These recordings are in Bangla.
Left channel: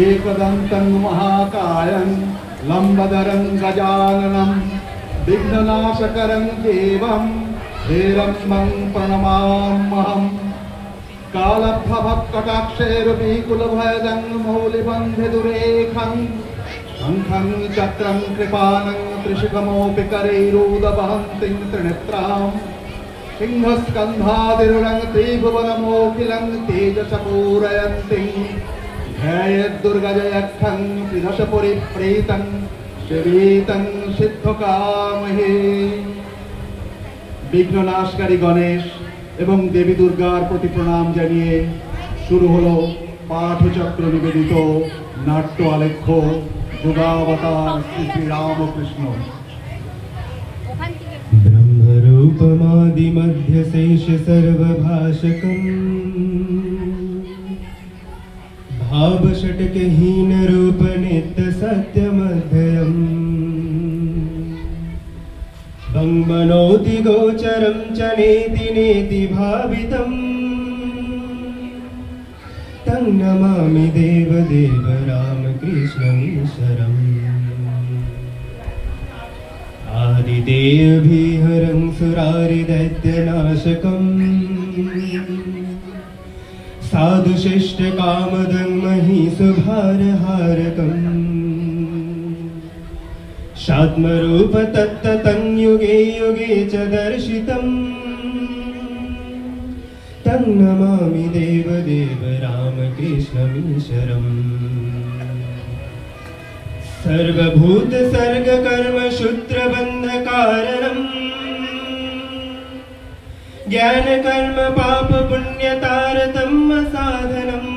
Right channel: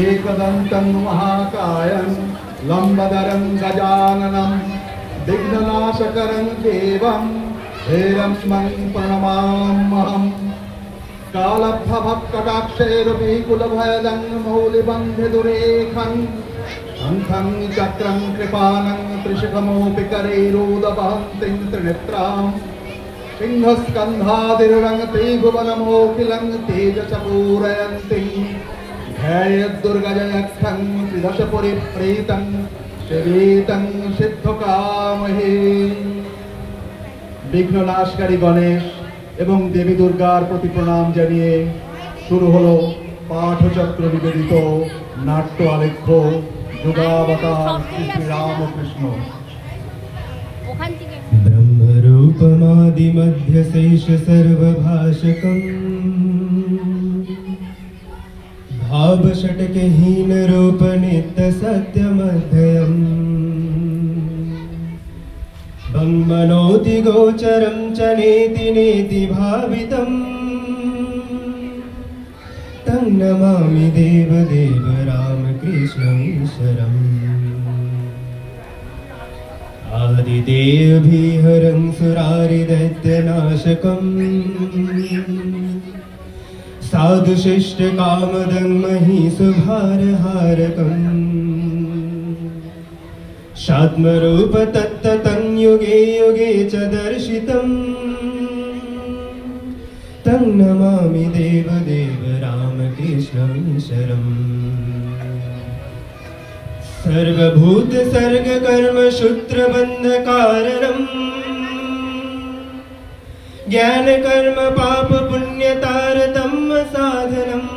एकदन्तं महाकायं लम्बोदरं गजाननं विघ्ननाशकरं देवं हेरम्बं प्रणमाम्यहम् कालभवत्कटाक्षैर्विकुलभयदं मौलिबन्धिदुरेखं शङ्खं चक्रं कृपानं त्रिशिखमोऽपि करैरुदवहन्तीं त्रिनेत्रां सिंहस्कन्धादिरुरं त्रिभुवनमोखिलं तेजसपूरयन्तीं ध्यायेद्दुर्गजयक्षं त्रिदशपुरीप्रीतं शिवीतं सिद्धकामहे। विघ्ननाशकारी गणेश এবং দেবী দুর্গার প্রতি প্রণাম জানিয়ে শুরু হলো পাঠচক্র নিবেদিত নাট্য আলেখ্য যুগাবতার শ্রী রামকৃষ্ণ। ব্রহ্মরূপমাদিমধ্যশেষ সর্বভাষকম ভাবষটকহীন রূপ নিত্য সত্যমধ্যয়ম मनोति गोचरं च नेति नेति भावितं तं नमामि देवदेव रामकृष्णमीश्वरम्। आदिदेवभिहरं सुरारिदैत्यनाशकं साधुशिष्टकामदं महिषभारहारकम् शात्मरूप तत्ततं युगे युगे च दर्शितं तं नमामि देवदेव रामकृष्णमीश्वरम्। सर्वभूत सर्गकर्म सूत्रबन्धकारणं ज्ञानकर्म पाप पुण्यतारतम्य साधनम्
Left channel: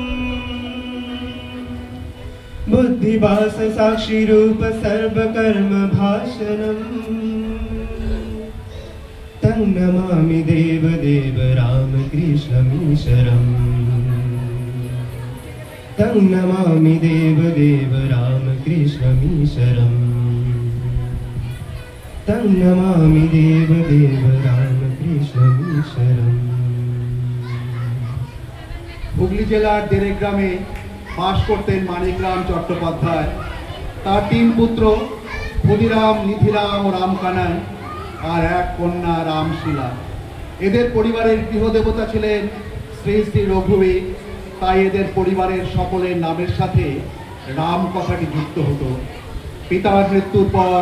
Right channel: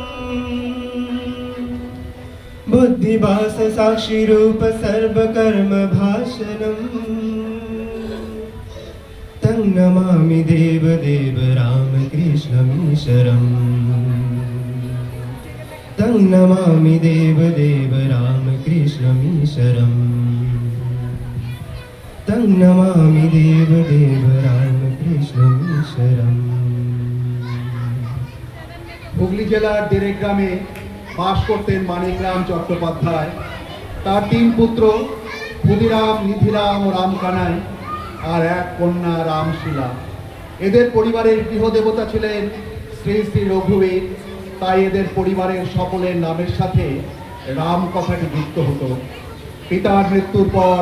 बुद्धिवास साक्षी रूप सर्वकर्म भाषणं तं नमामि देवदेव रामकृष्णमीश्वरम्। तं नमामि देवदेव रामकृष्णमीश्वरम्। तं नमामि देवदेव रामकृष्णमीश्वरम्। হুগলি জেলার দেরেগ্রামে বাস করতেন মানিকরাম চট্টোপাধ্যায়। তার তিন পুত্র ক্ষুদিরাম, নিধিরাম ও রামকানাই আর এক কন্যা রামশীলা। এদের পরিবারের গৃহদেবতা ছিলেন শ্রী শ্রী রঘুবীর, তাই এদের পরিবারের সকলের নামের সাথে রাম কথাটি যুক্ত হতো। পিতামার মৃত্যুর পর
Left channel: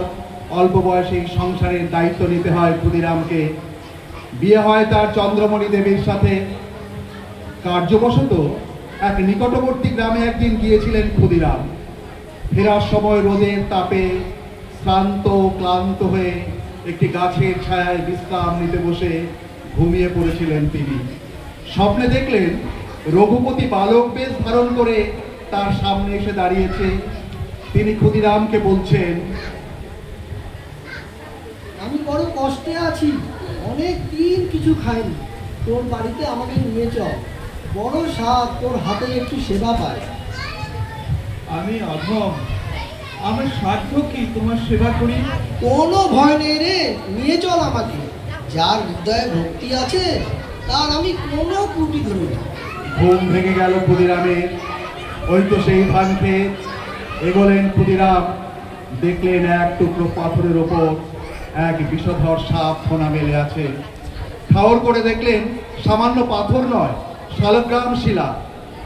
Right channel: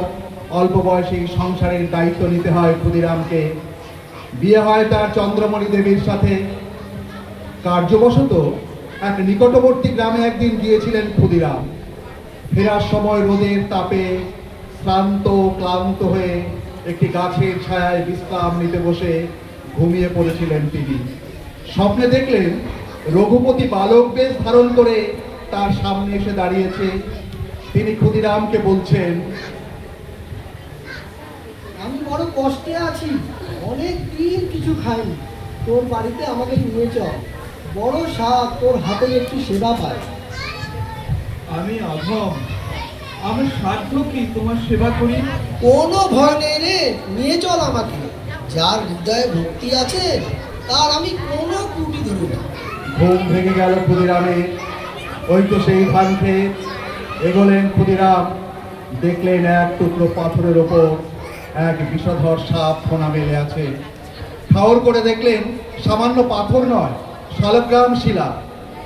অল্প বয়সে সংসারের দায়িত্ব নিতে হয় ক্ষুদিরামকে। বিয়ে হয় তার চন্দ্রমণি দেবীর সাথে। কার্যবশত এক নিকটবর্তী গ্রামে একদিন গিয়েছিলেন ক্ষুদিরাম। ফেরার সময় রোদের তাপে শ্রান্ত ক্লান্ত হয়ে একটি গাছের ছায়ায় বিশ্রাম নিতে বসে ঘুমিয়ে পড়েছিলেন তিনি। স্বপ্নে দেখলেন রঘুপতি বালক বেশ ধারণ করে তার সামনে এসে দাঁড়িয়েছে। তিনি ক্ষুদিরামকে বলছেন, আমি বড় কষ্টে আছি, অনেক দিন কিছু খাইনি, তোর বাড়িতে আমাকে নিয়ে চল, বড় সাত তোর হাতে একটু সেবা পাই। আমি অধম, আমি সাধ্য কি তোমার সেবা করি? কোনো ভয় নেই রে, নিয়ে চল আমাকে। যার হৃদয়ে ভক্তি আছে তার আমি কোনো ত্রুটি ধরি না। ঘুম ভেঙে গেল ক্ষুদিরামের। ওই তো সেই ধান ক্ষেত। এগোলেন ক্ষুদিরাম, দেখলেন এক টুকরো পাথরের ওপর এক বিষধর সাপ ফোনা মেলে আছে। ঠাউর করে দেখলেন সামান্য পাথর নয়, শালগ্রাম শিলা।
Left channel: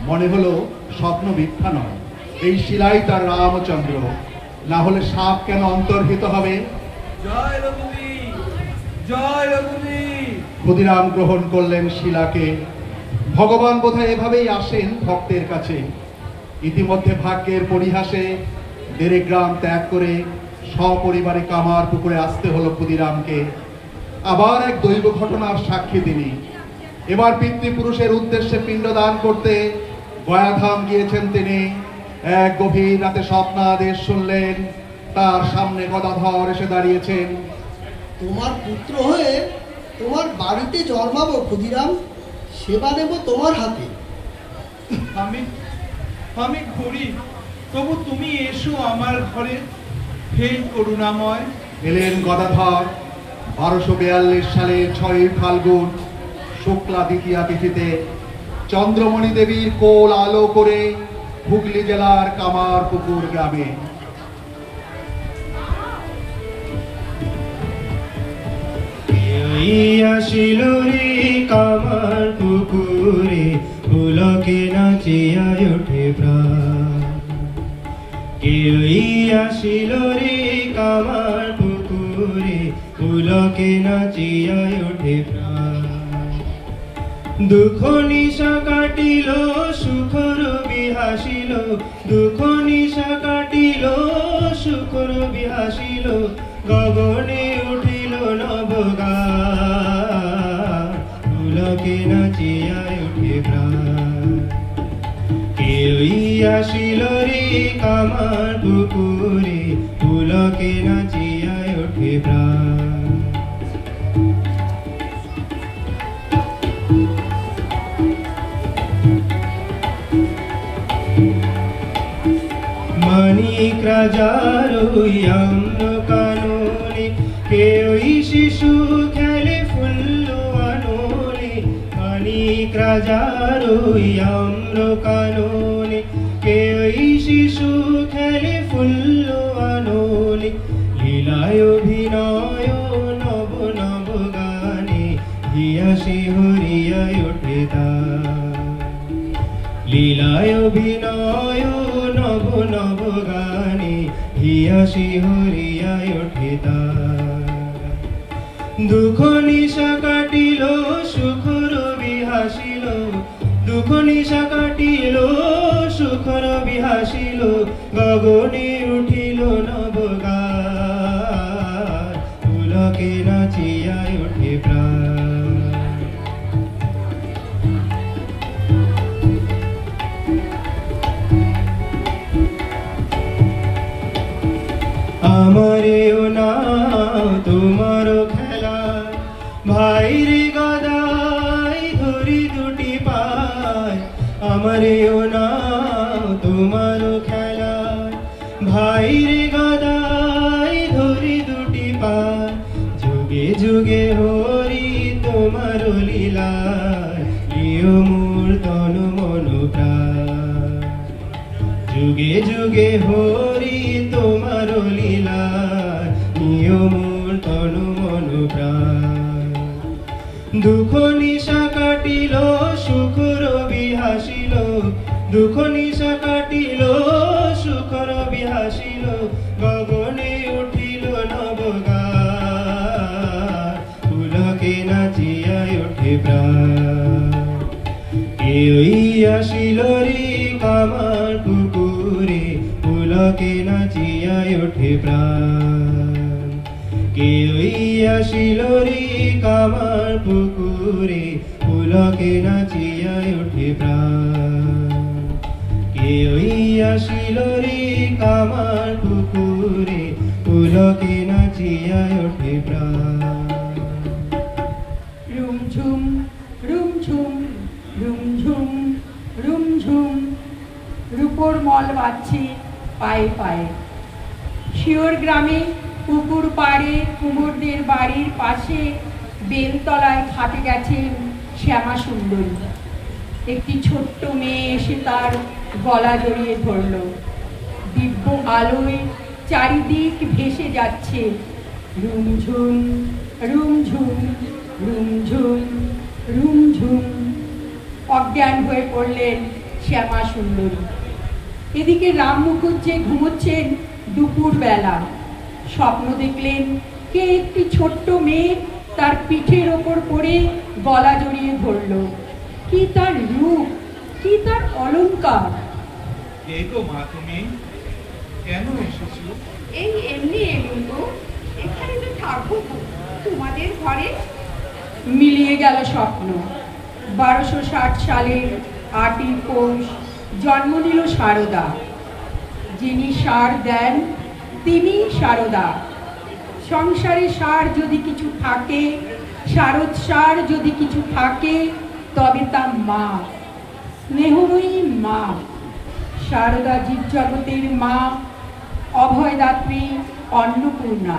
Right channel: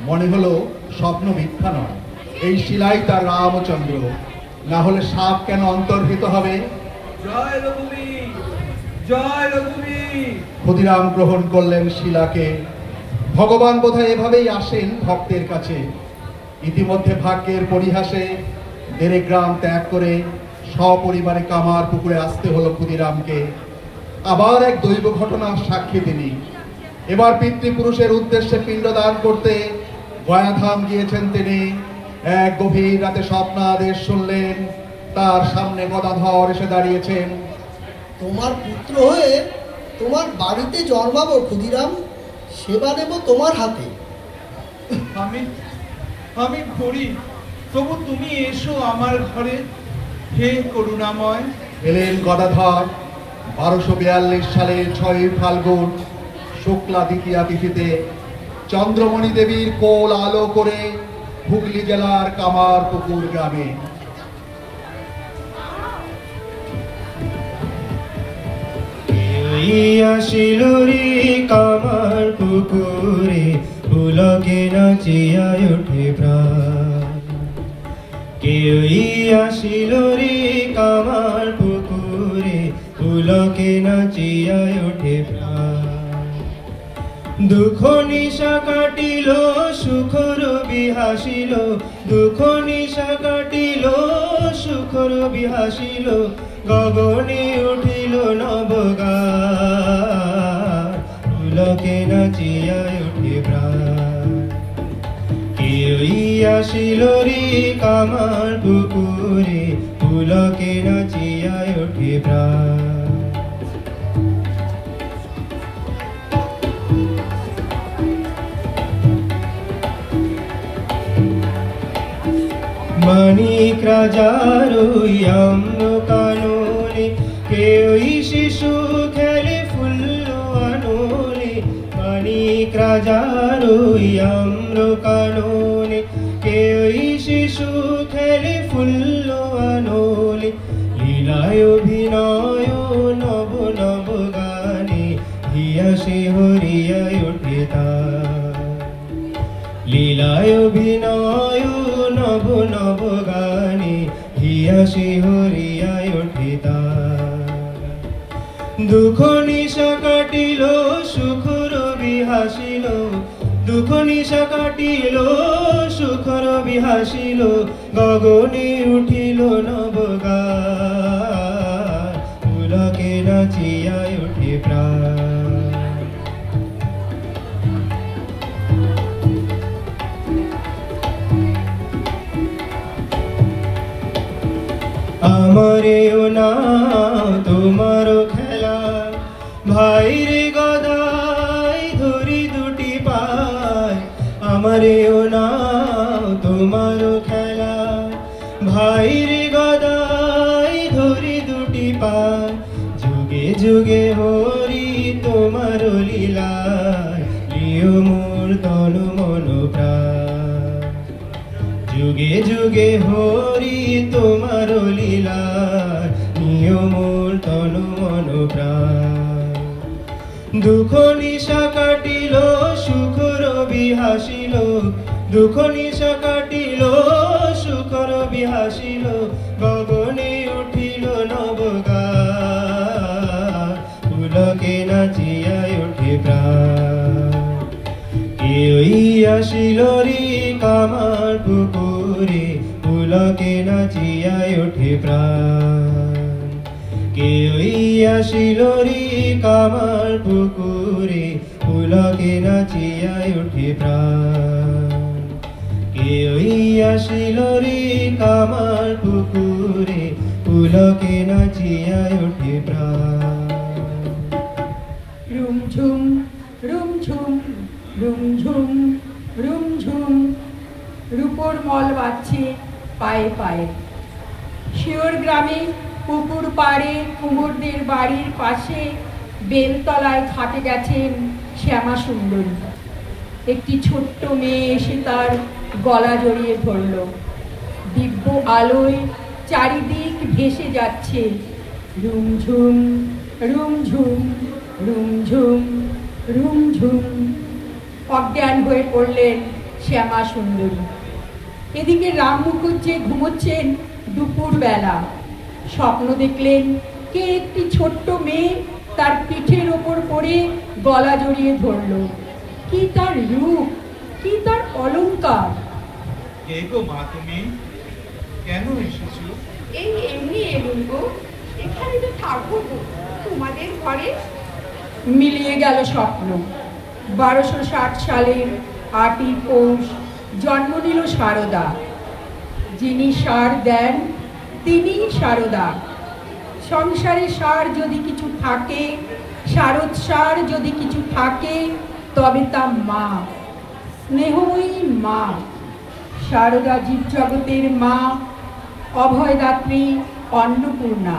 মনে হলো স্বপ্ন মিথ্যা নয়, এই শিলাই তার রামচন্দ্র, না হলে সাপ কেন অন্তর্হিত হবে? জয় রঘুবীর, জয় রঘুবীর। ক্ষুদিরাম গ্রহণ করলেন শিলাকে। ভগবান বোধহয় এভাবেই আসেন ভক্তের কাছে। ইতিমধ্যে ভাগ্যের পরিহাসে দেরেগ্রাম ত্যাগ করে সপরিবারে কামার পুকুরে আসতে হলো ক্ষুদিরামকে। আবার এক দৈব ঘটনার সাক্ষী তিনি। এবার পিতৃপুরুষের উদ্দেশ্যে পিণ্ডদান করতে গয়াধাম গিয়েছেন তিনি। এক গভীর রাতে স্বপ্নাদেশ শুনলেন, তার সামনে গদাধর এসে দাঁড়িয়েছেন। তোমার পুত্র হয়ে তোমার বাড়িতে জন্মাবো ক্ষুদিরাম, সেবা নেব তোমার হাতে। আমি করি, তবু তুমি এসো আমার ঘরে, হে করুণাময়। এলেন গদাধর। 1242 সালের 6 ফাল্গুন শুক্লা দ্বিতীয়া তিথিতে চন্দ্রমণি দেবীর কোল আলো করে হুগলি জেলার কামারপুকুর গ্রামে। আসিল রে কামারপুকুরে, পুলকে নাচিয়া ওঠে প্রাণ। কেউই আসিল রে কামারপুকুরে, পুলকে নাচিয়া ওঠে প্রাণ। দুঃখ নিশা কাটিল সুখর বিহাসিল, দুঃখ নিশা কাটিল সুখর বিহাসিল, গগনে উঠিল নবগান, পুলকে নাচিয়া ওঠে প্রাণ। কেউই আসিল রে কামারপুকুরে, পুলকে নাচিয়া ওঠে প্রাণ। মানিক রাজার আম্র কাননে, কেউই শিশু খেলে ফুল আনলে। মানিক রাজার আম্র কাননে, কেউই শিশু খেলে ফুল আনলে। লীলায় অভিনয় নব নব গানে, হিয়াসে হরিয়ায় ওঠে তার। লীলায় অভিনয় নব নব গানে, হিয়াসে হরিয়ায় ওঠে তার। দুঃখ নিশা কাটিল সুখর বিহাসিল, দুঃখ নিশা কাটিল সুখর বিহাসিল, গগনে উঠিল নবগান, পুলকে নাচিয়া ওঠে প্রাণ। আমারেও নাও তোমারও খেলা, ভাইরে গদাই ধরি দুটি পায়। আমারেও নাও তোমারও খেলা, ভাইরে গদাই ধরি দুটি পায়। যুগে যুগে হরি তোমার লীলায়, লিও মোর তনু মন প্রাণ। যুগে যুগে হরি তোমার লীলায়, লিও মোর তনু মন প্রাণ। দুঃখ নিশা কাটিল সুখর বিহাসিল, দুঃখ নিশা কাটিল সুখর বিহাসিল, গগনে উঠিল নবগান, পুলকে নাচিয়া ওঠে প্রাণ। কেউই আসিল রে কামারপুকুরে, পুলকে নাচিয়া ওঠে প্রাণ। কেউই আসিল রে কামারপুকুরে, পুলকে নাচিয়া ওঠে প্রাণ। কেউই আসিল রে কামারপুকুরে, পুলকে নাচিয়া ওঠে প্রাণ। রুমঝুম রুমঝুম রুমঝুম রুমঝুম, রূপোর মল বাজছে পায়ে পায়ে। শিওর গ্রামে পুকুর পাড়ে কুমোরদের বাড়ির পাশে বেলতলায় খাটে গেছেন শ্যামা সুন্দরী। একটি ছোট্ট মেয়ে এসে তার গলা জড়িয়ে ধরল। দিব্য আলোয় চারিদিক ভেসে যাচ্ছে রুমঝুম রুমঝুম রুমঝুম রুমঝুম। অজ্ঞান হয়ে পড়লেন শ্যামা সুন্দরী। এদিকে রাম মুখুজ্জে ঘুমোচ্ছেন দুপুর বেলা। স্বপ্ন দেখলেন কে একটি ছোট্ট মেয়ে তার পিঠের ওপর পড়ে গলা জড়িয়ে ধরল। কি তার রূপ, কি তার অলংকার! এই তো মা, তুমি কেন এসেছো? এই এমনি এলুম গো, এখানে তো থাকবো তোমাদের ঘরে। মিলিয়ে গেল স্বপ্ন। 1260 সালের 8ই পৌষ জন্ম নিল সারদা। যিনি সার দেন তিনি সারদা। সংসারে সার যদি কিছু থাকে, সারোৎসার যদি কিছু থাকে, তবে তা মা, স্নেহময়ী মা। সারদা জীবজগতের মা, অভয়দাত্রী, অন্নপূর্ণা।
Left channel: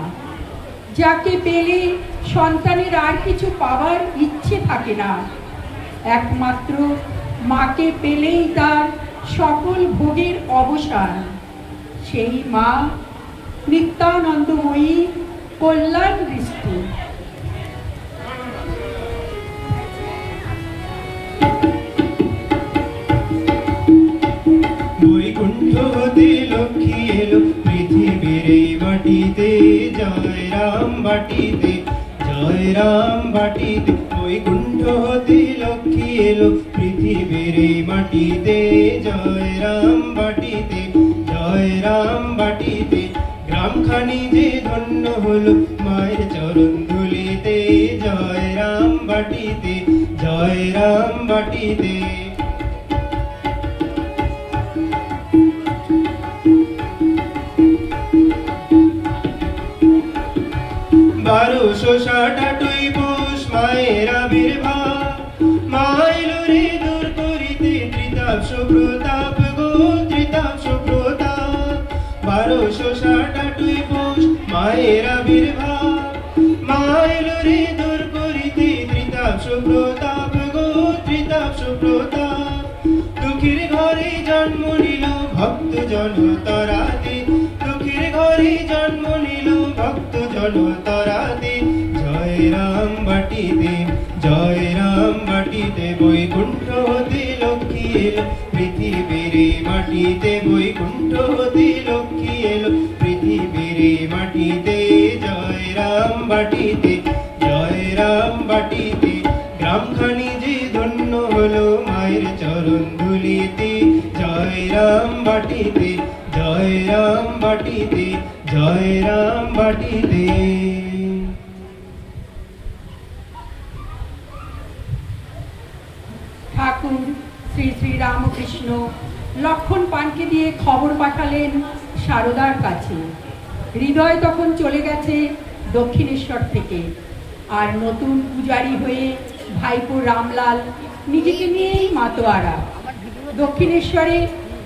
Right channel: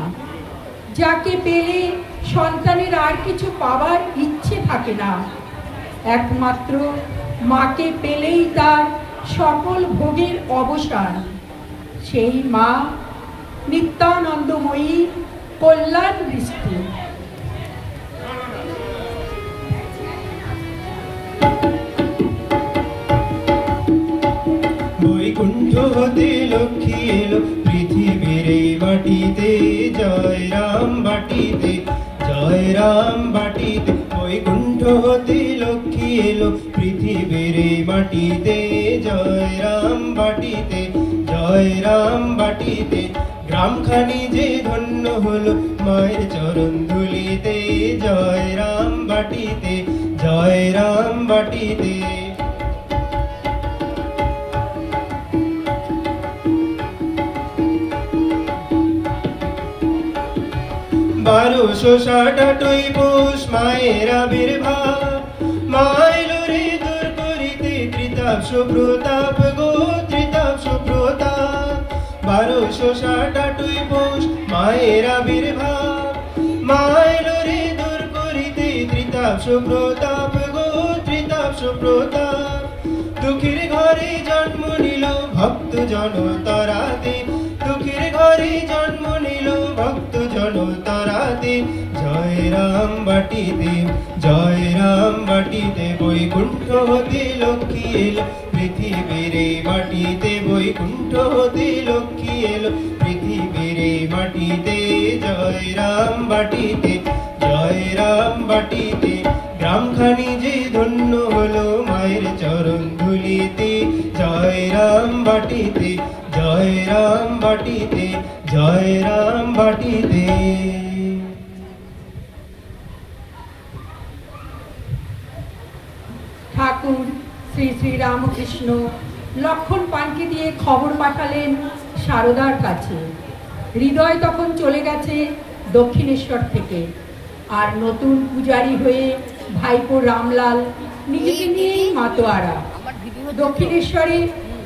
যাকে পেলে সন্তানের আর কিছু পাবার ইচ্ছে থাকে না, একমাত্র মাকে পেলেই তার সকল ভোগের অবসান। সেই মা নিত্যানন্দময়ী, কল্যাণ দৃষ্টি। বৈকুণ্ঠ হতে লক্ষ্মী এলো পৃথিবীর এই মাটিতে, জয় রাম বাটিতে, জয় রাম বাটিতে। বৈকুণ্ঠ হতে লক্ষ্মী এলো পৃথিবীর এই মাটিতে, জয় রাম বাটিতে, জয় রাম বাটিতে। গ্রামখানি যে ধন্য হলো মায়ের চরণ ধুলিতে, জয় রাম বাটিতে, জয় রাম বাটিতে। 1268 পৌষ মায়ের আবির্ভাব, মাইলো রে দূর করিতে ত্রিতাপ সুপ্রতাপ গো, ত্রিতাপ সুপ্রতাপ। 1268 পৌষ মায়ের আবির্ভাব, মাইলো রে দূর করিতে ত্রিতাপ সুপ্রতাপ গো, ত্রিতাপ সুপ্রতাপ। দুঃখের ঘরে জন্ম নিল ভক্ত জনতারাতে, দুঃখের ঘরে জন্ম নিল ভক্ত জনতারাতে। জয় রাম বাটিতে, জয় রাম বাটিতে। বৈকুণ্ঠ হতে লক্ষ্মী এলো পৃথিবীর এই মাটিতে, বৈকুণ্ঠ হতে লক্ষ্মী এলো পৃথিবীর এই মাটিতে। জয় রাম বাটিতে, জয় রাম বাটিতে। গ্রামখানি যে ধন্য হলো মায়ের চরণ ধুলিতে, জয় রাম বাটিতে, জয় রাম বাটিতে, জয় রাম বাটিতে। ঠাকুর শ্রী শ্রী রামকৃষ্ণ লক্ষণ পানকে দিয়ে খবর পাঠালেন সারদার কাছে। হৃদয় তখন চলে গেছে দক্ষিণেশ্বর থেকে, আর নতুন পূজারী হয়ে ভাইপো রামলাল নিজেকে নিয়েই মাতোয়ারা। দক্ষিণেশ্বরে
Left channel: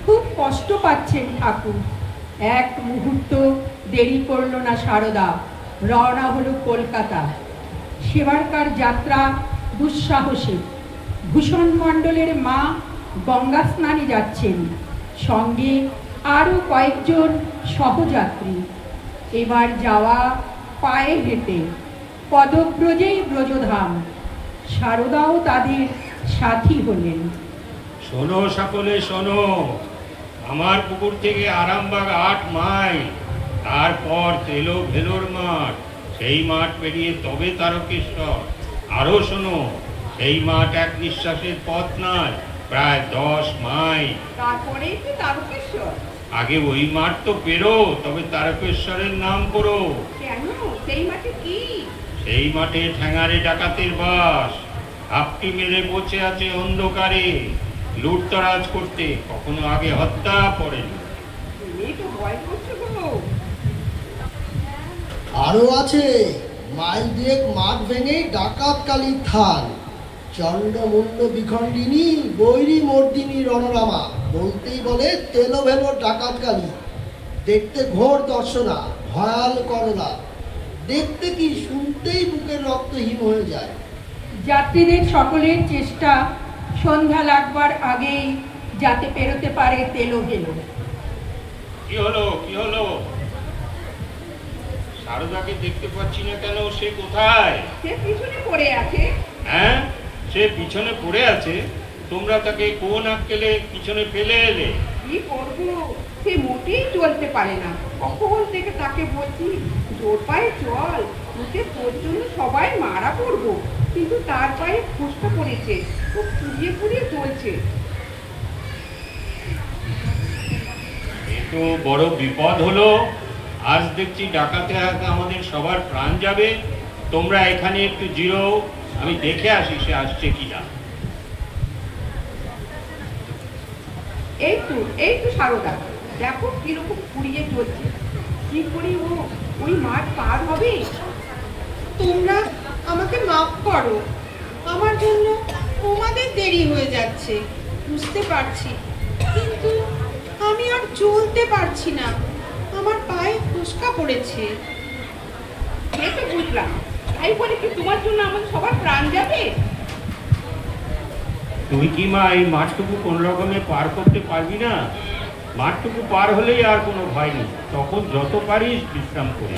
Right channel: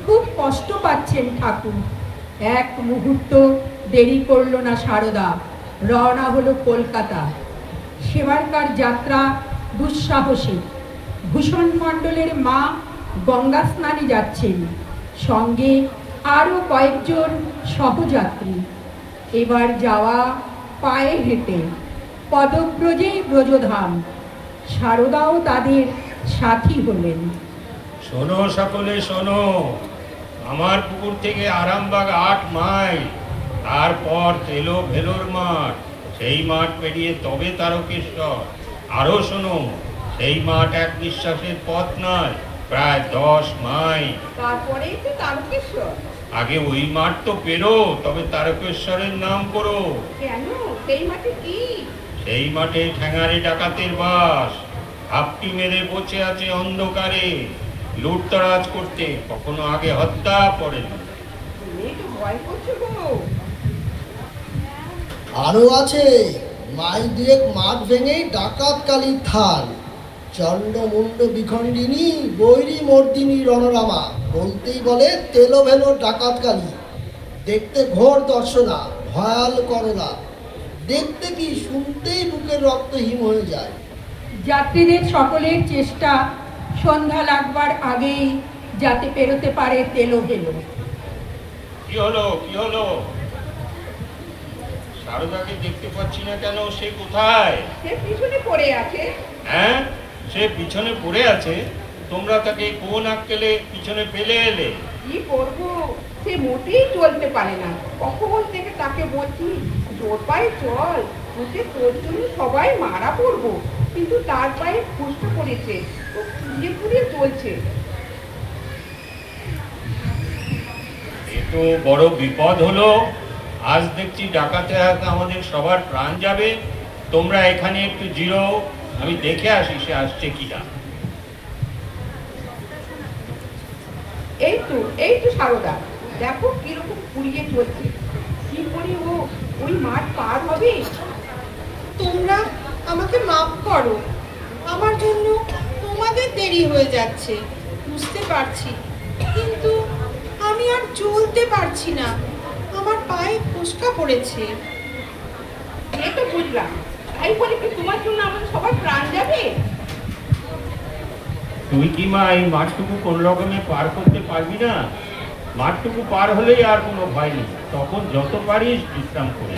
খুব কষ্ট পাচ্ছেন ঠাকুর। এক মুহূর্ত দেরি করল না সারদা, রওনা হলো কলকাতা। সেবারকার যাত্রা দুঃসাহসী। ভূষণ মণ্ডলের মা গঙ্গা স্নানে যাচ্ছেন, সঙ্গে আরো কয়েকজন সহযাত্রী। এবার যাওয়া পায়ে হেঁটে, পদব্রজেই ব্রজধাম। সারদাও তাদের সাথী হলেন। শোনো সকলে শোনো, আমার পুকুর থেকে আরামবাগ 8 মাইল, তারপর তেলো ভেলোর মাঠ, সেই মাঠ পেরিয়ে তবে তারকেশ্বর। আরো শোনো, সেই মাঠ এক নিঃশ্বাসের পথ নয়, প্রায় 10 মাইল। তারপরেই তো তারকেশ্বর। আগে ওই মাঠ তো পেরো, তবে তারকেশ্বরের নাম করো। কেন? সেই মাঠে কি? সেই মাঠে ঠ্যাঙারে ডাকাতের বাস, হাপটি মেরে বসে আছে অন্ধকারে লুটতরাজ করতে, কখনো আগে হত্যা পড়ে। এই তো ভয় করছো গো। আরো আছে, মাইল দুয়েক মাঠ ভেঙে ডাকাত কালীর থান, চন্ড মুন্ড বিখণ্ডিনী বৈরী মর্দিনী রণরামা, বলতেই বলে তেলো ভেলো ডাকাত কালী। দেখতে ঘোর দর্শনা, ভয়াল করলা, দেখতে কি শুনতেই বুকের রক্ত হিম হয়ে যায়। যাত্রীদের সকলের চেষ্টা সন্ধ্যা লাগবার আগেই যাতে পেরোতে পারে তেলো ভেলো। কি হলো, কি হলো? সারদাকে দেখতে পাচ্ছি না কেন? সে কোথায়? সে পিছনে পড়ে আছে। হ্যাঁ, সে পিছনে পড়ে আছে? তোমরা তাকে কোন আক্কেলে পিছনে ফেলে এলে? কি করবো, সে মোটেই চলতে পারে না। কখন থেকে তাকে বলছি জোর পায়ে চল, ওতে তোর জন্য সবাই মারা পড়বো, কিন্তু তার পায়ে ফুসকা পড়েছে, ও পুড়িয়ে পুড়িয়ে চলছে। এ তো বড় বিপদ হলো। আজ দেখছি ডাকাতে হাতে আমাদের সবার প্রাণ যাবে। তোমরা এখানে একটু জিরো, আমি দেখে আসি সে আসছে কিনা। এই তো সারদা, দেখো কিরকম পুড়িয়ে চলছে। কি করে ও ওই মাঠ পার হবে? তোমরা আমাকে মাফ করো, আমার জন্য তোমাদের দেরি হয়ে যাচ্ছে, বুঝতে পারছি, কিন্তু আমি আর চলতে পারছি না, আমার পায়ে ফুসকা পড়েছে। এই তো বুঝলাম, তাই বলে কি তোমার জন্য আমাদের সবার প্রাণ যাবে? তুই কি মা এই মাঠটুকু কোন রকমে পার করতে পারবি না? মাঠটুকু পার হলেই আর কোনো ভয় নেই, তখন যত পারিস বিশ্রাম করে।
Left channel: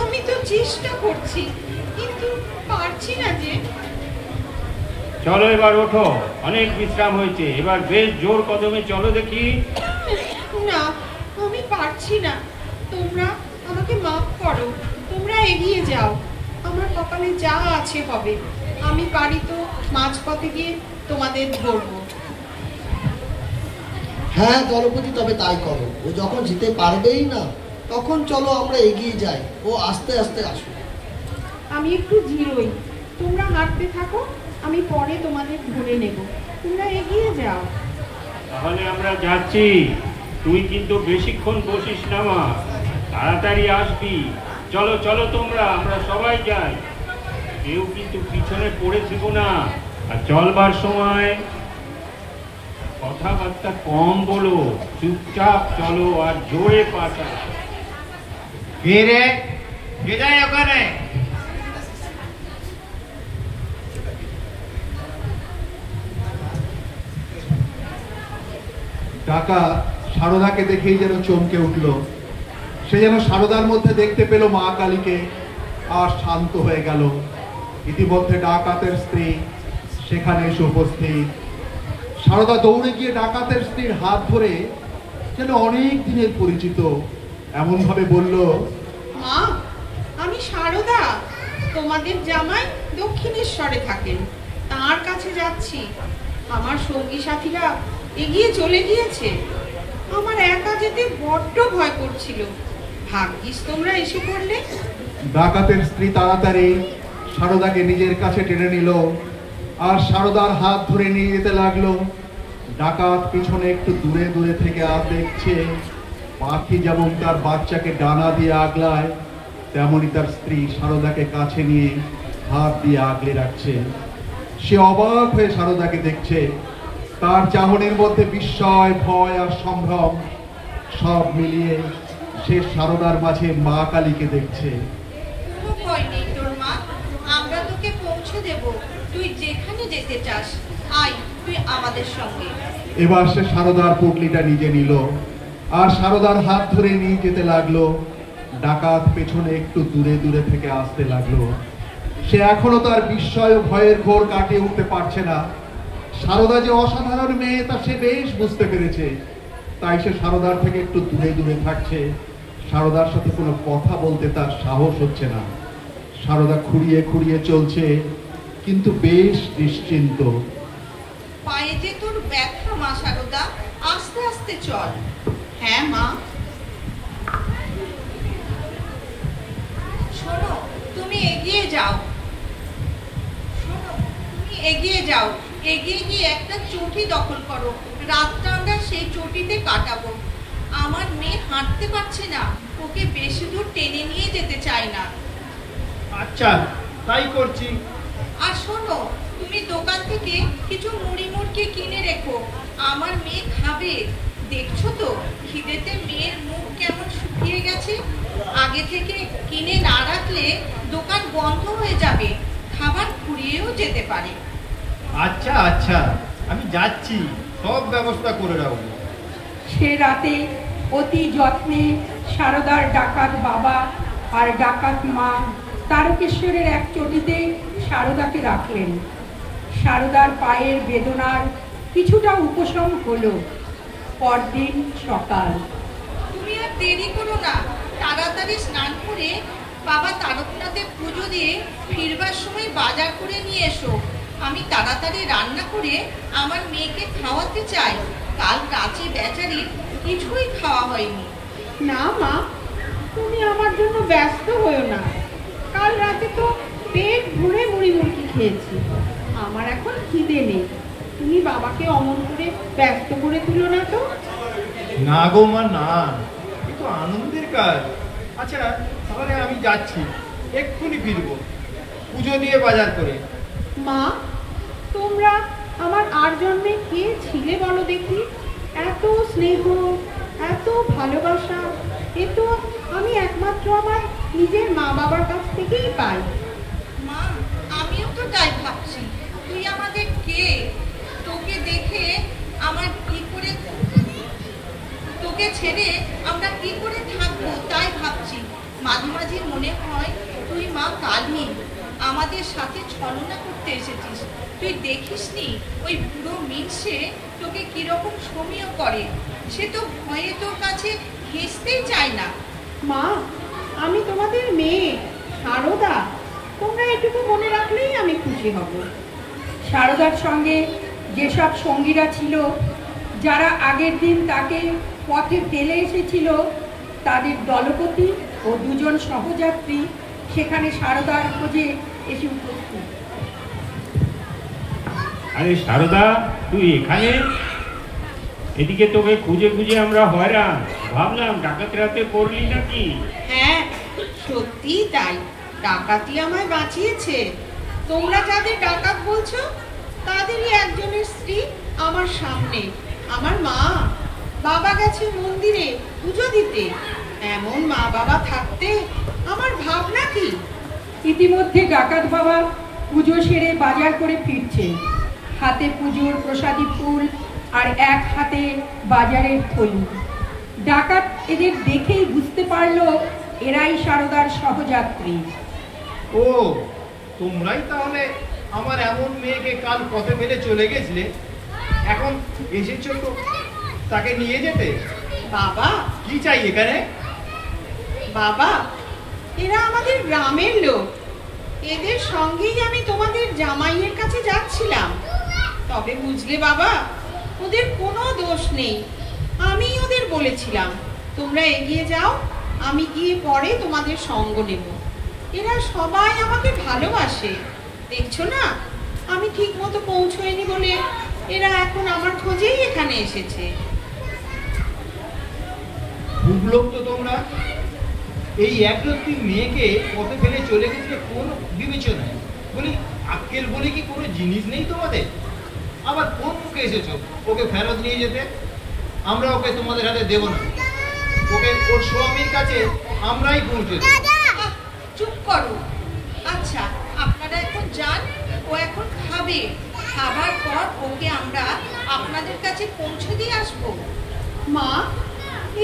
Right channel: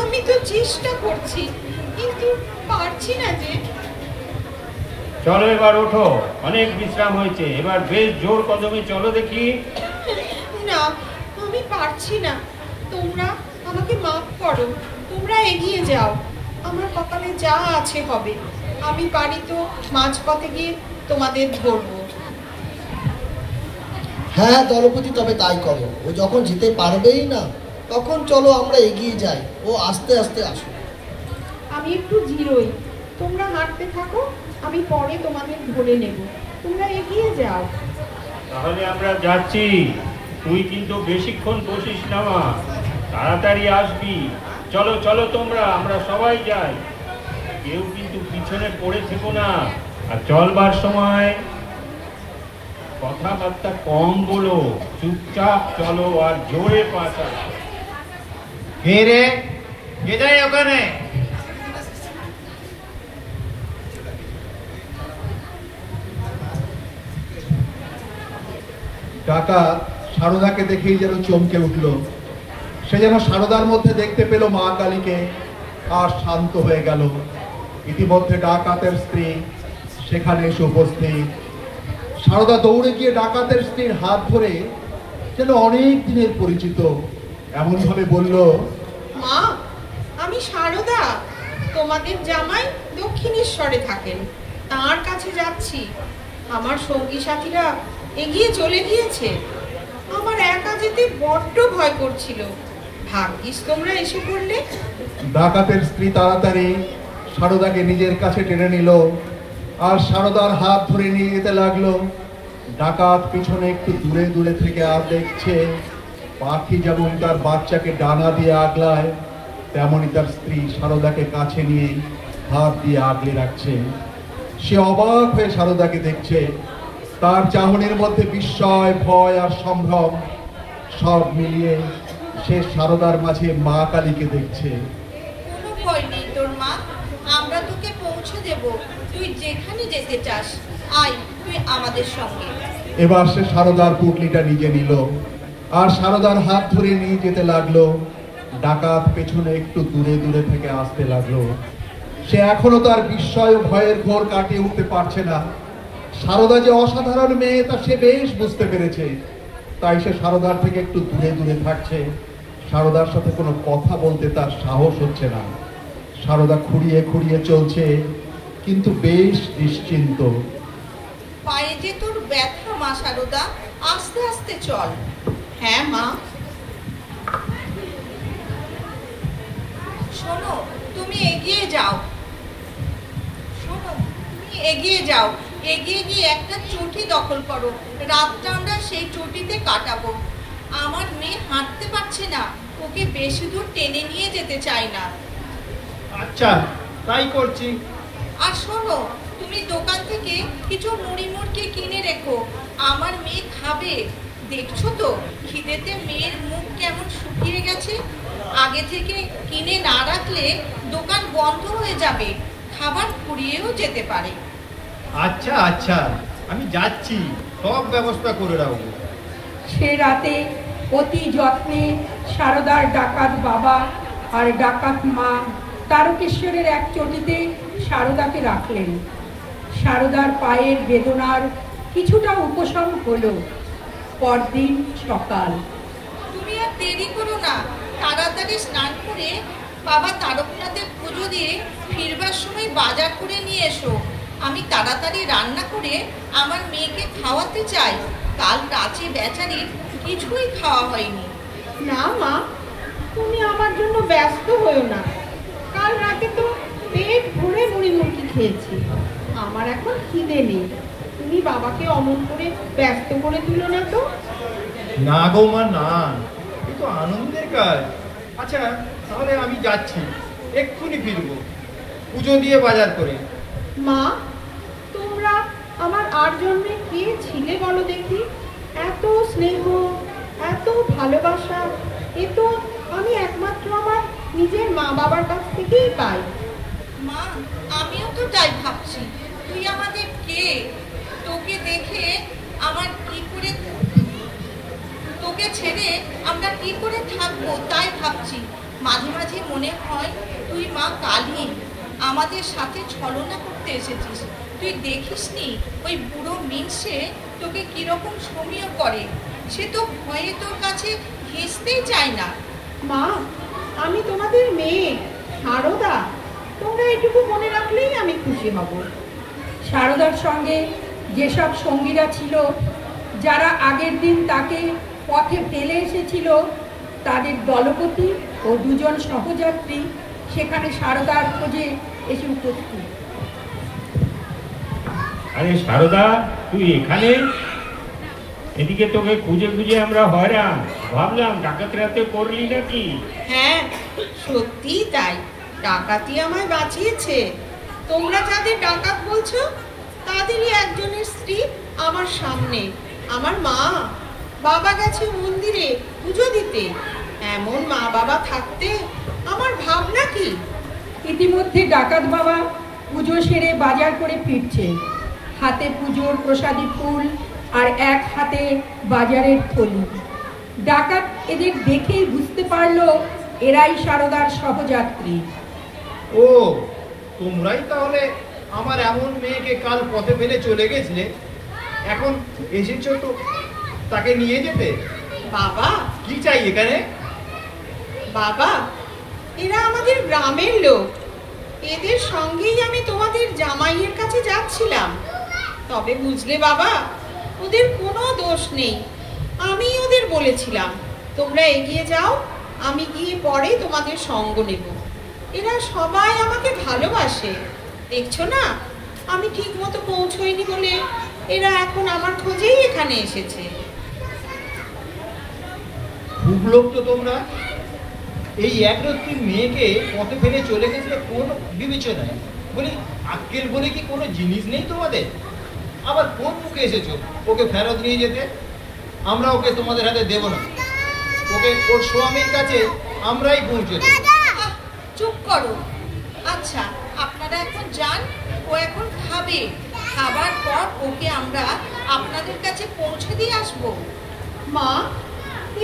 আমি তো চেষ্টা করছি, কিন্তু পারছি না যে। চলো এবার ওঠো, অনেক বিশ্রাম হয়েছে, এবার বেশ জোর কদমে চলো দেখি। না, আমি পারছি না। তোমরা আমাকে মাফ করো, তোমরা এগিয়ে যাও। আমার কপালে যা আছে হবে। আমি পারি তো মাঝপথে গিয়ে তোমাদের ধরবো। হ্যাঁ দলপতি, তবে তাই করো। ও যখন যেতে পারবেই না, তখন চলো আমরা এগিয়ে যাই। ও আস্তে আস্তে আসো। আমি একটু জিরোই, তোমরা হাঁটতে থাকো, আমি পরে তোমাদের ধরে নেব। তোমরা এগিয়ে যাও। তাহলে আমরা যাচ্ছি, তুই কিন্তু বেশিক্ষণ বসিস না মা, তাড়াতাড়ি আসবি। চলো চলো তোমরা, আমরা সবাই যাই, কেউ কিন্তু পিছনে পড়ে থেকো না। আর চলবার সময় কথাবার্তা কম বলো, চুপচাপ চলো আর জোরে পা চালাও। কে রে? কে যায় ওখানে? ডাকাত সারদাকে দেখেই যেন চমকে উঠল। সে যেন সারদার মধ্যে দেখতে পেল মা কালীকে, আর শান্ত হয়ে গেল। ইতিমধ্যে ডাকাতের স্ত্রী সেখানে এসে উপস্থিত। সারদা দৌড়ে গিয়ে ডাকাতের স্ত্রীর হাত ধরে যেন অনেক দিনের পরিচিত এমন ভাবে বলল, মা, আমি সারদা, তোমাদের জামাই দক্ষিণেশ্বরে থাকেন, তার কাছে যাচ্ছি। আমার সঙ্গী সাথীরা এগিয়ে চলে গিয়েছে। আমার একা যেতে বড্ড ভয় করছিল। ভাগ্যিস তোমরা এসে পড়লে। ডাকাতের স্ত্রী তাড়াতাড়ি সারদাকে নিজের কাছে টেনে নিল আর সারদার হাত ধরে নিয়ে যেতে লাগলো। ডাকাত পিছনে একটু দূরে দূরে থেকে আর দেখছে, পাখি যেমন তার বাচ্চাকে ডানা দিয়ে আগলায়, তেমনি তার স্ত্রী সারদাকে কাছে নিয়ে হাত দিয়ে আগলে রাখছে। সে অবাক হয়ে সারদাকে দেখছে। তার চাহনির মধ্যে বিস্ময়, ভয় আর সম্ভ্রম সব মিলিয়ে সে সারদার মাঝে মা কালীকে দেখছে। কোনো ভয় নেই তোর মা, আমরা তোকে পৌঁছে দেব। তুই যেখানে যেতে চাস, আয় তুই আমাদের সঙ্গে। এবার সে সারদার পুটলিটা নিজে নিল আর সারদার হাত ধরে নিয়ে যেতে লাগলো। ডাকাত পেছনে একটু দূরে দূরে থেকে আসতে লাগলো। সে এখনো তার বিস্ময় ও ভয়ের ঘোর কাটিয়ে উঠতে পারছে না। সারদা যে অসাধারণ মেয়ে তা সে বেশ বুঝতে পেরেছে। তাই সে সারদার থেকে একটু দূরে দূরে থাকছে। সারদার সাথে কোনো কথা বলতে তার সাহস হচ্ছে না। সারদা খুঁড়িয়ে খুঁড়িয়ে চলছে, কিন্তু বেশ নিশ্চিন্ত। পায়ে যে তোর ব্যথা মা সারদা, আস্তে আস্তে চল। হ্যাঁ মা। শোনো, তুমি এগিয়ে যাও। শোনো, তুমি এগিয়ে যাও। এগিয়ে গিয়ে একটা চটি দখল করো। রাতটা আমরা সেই চটিতে কাটাবো। আমার মেয়ে হাঁটতে পারছে না, ওকে বেশি দূর টেনে নিয়ে যেতে চাই না। আচ্ছা, তাই করছি। আর শোনো, তুমি দোকান থেকে কিছু মুড়ি মুড়কি কিনে রেখো, আমার মেয়ে খাবে। দেখছো তো খিদেতে মেয়ের মুখ কেমন শুকিয়ে গেছে। আগে থেকে কিনে না রাখলে দোকান বন্ধ হয়ে যাবে, খাবার ফুরিয়েও যেতে পারে। আচ্ছা আচ্ছা, আমি যাচ্ছি, সব ব্যবস্থা করে রাখবো। সে রাতে অতি যত্নে সারদার ডাকাত বাবা আর ডাকাত মা তারকেশ্বরের এক চটিতে সারদাকে রাখলেন। সারদার পায়ের বেদনার কিছুটা উপশম হলো। পরদিন সকাল। তুমি আর দেরি করো না, তাড়াতাড়ি স্নান করে বাবা তারকনাথের পুজো দিয়ে ফিরবার সময় বাজার করে নিয়ে এসো। আমি তাড়াতাড়ি রান্না করে আমার মেয়েকে খাওয়াতে চাই। কাল রাতে বেচারির কিছুই খাওয়া হয়নি। না মা, তুমি আমার জন্য ব্যস্ত হয়েও না। কাল রাতে তো পেট ভরে মুড়ি মুড়কি খেয়েছি, আমার এখন খিদে নেই। তুমি বাবাকে অমন করে ব্যস্ত করে তুলো না তো। না গো মা, না, এ তো আনন্দের কাজ। আচ্ছা তাহলে আমি যাচ্ছি, এক্ষুনি ফিরবো পুজো দিয়ে বাজার করে। মা, তোমরা আমার আর জন্মে কে ছিলে বলো দেখি? এত স্নেহ, এত ভালোবাসা, এ তো আমি একমাত্র আমার নিজের মা বাবার কাছ থেকেই পাই। মা, আমিও তো তাই ভাবছি। তুই আমাদের কে? তোকে দেখে আমার কি করে, তোকে ছেড়ে আমরা কি করে থাকবো তাই ভাবছি। মাঝে মাঝে মনে হয় তুই মা কালী আমাদের সাথে ছলনা করতে এসেছিস। তুই দেখিসনি ওই বুড়ো মিনসে তোকে কিরকম সমীহ করে? সে তো ভয়ে তোর কাছে ঘেঁষতেই চায় না। মা, আমি তোমাদের মেয়ে সারদা, তোমরা এটুকু মনে রাখলেই আমি খুশি হব। সারদার সঙ্গে যেসব সঙ্গীরা ছিল, যারা আগের দিন তাকে পথে ফেলে এসেছিল, তাদের দলপতি ও দুজন সহযাত্রী সেখানে সারদার খোঁজে এসে উপস্থিত। আরে সারদা, তুই এখানে? এদিকে তোকে খুঁজে খুঁজে আমরা হয়রান, ভাবলাম ডাকাত রাতে করলি নাকি। হ্যাঁ, সত্যি তাই, ডাকাতি আমায় বাঁচিয়েছে। তোমরা যাদের ডাকাত বলছো তাদেরই একজনের স্ত্রী আমার সামনে। আমার মা বাবা গেছে মন্দিরে পুজো দিতে। এমন মা বাবা থাকতে আমার ভাবনা কি? ইতিমধ্যে ডাকাত বাবা পুজো সেরে বাজার করে ফিরছে, হাতে পুজোর প্রসাদী ফুল আর এক হাতে বাজারের থলি। ডাকাত এদের দেখেই বুঝতে পারলো এরাই সারদার সহযাত্রী। ও, তোমরাই তাহলে আমার এমন মেয়েকে কাল পথে ফেলে চলে গেছিলে, এখন এসেছো তো তাকে নিয়ে যেতে? বাবা, কি চাই এখানে? বাবা, এরা আমাদের গ্রামের লোক। এদের সঙ্গেই আমি তোমাদের জামাইয়ের কাছে যাচ্ছিলাম। তবে বুঝলে বাবা, ওদের কোনো দোষ নেই। আমি ওদের বলেছিলাম তোমরা এগিয়ে যাও, আমি গিয়ে পরে তোমাদের সঙ্গ নেব। এরা সবাই আমাকে ভালোবাসে। দেখছো না, আমি ঠিক মতো পৌঁছইনি বলে এরা এখন আমার খোঁজেই এখানে এসেছে। খুব লোক তো তোমরা। এই একরত্তি মেয়েকে পথে ফেলে চলে গেছে কোনো বিবেচনায়? বলি আক্কেল বলে কি কোনো জিনিস নেই তোমাদের? আবার কোন মুখে এসেছো ওকে ফেরত নিয়ে যেতে? আমরা ওকে তোমাদের হাতে দেব না, ওকে ওর স্বামীর কাছে আমরাই পৌঁছে দেব। চুপ করো। আচ্ছা, আপনারা এখন যান, ও এখন খাবে। খাবার পর ওকে আমরা আপনাদের কাছে পৌঁছে দিয়ে আসবো। মা,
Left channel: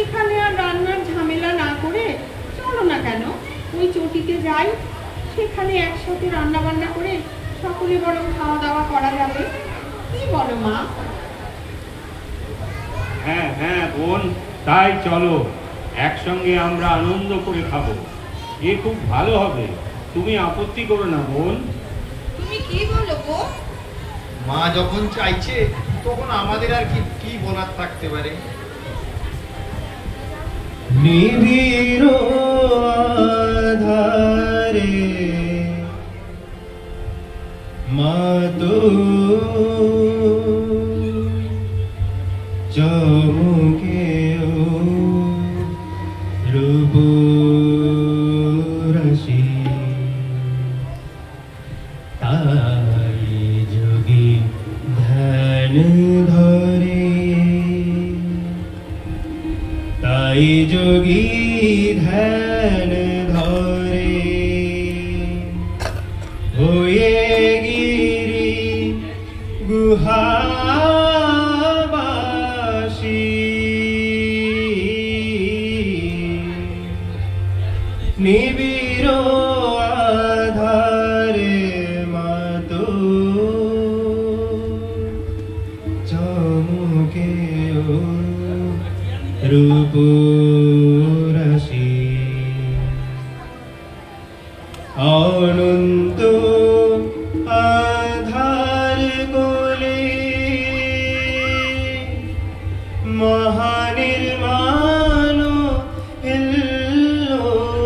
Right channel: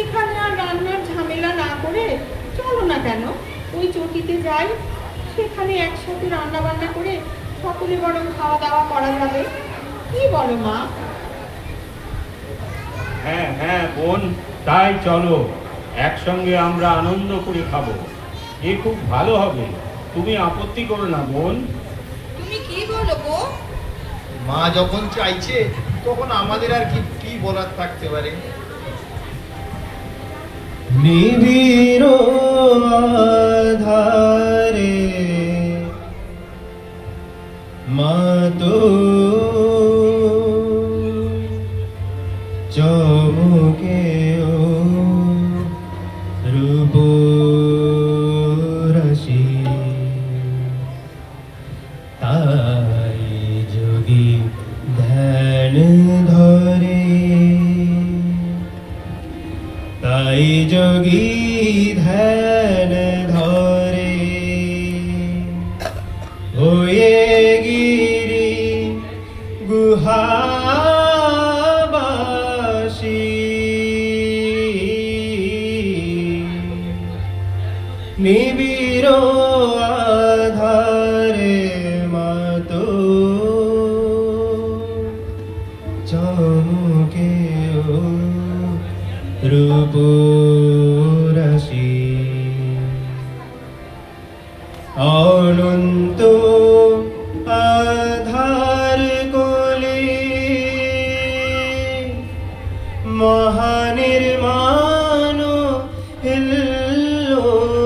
এখানে আর রান্নার ঝামেলা না করে চলো না কেন ওই চটিতে যাই। সেখানে একসাথে রান্না বান্না করে সকলে বরং খাওয়া দাওয়া করা যাবে। কি বলো মা? হ্যাঁ হ্যাঁ বোন, তাই চলো, একসঙ্গে আমরা আনন্দ করে খাবো। এ খুব ভালো হবে, তুমি আপত্তি করো না বোন। তুমি কি বলো গো? মা যখন চাইছে তখন আমাদের আর কি বলার থাকতে পারে? নিবিড় আধারে মাতো চমকে রূপরাশি, তাই যোগী ধ্যান ধরে, তাই যোগী ধ্যান ধরে, হয়ে গিরি গুহাবাসী, নিবিড় আধারে মাতো চমকে রূপরাশি, অনন্ত আধার কোলে মহানির্মাণ হিল্লোলে,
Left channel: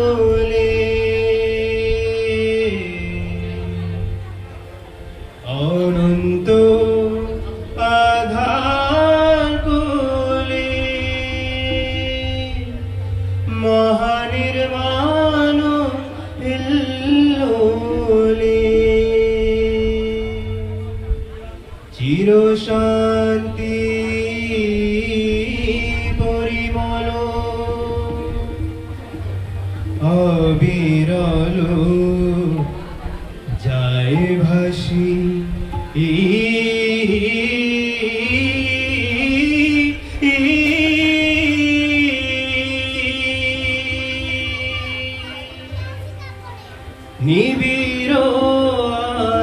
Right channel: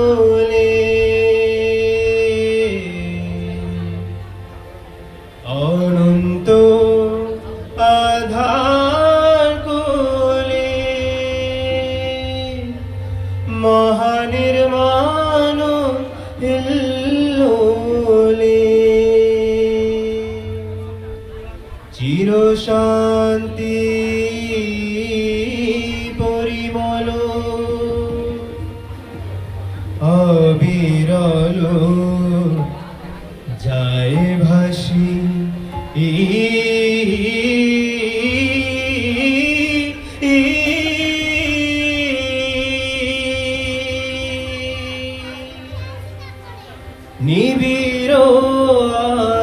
অনন্ত আধার কোলে মহানির্মাণ হিল্লোলে, চির শান্তি পরিমল অবিরল যায় ভাসি, নিবিড়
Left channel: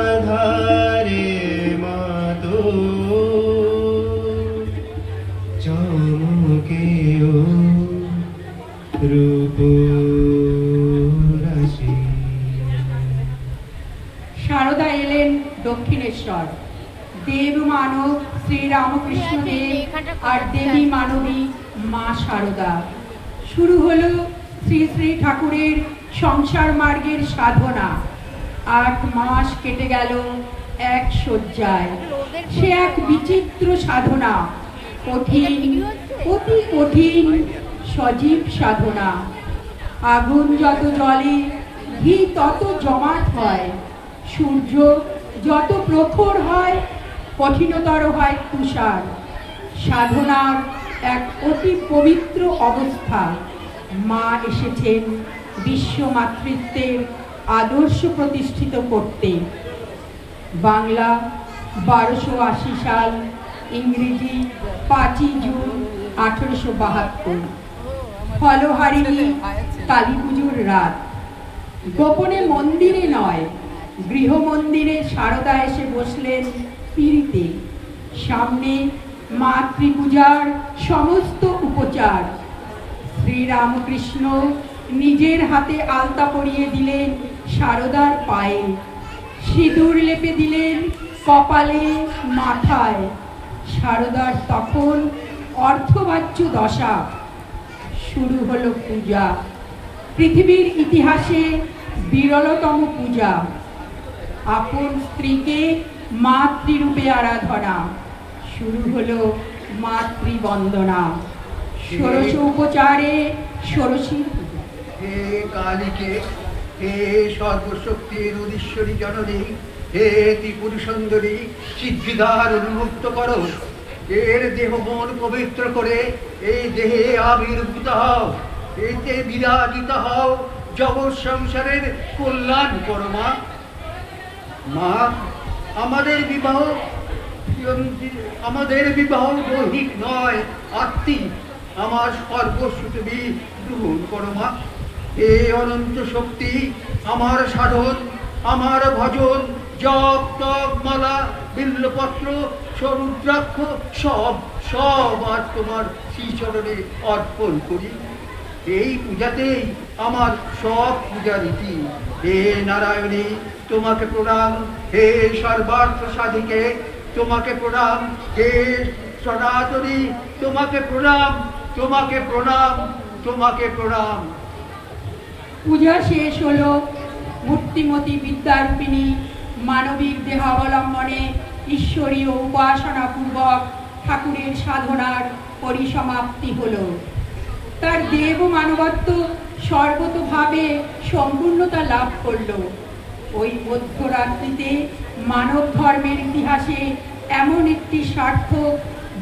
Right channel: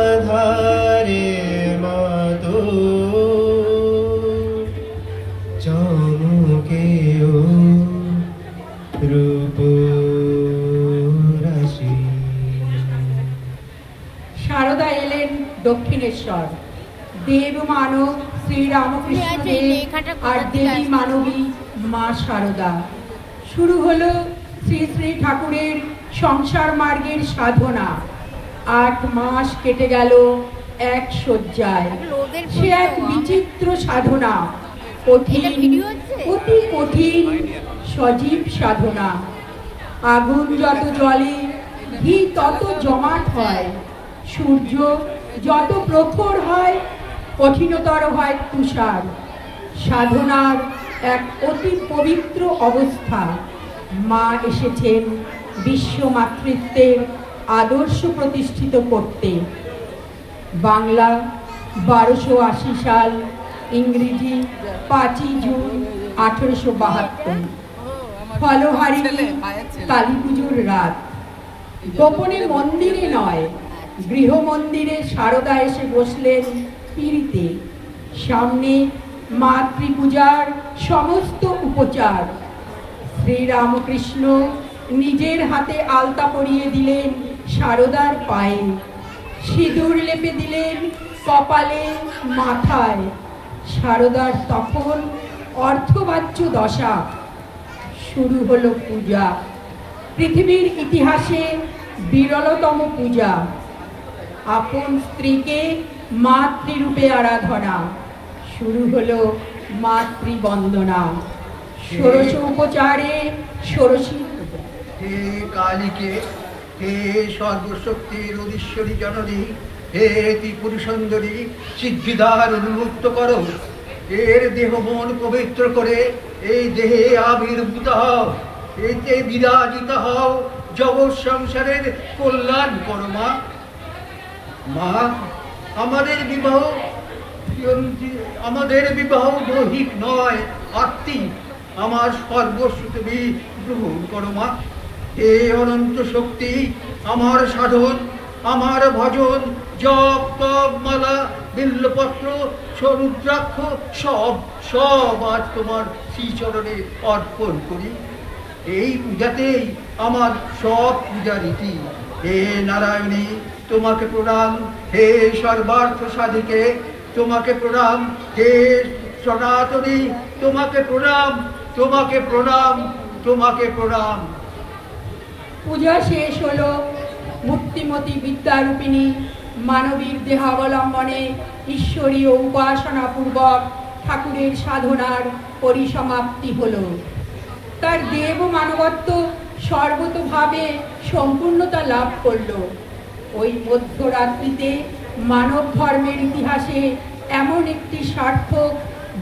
আধারে মাতো চমকেও রূপ রাশি। সারদা এলেন দক্ষিণেশ্বর। দেব মানব শ্রীরামকৃষ্ণ দেব আর দেবী মানবী মা সারদা। শুরু হলো শ্রী শ্রী ঠাকুরের সংসার মার্গের সাধনা। 8 মাস কেটে গেল এক শয্যায়। সে এক বিচিত্র সাধনা, কঠিন, অতি কঠিন, সজীব সাধনা। আগুন যত জ্বলে ঘি তত জমাট হয়, সূর্য যত প্রখর হয় কঠিনতর হয় তুষার। সাধনার এক অতি পবিত্র অবস্থা। মা এসেছেন বিশ্ব মাতৃত্বের আদর্শ প্রতিষ্ঠিত করতে। বাংলা 1280 সাল, ইংরেজি 5 জুন 1872। ফলহারিণী কালী পুজোর রাত। গোপনে মন্দিরে নয়, গৃহ মন্দিরে সারদা এসে বসলেন পিঁড়িতে। সামনে মাতৃপূজার সমস্ত উপচার। শ্রীরামকৃষ্ণ নিজের হাতে আলতা পরিয়ে দিলেন সারদার পায়ে, সিঁদুর লেপে দিলেন কপালে, মাথায়। সারদার তখন অর্ধবাচ্য দশা। শুরু হলো পূজা, পৃথিবীর ইতিহাসে বিরলতম পূজা। আপন স্ত্রীকে মাতৃরূপে আরাধনা। শুরু হলো মাতৃবন্দনা। ষোড়শ উপচারে ষোড়শী পূজা। হে কালীকে, হে সর্বশক্তির অধীশ্বরী জননী, হে ত্রিপুর সুন্দরী, সিদ্ধিদার উন্মুক্ত করো। এর দেহ মন পবিত্র করে এই দেহে আবির্ভূত হও, এতে বিরাজিত হও, জগৎ সংসারের কল্যাণ করো। মা, মা, আমাদের বিবাহ দৈহিক নয়, আত্মিক। আমার সর্বস্ব তুমি গ্রহণ করো। মা, হে অনন্ত শক্তি, আমার সাধন, আমার ভজন, জপ তপ মালা বিল্লপত্র সরুদ্রাক্ষ সব আজ তোমার শ্রীচরণে অর্পণ করি। এই পূজাতেই আমার সব পূজা রীতি। হে নারায়ণী, তোমাকে প্রণাম। হে সর্বার্থ সাধিকে, তোমাকে প্রণাম। হে সনাতনী, তোমাকে প্রণাম, তোমাকে প্রণাম, তোমাকে প্রণাম। পূজা শেষ হলো। মূর্তিমতী বিদ্যারূপিণী মানবিক দেহাবলম্বনে ঈশ্বরীয় উপাসনা পূর্বক ঠাকুরের সাধনার পরিসমাপ্তি হলো। তার দেব মানবত্ব সর্বতোভাবে সম্পূর্ণতা লাভ করল। ওই মধ্যরাত্রিতে মানব ধর্মের ইতিহাসে এমন একটি সার্থক,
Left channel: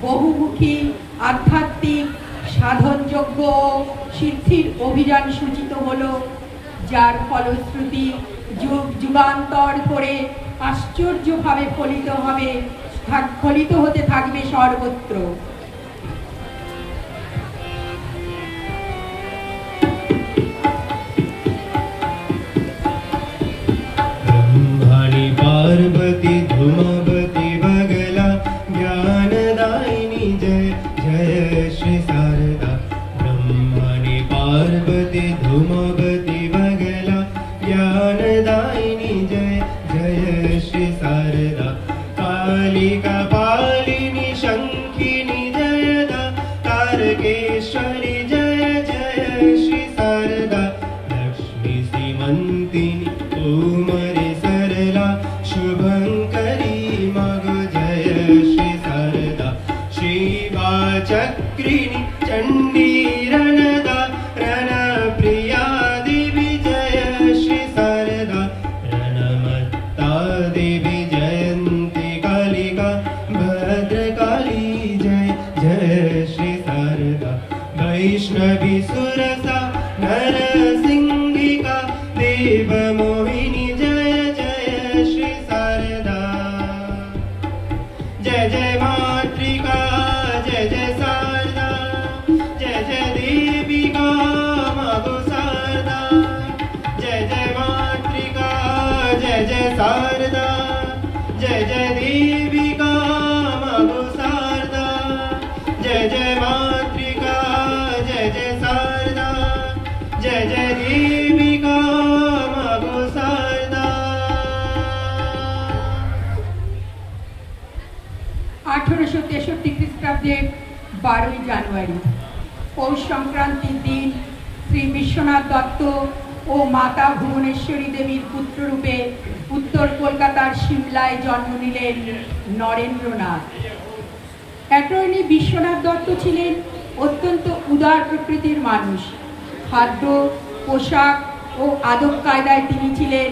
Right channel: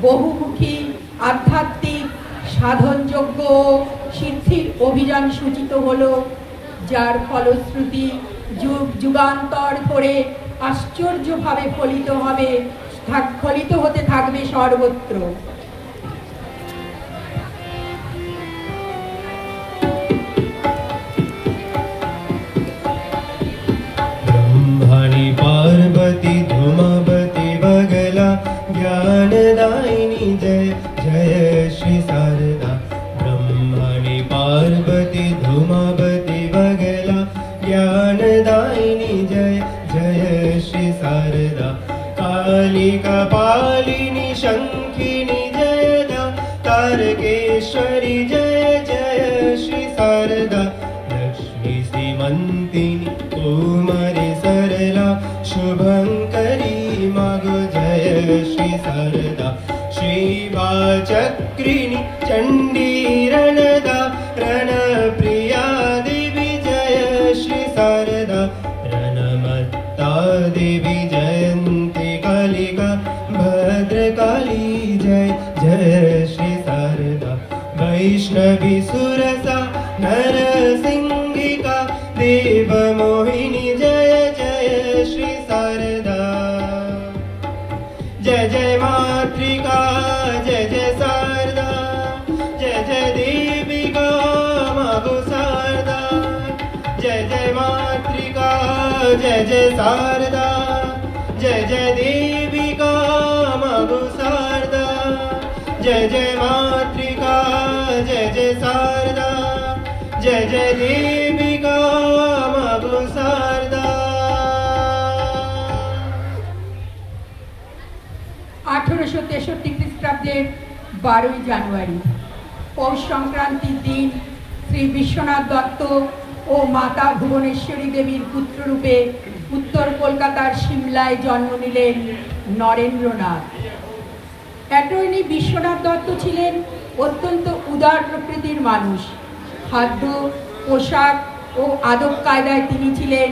বহুমুখী, আধ্যাত্মিক, সাধনযোগ্য সিদ্ধির অভিযান সূচিত হলো, যার ফলশ্রুতি যুগ যুগান্তর ধরে আশ্চর্যভাবে ফলিত হতে থাকবে সর্বত্র। ब्रह्मणि पार्वती धूमवती बगला ज्ञानदायिनी जय जय श्री शारदा। ब्रह्मणि पार्वती धूमवती बगला ज्ञानदायिनी जय जय श्री शारदा। कालिका पालिनी शंखिनी जयदा, तारकेश्वरी जय जय श्री शारदा। लक्ष्मी श्रीमंतिनी कुमारी सरला, शुभंकरी मगु जय श्री शारदा। शिवा चक्रिणी चंडी रणदा, रणप्रिया देवी जय श्री शारदा। रणमत्ता देवी जयंती कालिका, भद्रकाली जय जय श्री शारदा। वैष्णवी सुरसा नरसिंहिका, देव मोहिनी जय जय श्री शारदा। जय जय शारदा जय जय देविका मागो शारदा जय जय मातृका जय जय शारदा जय जय देविका मागो शारदा। 1863 খ্রিস্টাব্দের 12ই জানুয়ারি পৌষ সংক্রান্তির দিন শ্রী বিশ্বনাথ দত্ত ও মাতা ভুবনেশ্বরী দেবীর পুত্ররূপে উত্তর কলকাতার সিমলায় জন্ম নিলেন নরেন্দ্রনাথ। অ্যাটর্নি বিশ্বনাথ দত্ত ছিলেন অত্যন্ত উদার প্রকৃতির মানুষ। খাদ্য, পোশাক ও আদব কায়দায় তিনি ছিলেন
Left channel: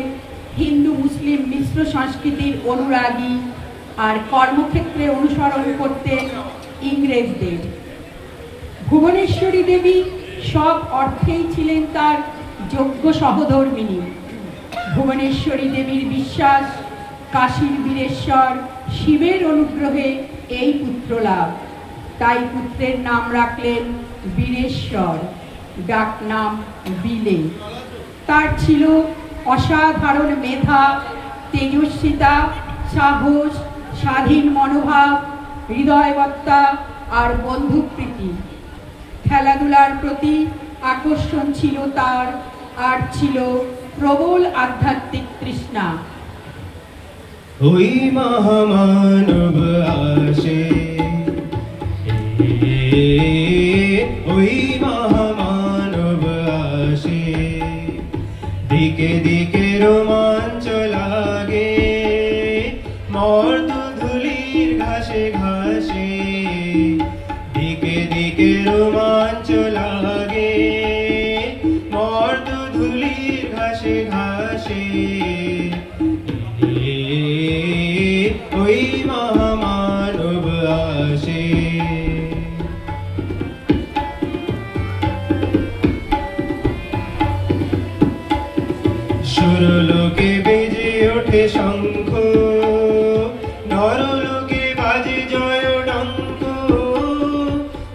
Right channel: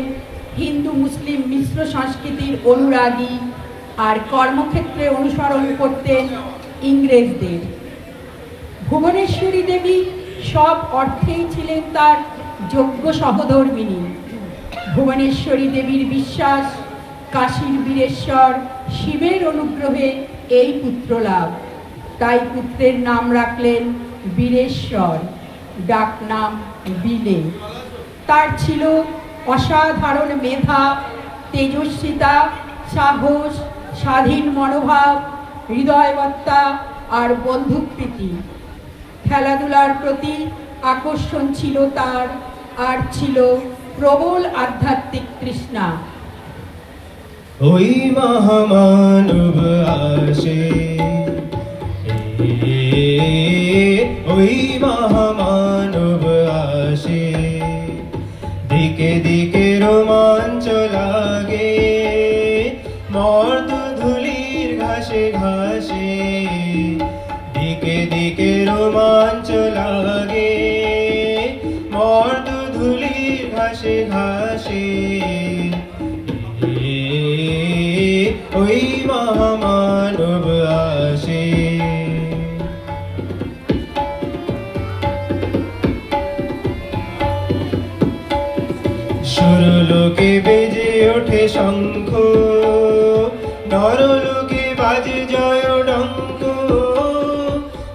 হিন্দু মুসলিম মিশ্র সংস্কৃতির অনুরাগী, আর কর্মক্ষেত্রে অনুসরণ করতেন ইংরেজদের। ভুবনেশ্বরী দেবী সব অর্থেই ছিলেন তার যোগ্য সহধর্মিণী। ভুবনেশ্বরী দেবীর বিশ্বাস কাশীর বীরেশ্বর শিবের অনুগ্রহে এই পুত্র লাভ, তাই পুত্রের নাম রাখলেন বীরেশ্বর, ডাক নাম বিলে। তার ছিল অসাধারণ মেধা, তেজস্বিতা, সাহস, স্বাধীন মনোভাব, হৃদয়বত্তা আর বন্ধুপ্রীতি। খেলাধুলার প্রতি আকর্ষণ ছিল তার, আর ছিল প্রবল আধ্যাত্মিক তৃষ্ণা। ওই মহামানব আসে, ওই মহামানব আসে, দিকে দিকে রোমাঞ্চ লাগে, মর্ত ধুলির ঘাসে ঘাসে, দিকে দিকে রোমাঞ্চ লাগে, মর্ত ধুলির ঘাসে ঘাসে, ওই মহামানব আসে। সুরলোকে বেজে ওঠে শঙ্খ, নরলোকে বাজে জয় ডঙ্ক,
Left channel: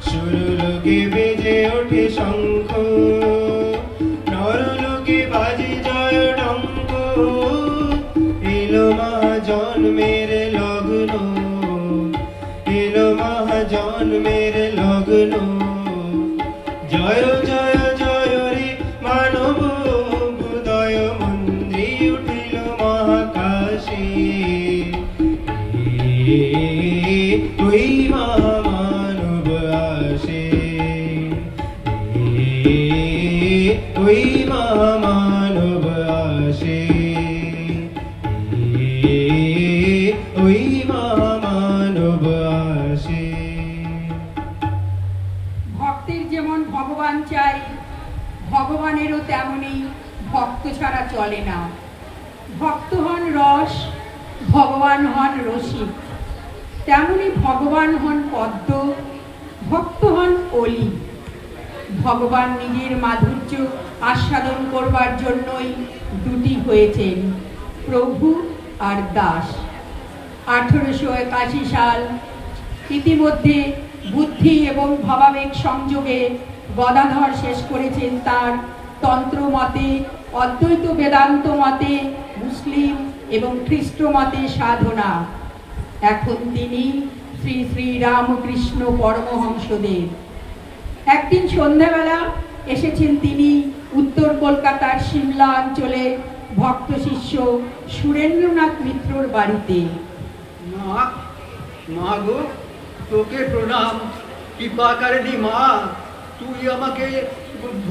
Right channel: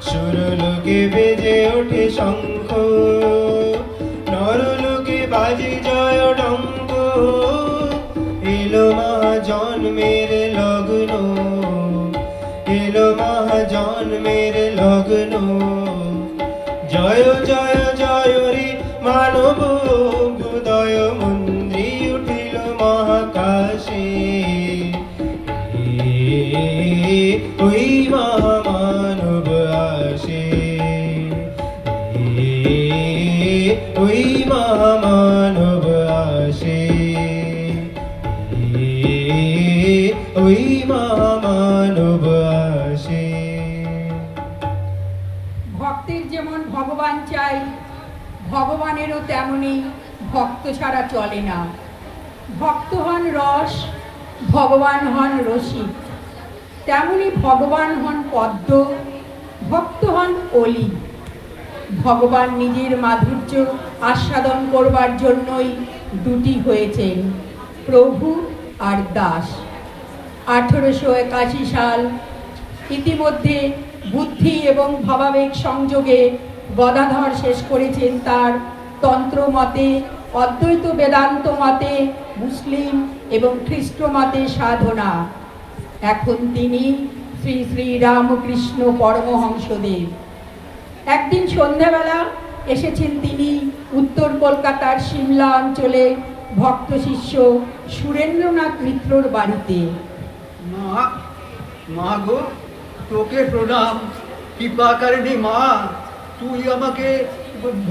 সুরলোকে বেজে ওঠে শঙ্খ, নরলোকে বাজে জয় ডঙ্ক, এলো মহাজন্মের লগ্ন, এলো মহাজন্মের লগ্ন, জয় জয় জয় রে মানব হৃদয় মন্দ্রি উঠিল মহাকাশে, ওই মহামানব আসে, ওই মহামানব আসে, ওই মহামানব আসে। ভক্তের যেমন ভগবান চাই, ভগবানেরও তেমনি ভক্ত ছাড়া চলে না। ভক্ত হন রস, ভগবান হন রসিক। তেমনি ভগবান হন পদ্ম, ভক্ত হন অলি। ভগবান নিজের মাধুর্য আস্বাদন করবার জন্যই দুটি হয়েছেন, প্রভু আর দাস। 1881 সাল। ইতিমধ্যে বুদ্ধি এবং ভাবাবেগ সংযোগে গদাধর শেষ করেছেন তার তন্ত্র মতে, অদ্বৈত বেদান্ত মতে, মুসলিম এবং খ্রিস্ট মতে সাধনা। এখন তিনি শ্রী শ্রী রামকৃষ্ণ পরমহংসদেব। একদিন সন্ধ্যাবেলা এসেছেন তিনি উত্তর কলকাতার সিমলা অঞ্চলে ভক্ত শিষ্য সুরেন্দ্রনাথ মিত্রর বাড়িতে। মা, মা গো, তোকে প্রণাম। কৃপাকারিণী মা, তুই আমাকে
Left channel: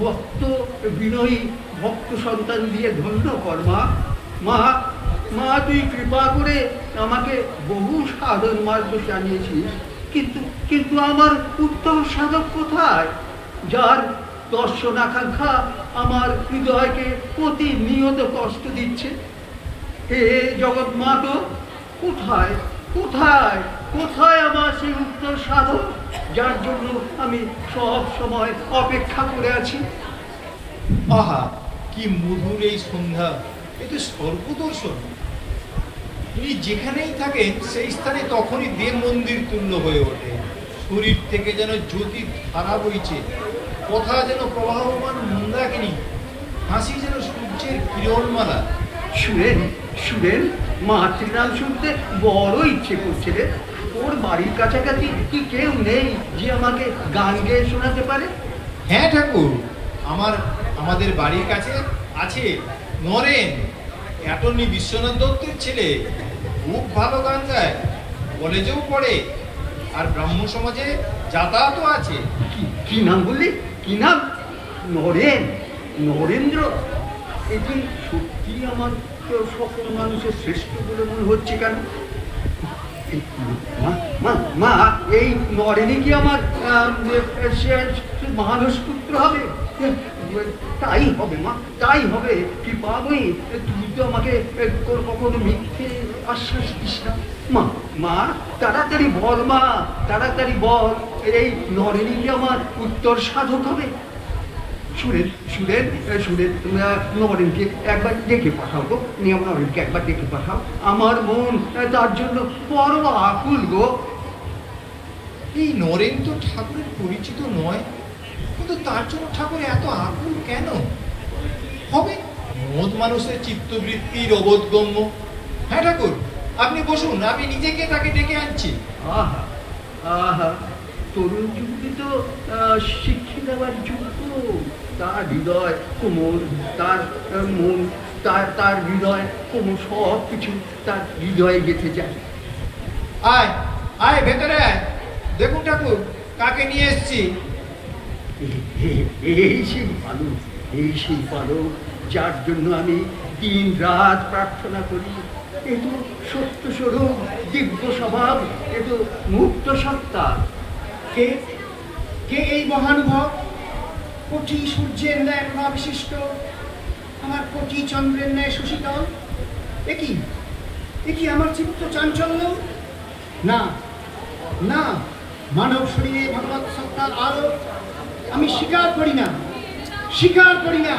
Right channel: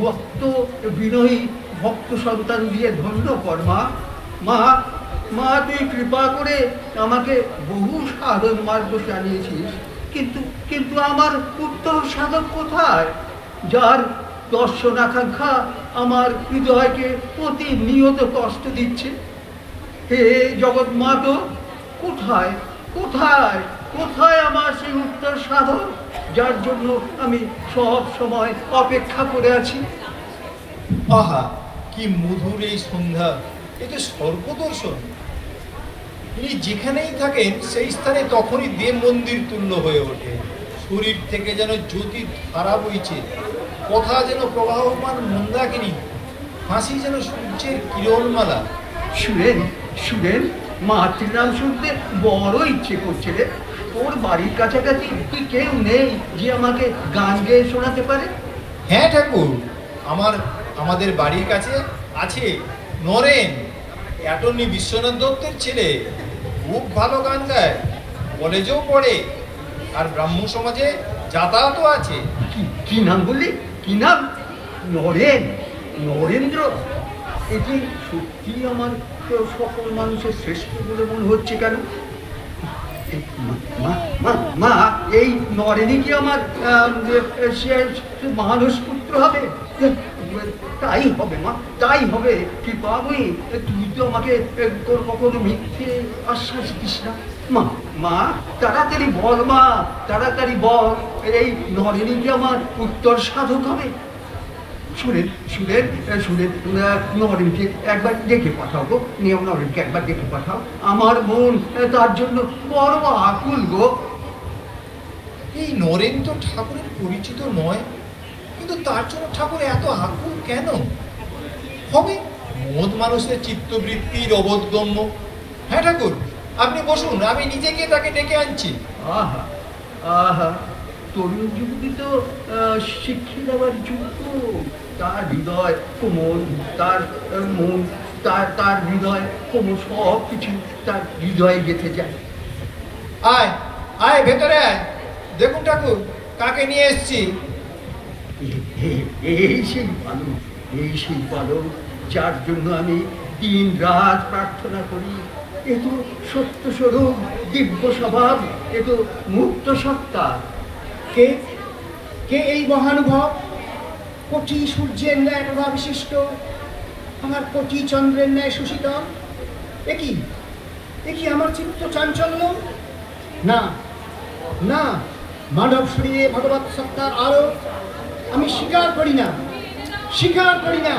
ভক্ত বিনয়ী ভক্ত সন্তান দিয়ে ধন্য কর মা। মা, মা তুই কৃপা করে আমাকে বহু সাধন মার্গ জানিয়েছিস, কিন্তু কিন্তু আমার উত্তর সাধক কোথায়, যার দর্শন আকাঙ্ক্ষা আমার হৃদয়কে প্রতিনিয়ত কষ্ট দিচ্ছে? হে জগৎ মাতো, কোথায় কোথায় কোথায় আমার সেই উত্তর সাধক, যার জন্য আমি সব সময় অপেক্ষা করে আছি? আহা, কি মধুর এই সন্ধ্যা, এই যে সর্বদর্শন। উনি যেখানেই থাকেন সেই স্থানে তখনই দেব মন্দির তুল্য হয়ে ওঠে। শরীর থেকে যেন জ্যোতি ধারা বইছে, কথা যেন প্রবাহমান মন্দাকিনী, হাসি যেন সূর্যের কিরণমালা। শুনেন শুনেন, মাতৃ নাম শুনতে বড় ইচ্ছে করছে রে। ওর বাড়ির কাছাকাছি কি কেউ নেই যে আমাকে গান গেয়ে শোনাতে পারে? হ্যাঁ ঠাকুর, আমাদের বাড়ির কাছে আছে নরেন, অ্যাটর্নি বিশ্বনাথ দত্তের ছেলে, খুব ভালো গান গায়, কলেজেও পড়ে, আর ব্রাহ্মণ সমাজে যাতায়াতও আছে। কি নাম বললি? কি নাম? নরেন? নরেন্দ্র? এটি সত্যি আমার সকল মানুষের শ্রেষ্ঠ বলে মনে হচ্ছে কেন? মা, এই নরেনই কি আমার মানুষ পুত্র হবে? তাই হবে মা, তাই হবে। কৃপা, আমি তুই তো আমাকে তোর কখনো মিথ্যে আশ্বাস দিস না। মা তাড়াতাড়ি বল, মা তাড়াতাড়ি বল, এই নরেনই কি আমার উত্তর সাধক হবে? শুনেন নরেনকে একবার ডেকে পাঠাবো, নরেনকে একবার ডেকে পাঠাও। আমার মন তার জন্য বড় আকুল গো। এই নরেন তো ঠাকুরের পরিচিত নয়, কিন্তু তার জন্য ঠাকুর এত আকুল কেন হবে? মদ মানুষের চিত্তবৃত্তির অবোধগম্য। হ্যাঁ ঠাকুর, আপনি বসুন, আমি নিজেকে তাকে ডেকে আনছি। আহা আহা, তরুণ যুক্তি তো শিক্ষা দেওয়ার যুক্ত। তার হৃদয় কোমল, তার মন, তার হৃদয় কোমল, সব কিছু তার হৃদয়ে গেঁথে যায়। আয় আয়, ভেতরে আয়, দেখুন ঠাকুর কাকে নিয়ে এসছি। এই সেই বালক যার জন্য আমি দিন রাত প্রার্থনা করি। এ তো সত্য স্বরূপ, দিব্য স্বভাব, এ তো মুক্ত সত্তা। কে এই মহানুভব? কোটি সূর্যের ন্যায় প্রভা বিশিষ্ট, আমার কোটি চন্দ্রের ন্যায় সুশীতল। এ কি আমার চিত্ত চাঞ্চল্য? না না, মানব শরীরে ভগবৎ সত্তার আলো আমি স্বীকার করি না।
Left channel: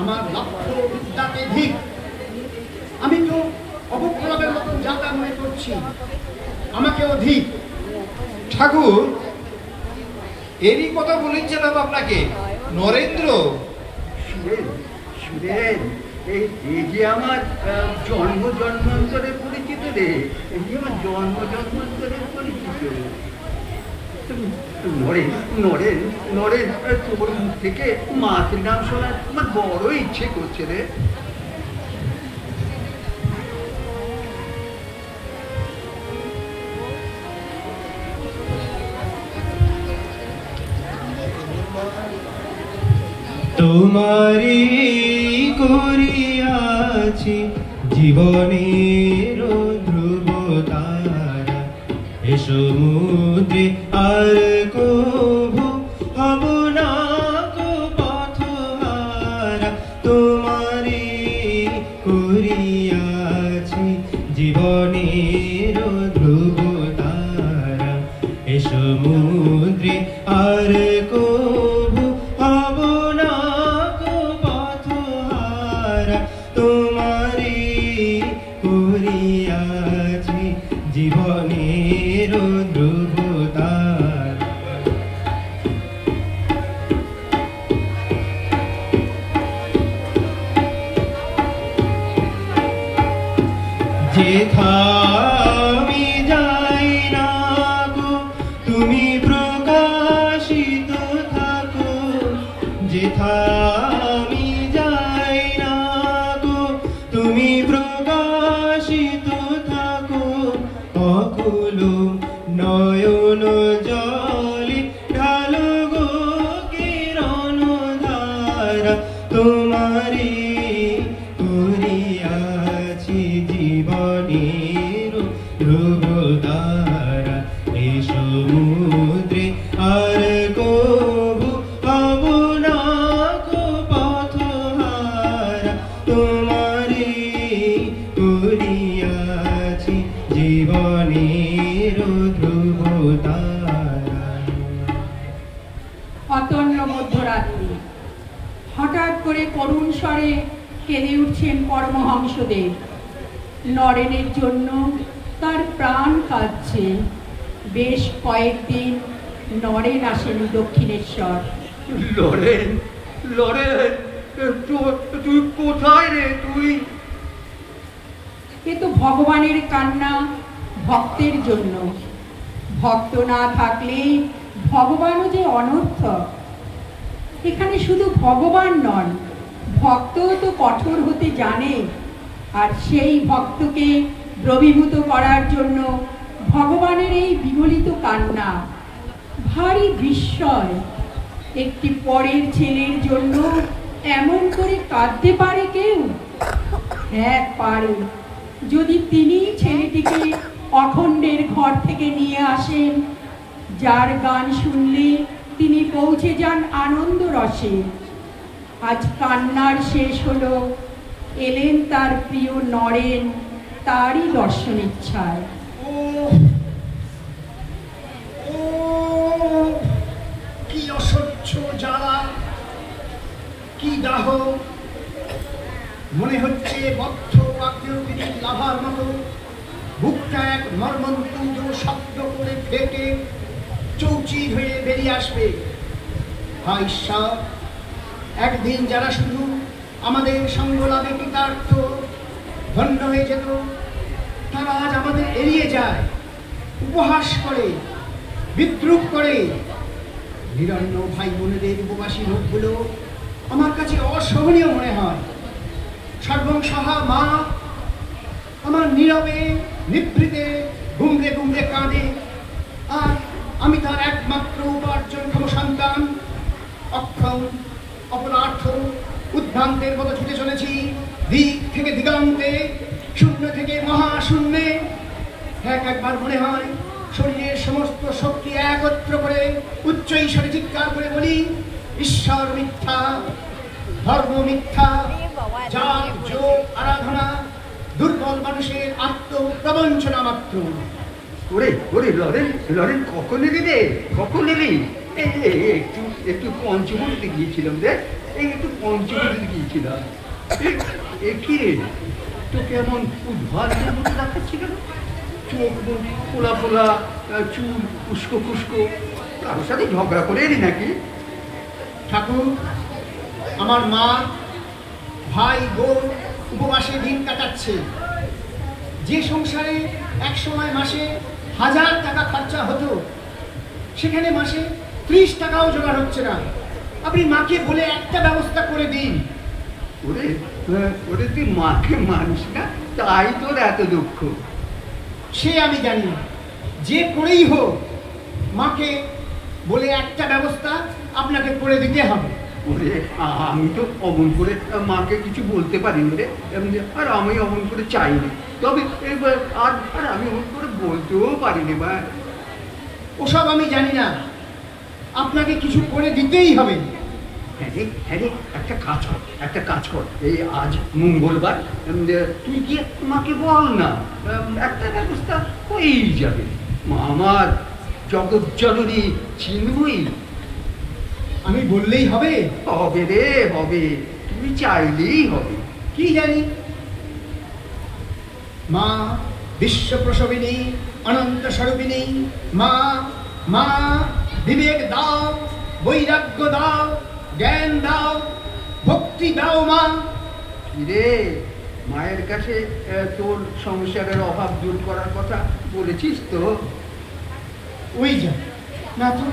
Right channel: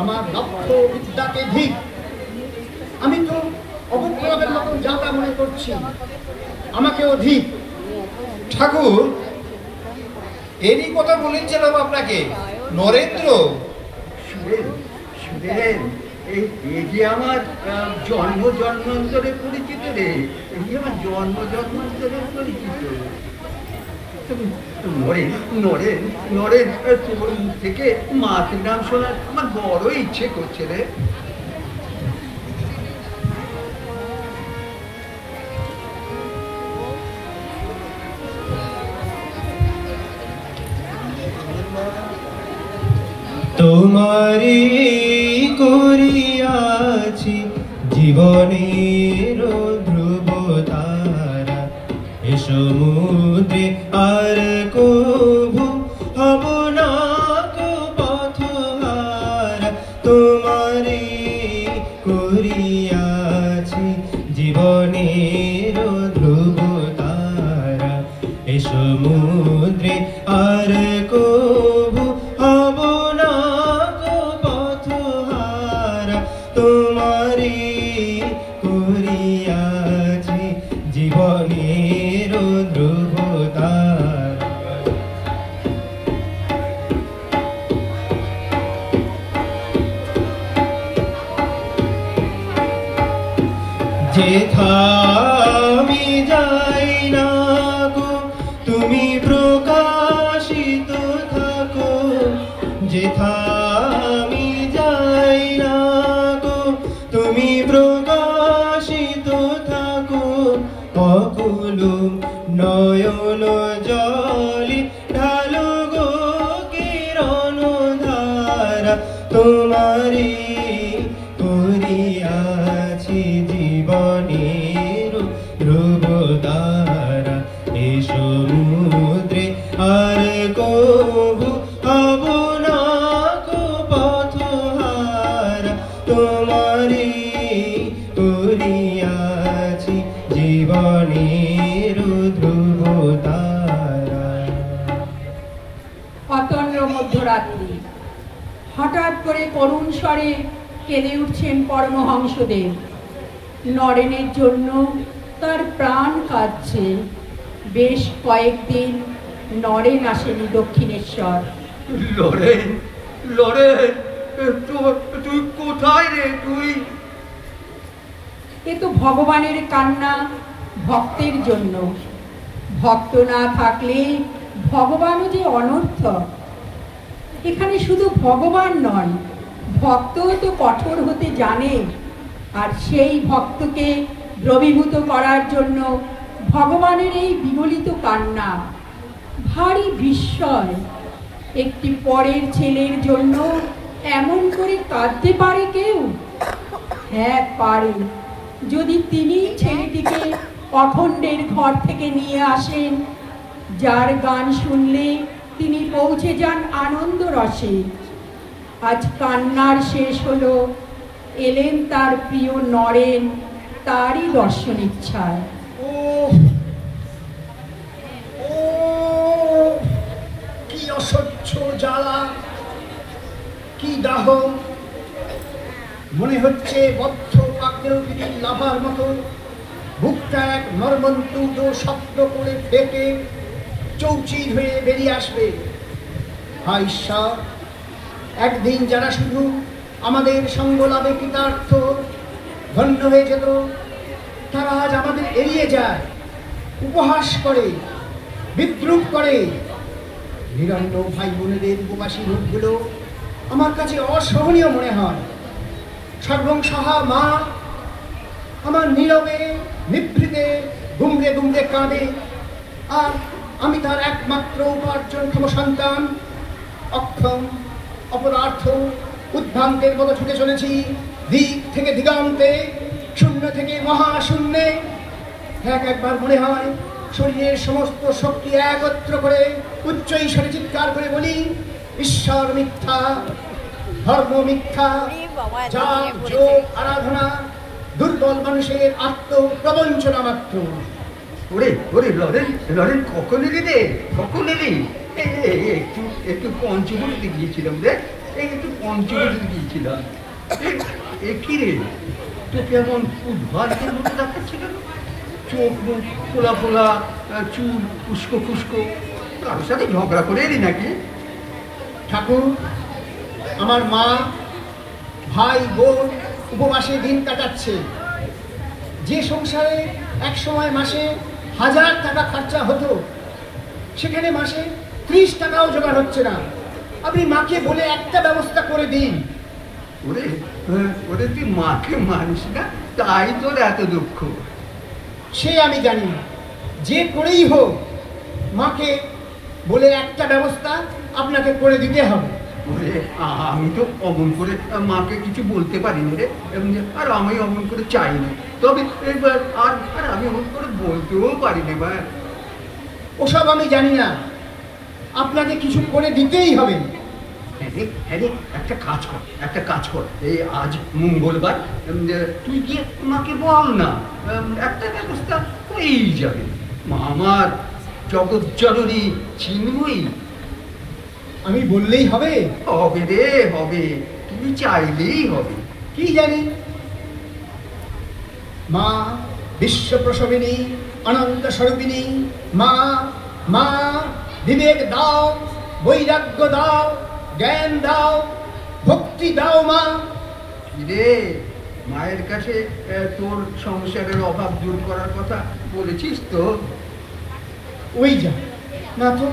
আমার লক্ষ্য বিদ্যাকে ধিক। আমি তো অবক্রমের মতন যাতা মনে করছি, আমাকেও ধিক। ঠাকুর, এরই কথা বলেছিলাম আপনাকে, নরেন্দ্র। শুনেন, এই যে আমার জন্ম জন্মান্তরে পরিচিত রে, এই যে আমার জন্ম জন্মান্তরে পরিচিত। নরেন, তোর মুখ থেকে মাতৃ নাম শোনার আমার বড় ইচ্ছে করছে রে। তোমারি করিয়াছি জীবনের ধ্রুব তারা, এ সমুদ্রে আর কভু হব না কো পথহারা। তোমারি করিয়াছি জীবনের ধ্রুব তারা, এ সমুদ্রে আর কভু হব না কো পথহারা। তোমারি করিয়াছি জীবনের ধ্রুব তারা। যেথা আমি যাই না গো, তুমি প্রকাশিত থাকো। যেথা আমি যাই না গো, তুমি প্রকাশিত থাকো। অকুল নয়ন জলে ঢালো গো কিরণ ধারা। তোমারি করিয়াছি জীবনের ধ্রুব তারা, এ সমুদ্রে আর কভু হব না কো পথহারা। তোমারি করিয়াছি জীবনের ধ্রুব তারা। অতন্য মধ্যরাত্রি, হঠাৎ করে করুণ স্বরে কেঁদে উঠছেন পরমহংসদেব। নরেনের জন্য তার প্রাণ কাঁদছে। বেশ কয়েকদিন নরেন আসেনি দক্ষিণেশ্বর। লরেন, তুই কোথায় রে? তুই এ তো ভগবানের কান্না ভক্তের জন্য। ভক্ত না থাকলে ভগবানও যে অনর্থক। এখানে শুধু ভগবান নন, ভক্তও তো কঠোর হতে জানে। আর সেই ভক্তকে দ্রবীভূত করার জন্য ভগবানের এই বিগলিত কান্না। ভারী বিস্ময়, একটি পরের ছেলের জন্য এমন করে কাঁদতে পারে কেউ? হ্যাঁ পারে, যদি তিনি ছেলেটিকে অখণ্ডের ঘর থেকে নিয়ে আসেন, যার গান শুনলে তিনি পৌঁছে যান আনন্দ রসে। আজ কান্নার শেষ হলো, এলেন তার প্রিয় নরেন তারই দর্শন ইচ্ছায়। কি অসহ্য জ্বালা, কি দাহ! মনে হচ্ছে বদ্ধ কাকেলবিড়ির লাভার মতো বুকটা এক নর্মন্তুদ শব্দ করে ফেটে চৌচির হয়ে বেরিয়ে আসবে। হায় ঈশ্বর, একদিন যারা শুধু আমাদের সঙ্গ লাভে কৃতার্থ ধন্য হয়ে যেত, তারা আজ আমাদের এড়িয়ে যায়, উপহাস করে, বিদ্রুপ করে। নিরন্ন ভাই বোনেদের উপবাসী মুখগুলো আমার কাছে অসহনীয় মনে হয়। সর্বংসহা মা আমার নীরবে নিভৃতে গুমড়ে গুমড়ে কাঁদে, আর আমি তার একমাত্র উপার্জনক্ষম সন্তান। অক্ষম, অপরার্থ, উদ্ভ্রান্তের মতো ছুটে চলেছি দিক থেকে দিগন্তে, শূন্য থেকে মহাশূন্যে। একবার মনে হয় শরীরের সমস্ত শক্তি একত্র করে উচ্চ ঈশ্বরে চিৎকার করে বলি, ঈশ্বর মিথ্যা, ধর্ম মিথ্যা, জাত যোগ আরাধনা দুর্বল মানুষের আত্মপ্রবঞ্চনা মাত্র। ওরে ওরে লরেন লরেন, কখন এলি রে? কখন এলি? একটু পঞ্চগড়িতে গিয়েছিলাম রে, একটু পঞ্চগড়িতে গিয়েছিলাম। কি রে, তোকে এমন উদ্ভাস দেখাচ্ছিল? চোখ ফোলা ফোলা, চুল উস্কো ফুস্কো, কারোর সাথে ঝগড়া করে এলি নাকি? ঠাকুর, আমার মা, ভাই, বোন উপবাসে দিন কাটাচ্ছে। যে সংসারে একসময় মাসে 1000 টাকা খরচা হতো, সেখানে মাসে 30 টাকাও জোগাড় হচ্ছে না। আপনি মাকে বলে একটা ব্যবস্থা করে দিন। ওরে ওরে, তুই মাকে মানিস না, তাই তোর এত দুঃখ। সে আমি জানি, যে করেই হোক মাকে বলে একটা ব্যবস্থা আপনাকে করে দিতে হবে। ওরে, আমি তো অমন করে মাকে কিছু বলতে পারি না রে, আর আমি অমন করে চাইনি। তবে এবার আর আমি অমন করে বলতেও পারি না। বা ওসব আমি জানি না, আপনাকে কিছু করে দিতেই হবে। হ্যাঁ রে, একটা কাজ কর, এই আজ মঙ্গলবার, তুই গিয়ে মাকে বল না, একটা ব্যবস্থা হয়েই যাবে। মা আমার জগৎ জননী চিন্ময়ী। আমি বললেই হবে? হবে রে, হবে, তুমি চাইলেই হবে। কি জানি, মা বিশ্ব প্রসবিনী, অনন্ত স্বরূপিণী মা, মা বিবেক দাও, বৈরাগ্য দাও, জ্ঞান দাও, ভক্তি দাও মা। রে, মায়ের কাছে তোর সংসারের অভাব দূর করার কথা বলেছিস তো? ওই যা না, তো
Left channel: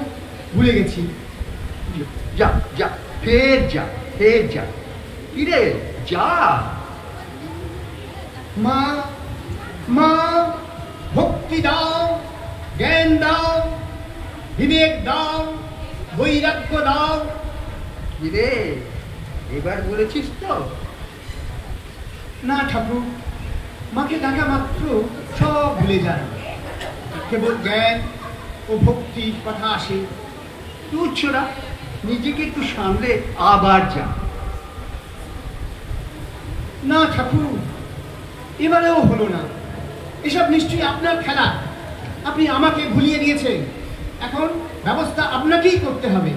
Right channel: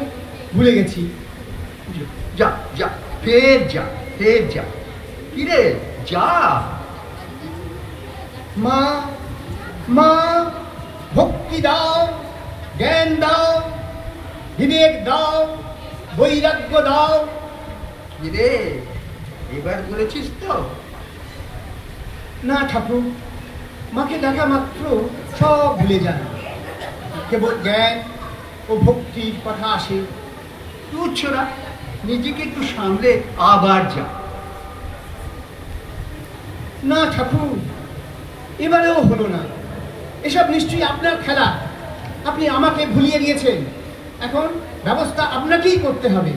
ভুলে গেছি। যা যা, ফের যা, ফের যা। কিরে, যা। মা, মা ভক্তি দাও, জ্ঞান দাও, বিবেক দাও, বৈরাগ্য দাও। কিরে, এবার বলেছিস তো? না ঠাকুর, মাকে ডাকা মাত্র সব ভুলে যান, কেবল জ্ঞান ও ভক্তির কথা আসে। তুচ্ছরা, নিজেকে একটু সামলে আবার যা। না ঠাকুর, এবারেও হলো না। এসব নিশ্চয়ই আপনার খেলা, আপনি আমাকে ভুলিয়ে দিয়েছেন। এখন ব্যবস্থা আপনাকেই করতে হবে।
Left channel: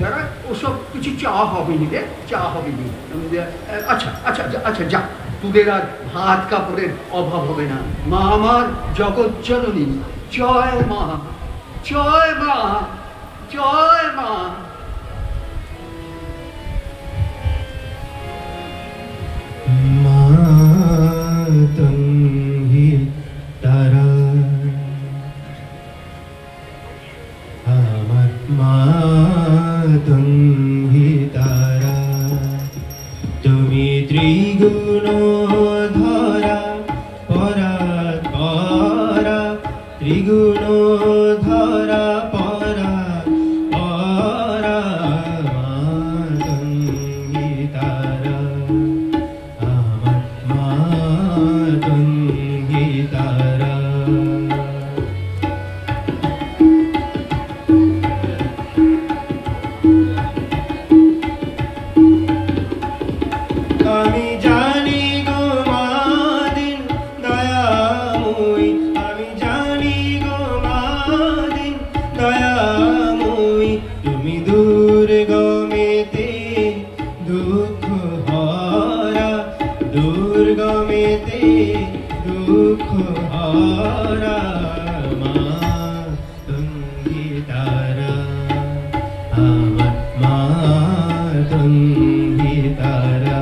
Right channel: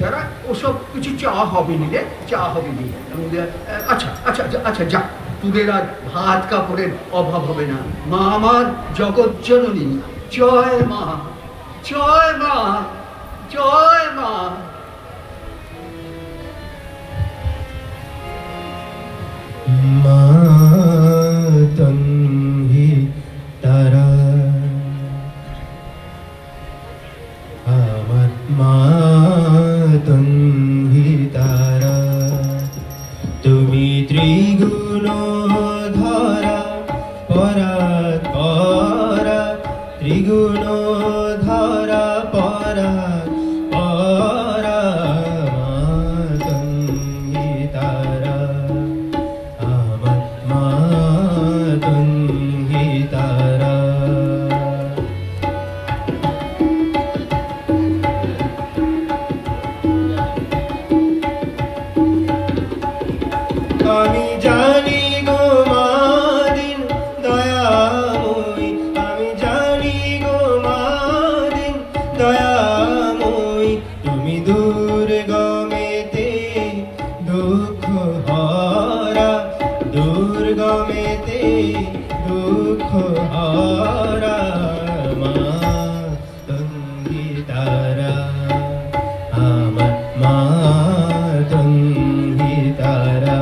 যারা ওসব কিছু চাওয়া হবে নি রে, চাওয়া হবে নি। আচ্ছা আচ্ছা আচ্ছা, যা, তোদের আর ভাত কাপড়ের অভাব হবে না। মা আমার জগৎ জননী, জয় মা, জয় মা, জয় মা। মাতঙ্গি তারা আমার মাতঙ্গি তারা তুমি ত্রিগুণ ধরা পরাৎ পরা ত্রিগুণ ধরা পরাৎ পরা মাতঙ্গি তারা আমার মাতঙ্গি তারা আমি জানি গো মাদিন দয়াময়ী আমি জানি গো মাদিন দয়াময়ী তুমি দুর্গমেতে দুঃখ হরা দুর্গমেতে দুঃখ হরা মাতঙ্গি তারা আমার মাতঙ্গি তারা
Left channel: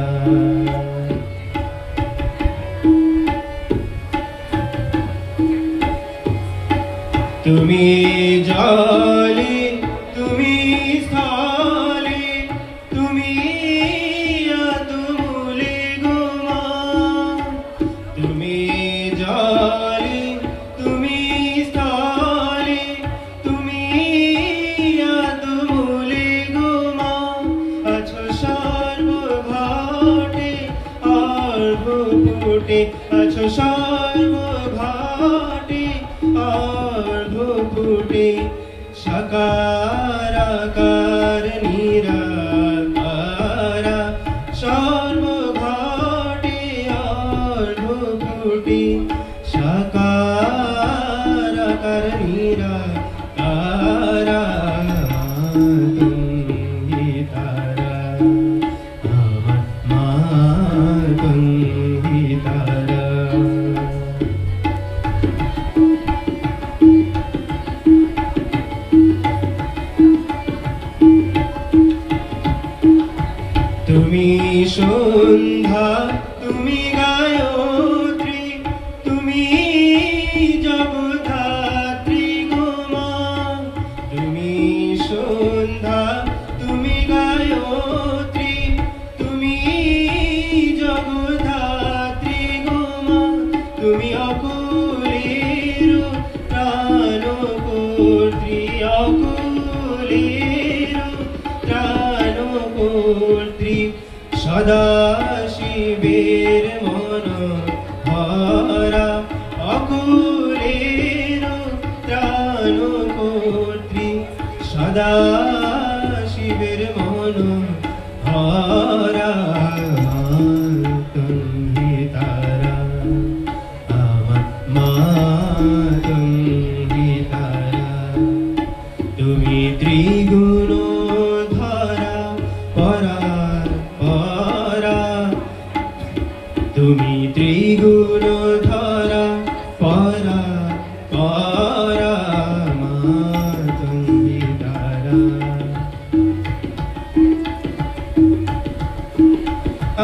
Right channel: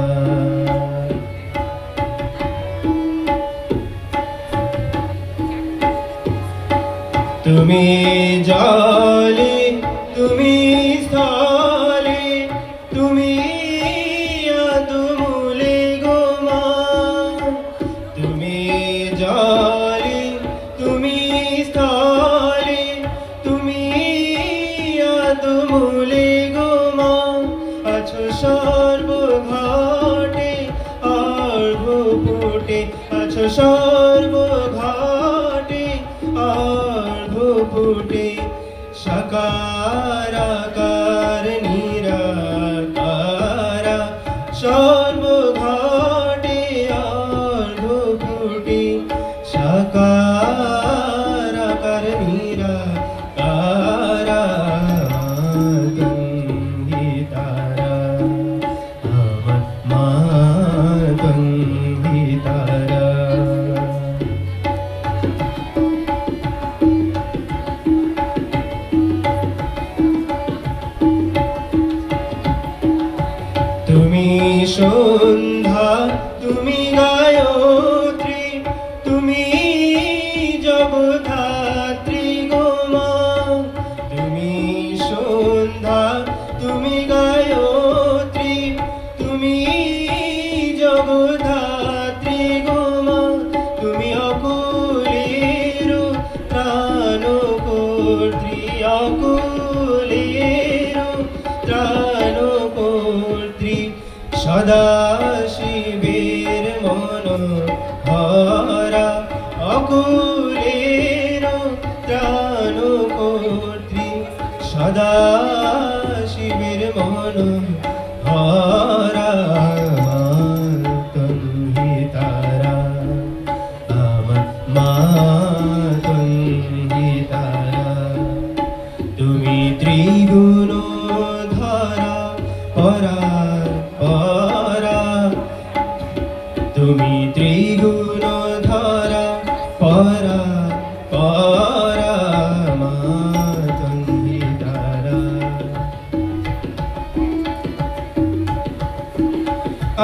তুমি জলে তুমি স্থলে তুমি আদমূলে গো মা তুমি জলে তুমি স্থলে তুমি আদমূলে গো মা আছো সর্বঘাটে অর্ঘ্যপুটে আছো সর্বঘাটে অর্ঘ্যপুটে সাকারাকার নিরাকারা সর্বঘাটে অর্ঘ্যপুটে সাকারাকার নিরাকারা মাতঙ্গি তারা আমার মাতঙ্গি তারা তুমি সন্ধ্যা তুমি গায়ত্রী তুমি জগদ্ধাত্রী গো মা তুমি সন্ধ্যা তুমি গায়ত্রী তুমি জগদ্ধাত্রী গো মা তুমি অকুলের ত্রাণকর্ত্রী অকুলের ত্রাণকর্ত্রী সদা শিবের মন হরা অকুলের ত্রাণকর্ত্রী সদা শিবের মন হরা মাতঙ্গি তারা আমার মাতঙ্গি তারা তুমি ত্রিগুণ ধরা পরা পরা তুমি ত্রিগুণ ধরা পরা পরা মাতঙ্গি তারা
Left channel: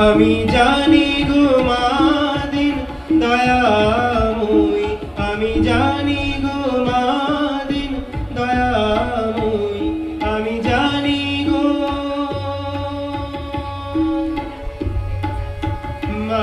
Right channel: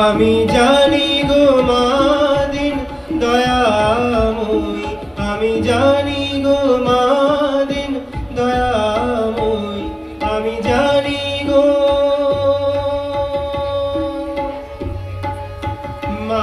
আমি জানি গো মাদিন দয়াময়ী আমি জানি গো মাদিন দয়াময়ী আমি জানি গো মা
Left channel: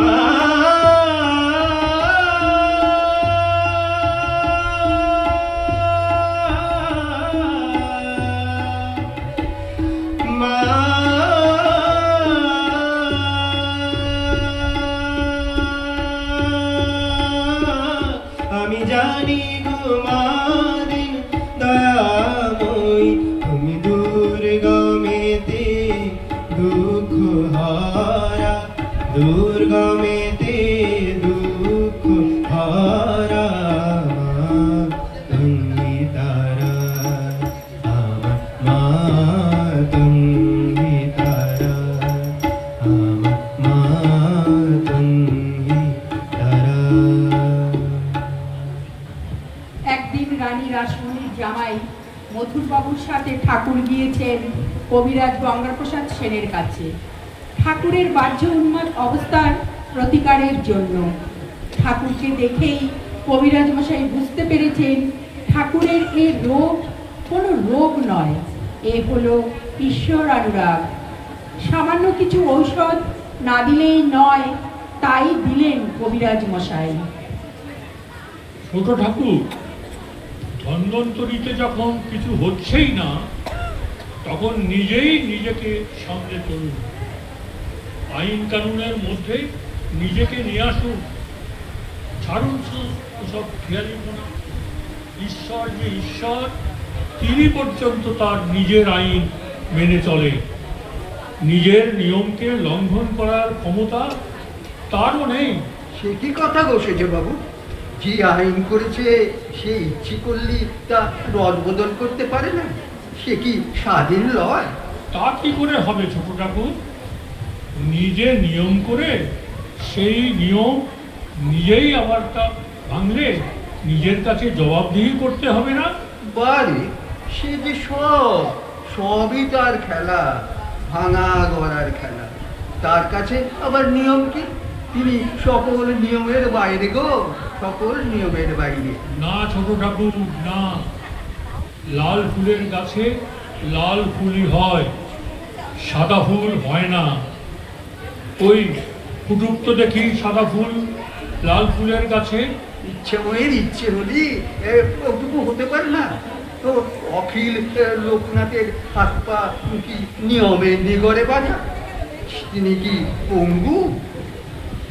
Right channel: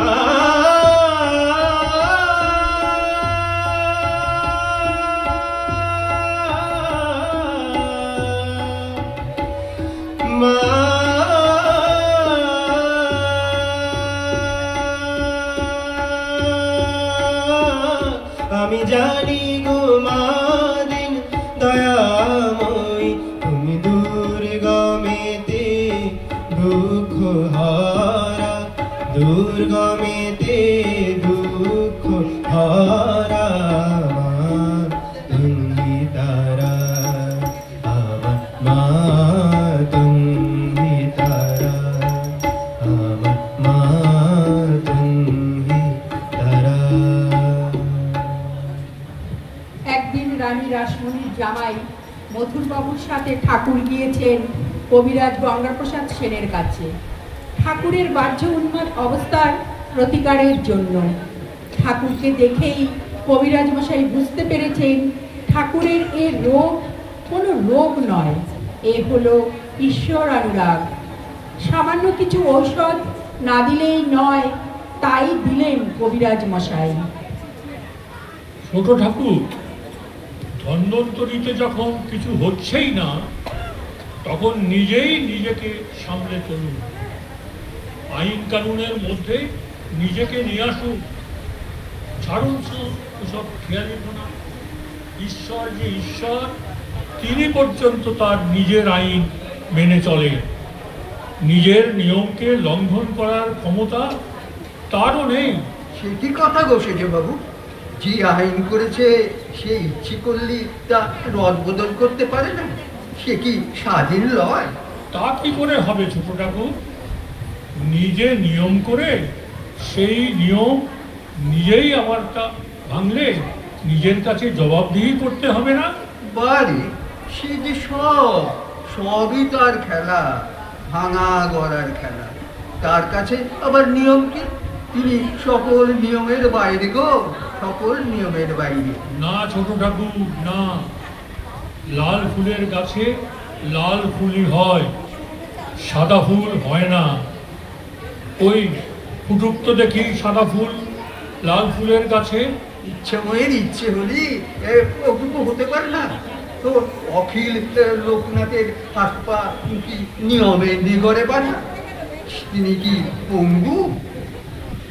আমি জানি গো মাদিন দয়াময়ী তুমি দুর্গমেতে দুঃখ হরা দুর্গমেতে দুঃখ হরা মাতঙ্গি তারা আমার মাতঙ্গি তারা আমার মাতঙ্গি তারা। একদিন রানী রাসমণির জামাই মথুরবাবুর সাথে ঠাকুর গিয়েছেন কবিরাজ গঙ্গাপ্রসাদ সেনের কাছে। ঠাকুরের বাহ্য উন্মাদ অবস্থায় প্রতিকারের জন্য। ঠাকুরকে দেখেই কবিরাজ মশাই বুঝতে পেরেছেন ঠাকুরের এ রোগ কোনো রোগ নয়, এ হলো ঈশ্বর অনুরাগ। সামান্য কিছু ঔষধ না দিলেই নয়, তাই দিলেন কবিরাজ মশাই। ছোট ঠাকুর, ধন্বন্তরীতে যখন কিছু হচ্ছেই না, তখন নিজেই নিজেকে সামলে চলুন। আইন কানুনের মধ্যে নিজেকে নিয়ে আসুন। ছাড়ুন সব খেয়ালিপনা। ঈশ্বর যে ঈশ্বর, তিনি পর্যন্ত তার নিজের আইন মেনে চলে। নিজের নিয়মকে লঙ্ঘন করার ক্ষমতা তারও নেই। সে কি কথা গো সেজ বাবু? যে আইন করেছে সে ইচ্ছে করলে তা রদবদল করতে পারে না? সে কি স্বাধীন লয়? তা কি করে হবে ছোট ঠাকুর? নিজে নিয়ম করে সেই নিয়ম নিজেই আবার তা ভাঙলে নিজের কাছে জবাবদিহি করতে হবে না? বারে সে যে সবই তার খেলা, ভাঙা গড়ার খেলা। তার কাছে আবার নিয়ম কি? তিনি সকল নিয়মের বাইরে গো, সকল নিয়মের বাইরে। না ছোট ঠাকুর না, লাল ফুলের গাছে লাল ফুলই হয়, সাদা ফুল হয় না। ওই ফুটুক তো দেখি সাদা ফুল লাল ফুলের গাছে। ইচ্ছাময়ের ইচ্ছে হলি ওটুকু হতে পারে না তো? অখিল লোকনাথের হাত পা কি নিয়মে নিগড়ে বানা? তিনি কি পঙ্গু?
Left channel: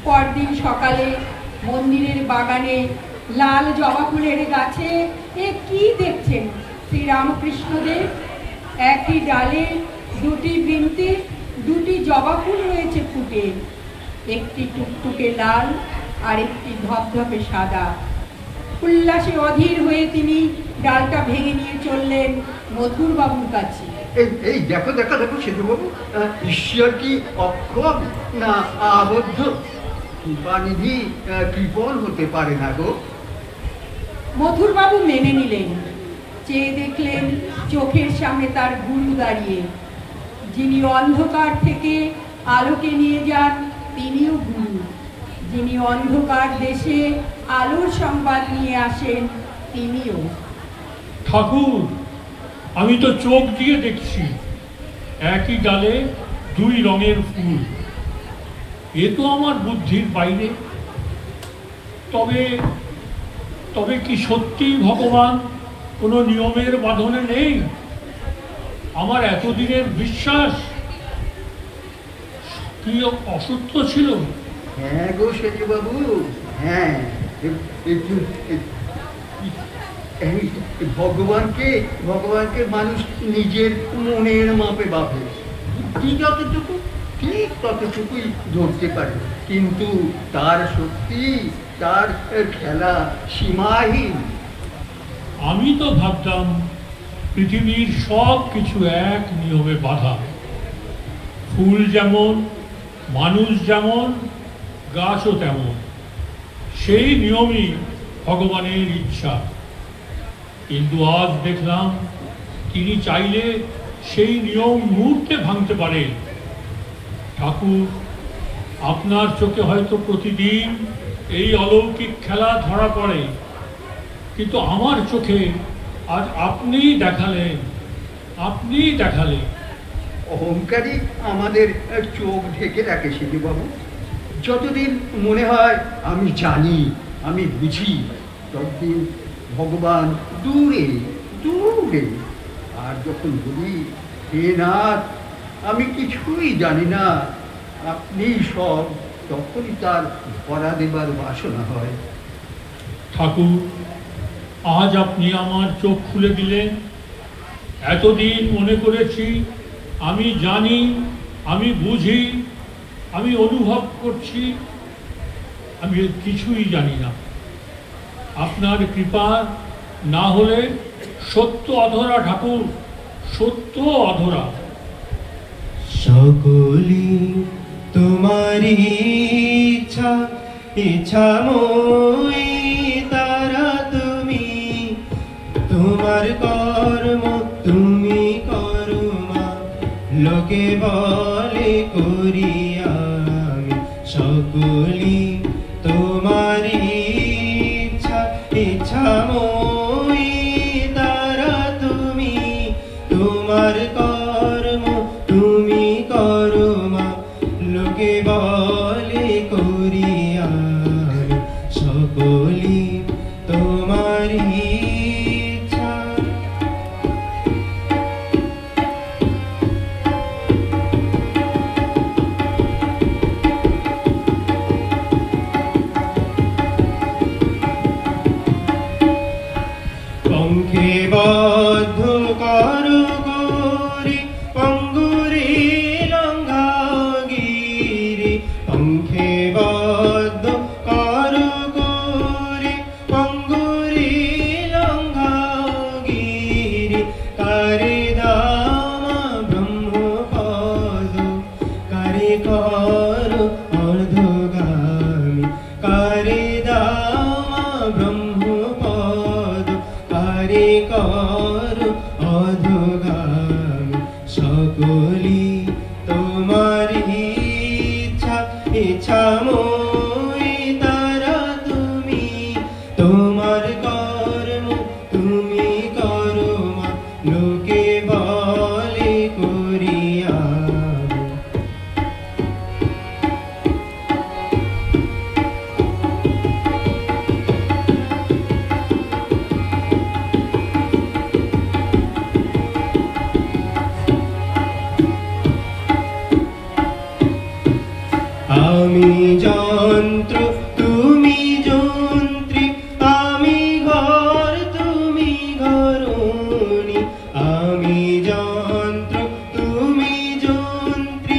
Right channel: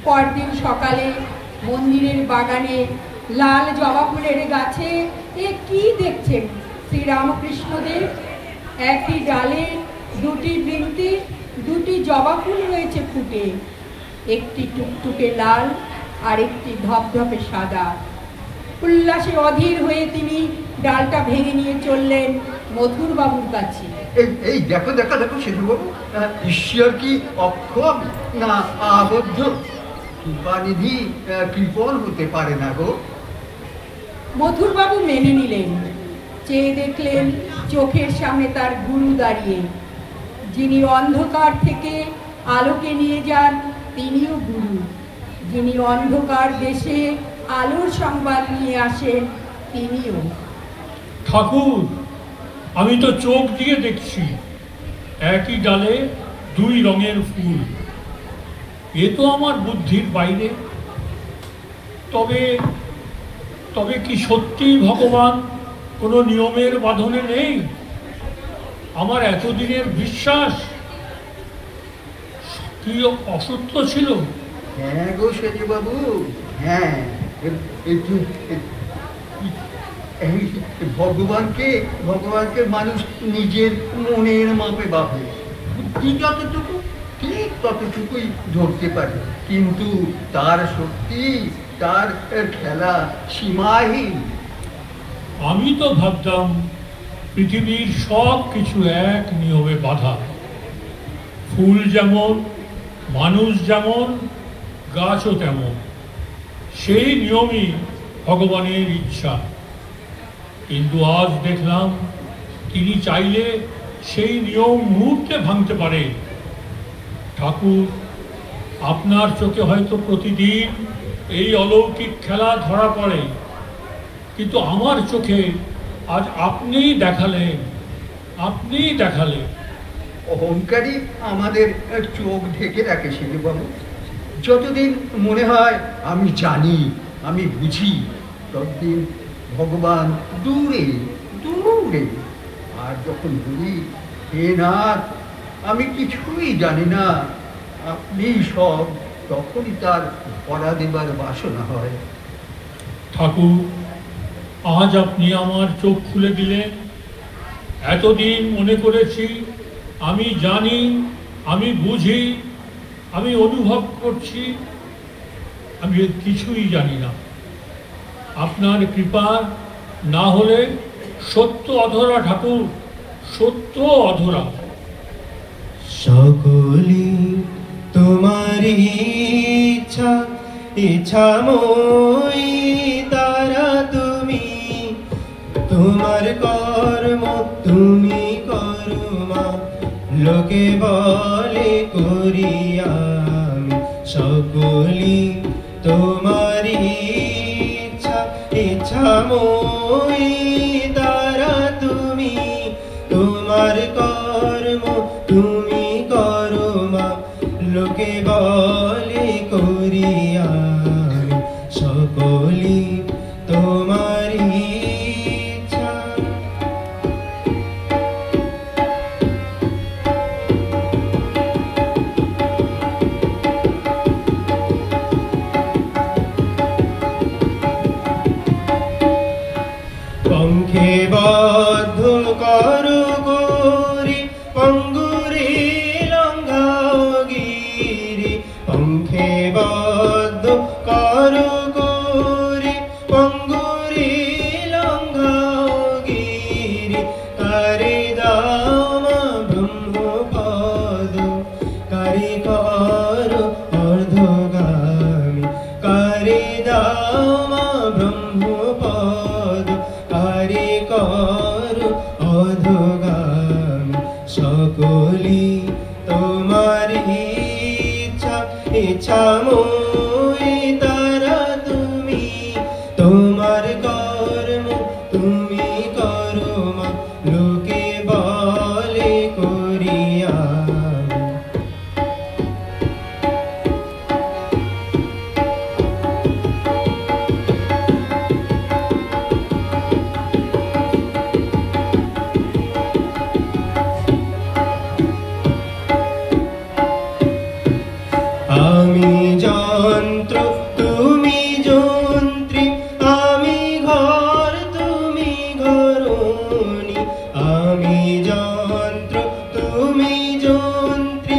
পরদিন সকালে মন্দিরের বাগানে লাল জবা ফুলের গাছে এ কি দেখছেন শ্রীরামকৃষ্ণদেব? একটি ডালে দুটি বৃন্তি, দুটি জবা ফুল রয়েছে ফুটে, একটি টুকটুকে লাল আর একটি ধপধপে সাদা। উল্লাসে অধীর হয়ে তিনি ডালটা ভেঙে নিয়ে চললেন মথুর বাবুর কাছে। এই দেখো দেখো দেখো সেজু বাবু, ঈশ্বর কি অক্ষম না আবদ্ধ? কৃপানিধি কৃপণ হতে পারে না গো। মথুর বাবু মেনে নিলেন। চেয়ে দেখলেন চোখের সামনে তার গুরু দাঁড়িয়ে। যিনি অন্ধকার থেকে আলোকে নিয়ে যান তিনিও গুরু। যিনি অন্ধকার দেশে আলোর সংবাদ নিয়ে আসেন তিনিও। ঠাকুর, আমি তো চোখ দিয়ে দেখছি একই ডালে দুই রঙের ফুল। এ তো আমার বুদ্ধির বাইরে। তবে তবে কি সত্যি ভগবান কোনো নিয়মের বাঁধনে নেই? আমার এতদিনের বিশ্বাস কি অসত্য ছিল? হ্যাঁ গো সেজু বাবু, হ্যাঁ। ভগবানকে মানুষ নিজের মনের মাপে ভাবে। যতটুকু ঠিক ততটুকুই ধরতে পারে, কিন্তু তার শক্তি, তার খেলা সীমাহীন। আমি তো ভাবতাম পৃথিবীর সব কিছু এক নিয়মে বাঁধা। ফুল যেমন, মানুষ যেমন, গাছও তেমন। সেই নিয়মই ভগবানের ইচ্ছা। কিন্তু আজ দেখলাম তিনি চাইলে সেই নিয়ম মুহূর্তে ভাঙতে পারেন। ঠাকুর, আপনার চোখে হয়তো প্রতিদিন এই অলৌকিক খেলা ধরা পড়ে, কিন্তু আমার চোখে আজ আপনিই দেখালেন। অহংকারী আমাদের চোখ ঢেকে রাখে সেজু বাবু। যতদিন মনে হয় আমি জানি, আমি বুঝি, ততদিন ভগবান দূরে দূরে। আর যখন বলি হে নাথ, আমি কিছুই জানি না, আপনি সব, তখনই তার ধরা দেবার বাসনা হয়। ঠাকুর, আজ আপনি আমার চোখ খুলে দিলেন। এতদিন মনে করেছি আমি জানি, আমি বুঝি, আমি অনুভব করছি, আমি কিছুই জানি না। আপনার কৃপা না হলে সত্য অধরা ঠাকুর, সত্য অধরা। সকলি তোমারি ইচ্ছা, ইচ্ছাময়ী তারা তুমি। তোমার কর্ম তুমি করো মা, লোকে বলে করি আমি। সকলি তোমারি ইচ্ছা ইচ্ছাময়ী তারা তুমি তোমার কর্ম তুমি করো মা লোকে বলে করিয়া সকলি তোমারি ইচ্ছা পঙ্খে বদ্ধ করো গৌরী পঙ্গুরি লঙ্ঘাগিরি পঙ্খে বদ্ধ করো গৌরী পঙ্গুরি লঙ্ঘাগিরি কারে দামা ব্রহ্মপদ কারে কর অর্ধগামী কারে দামা ব্রহ্মপদ কারে কর অধগামী সকলি তোমারি ইচ্ছা ইচ্ছাময়ী তারা তুমি তোমার কর্ম তুমি করো মা লোকে বলে করিয়া আমি যন্ত্র তুমি যন্ত্রী আমি ঘর তুমি ঘরণী আমি যন্ত্র তুমি যন্ত্রী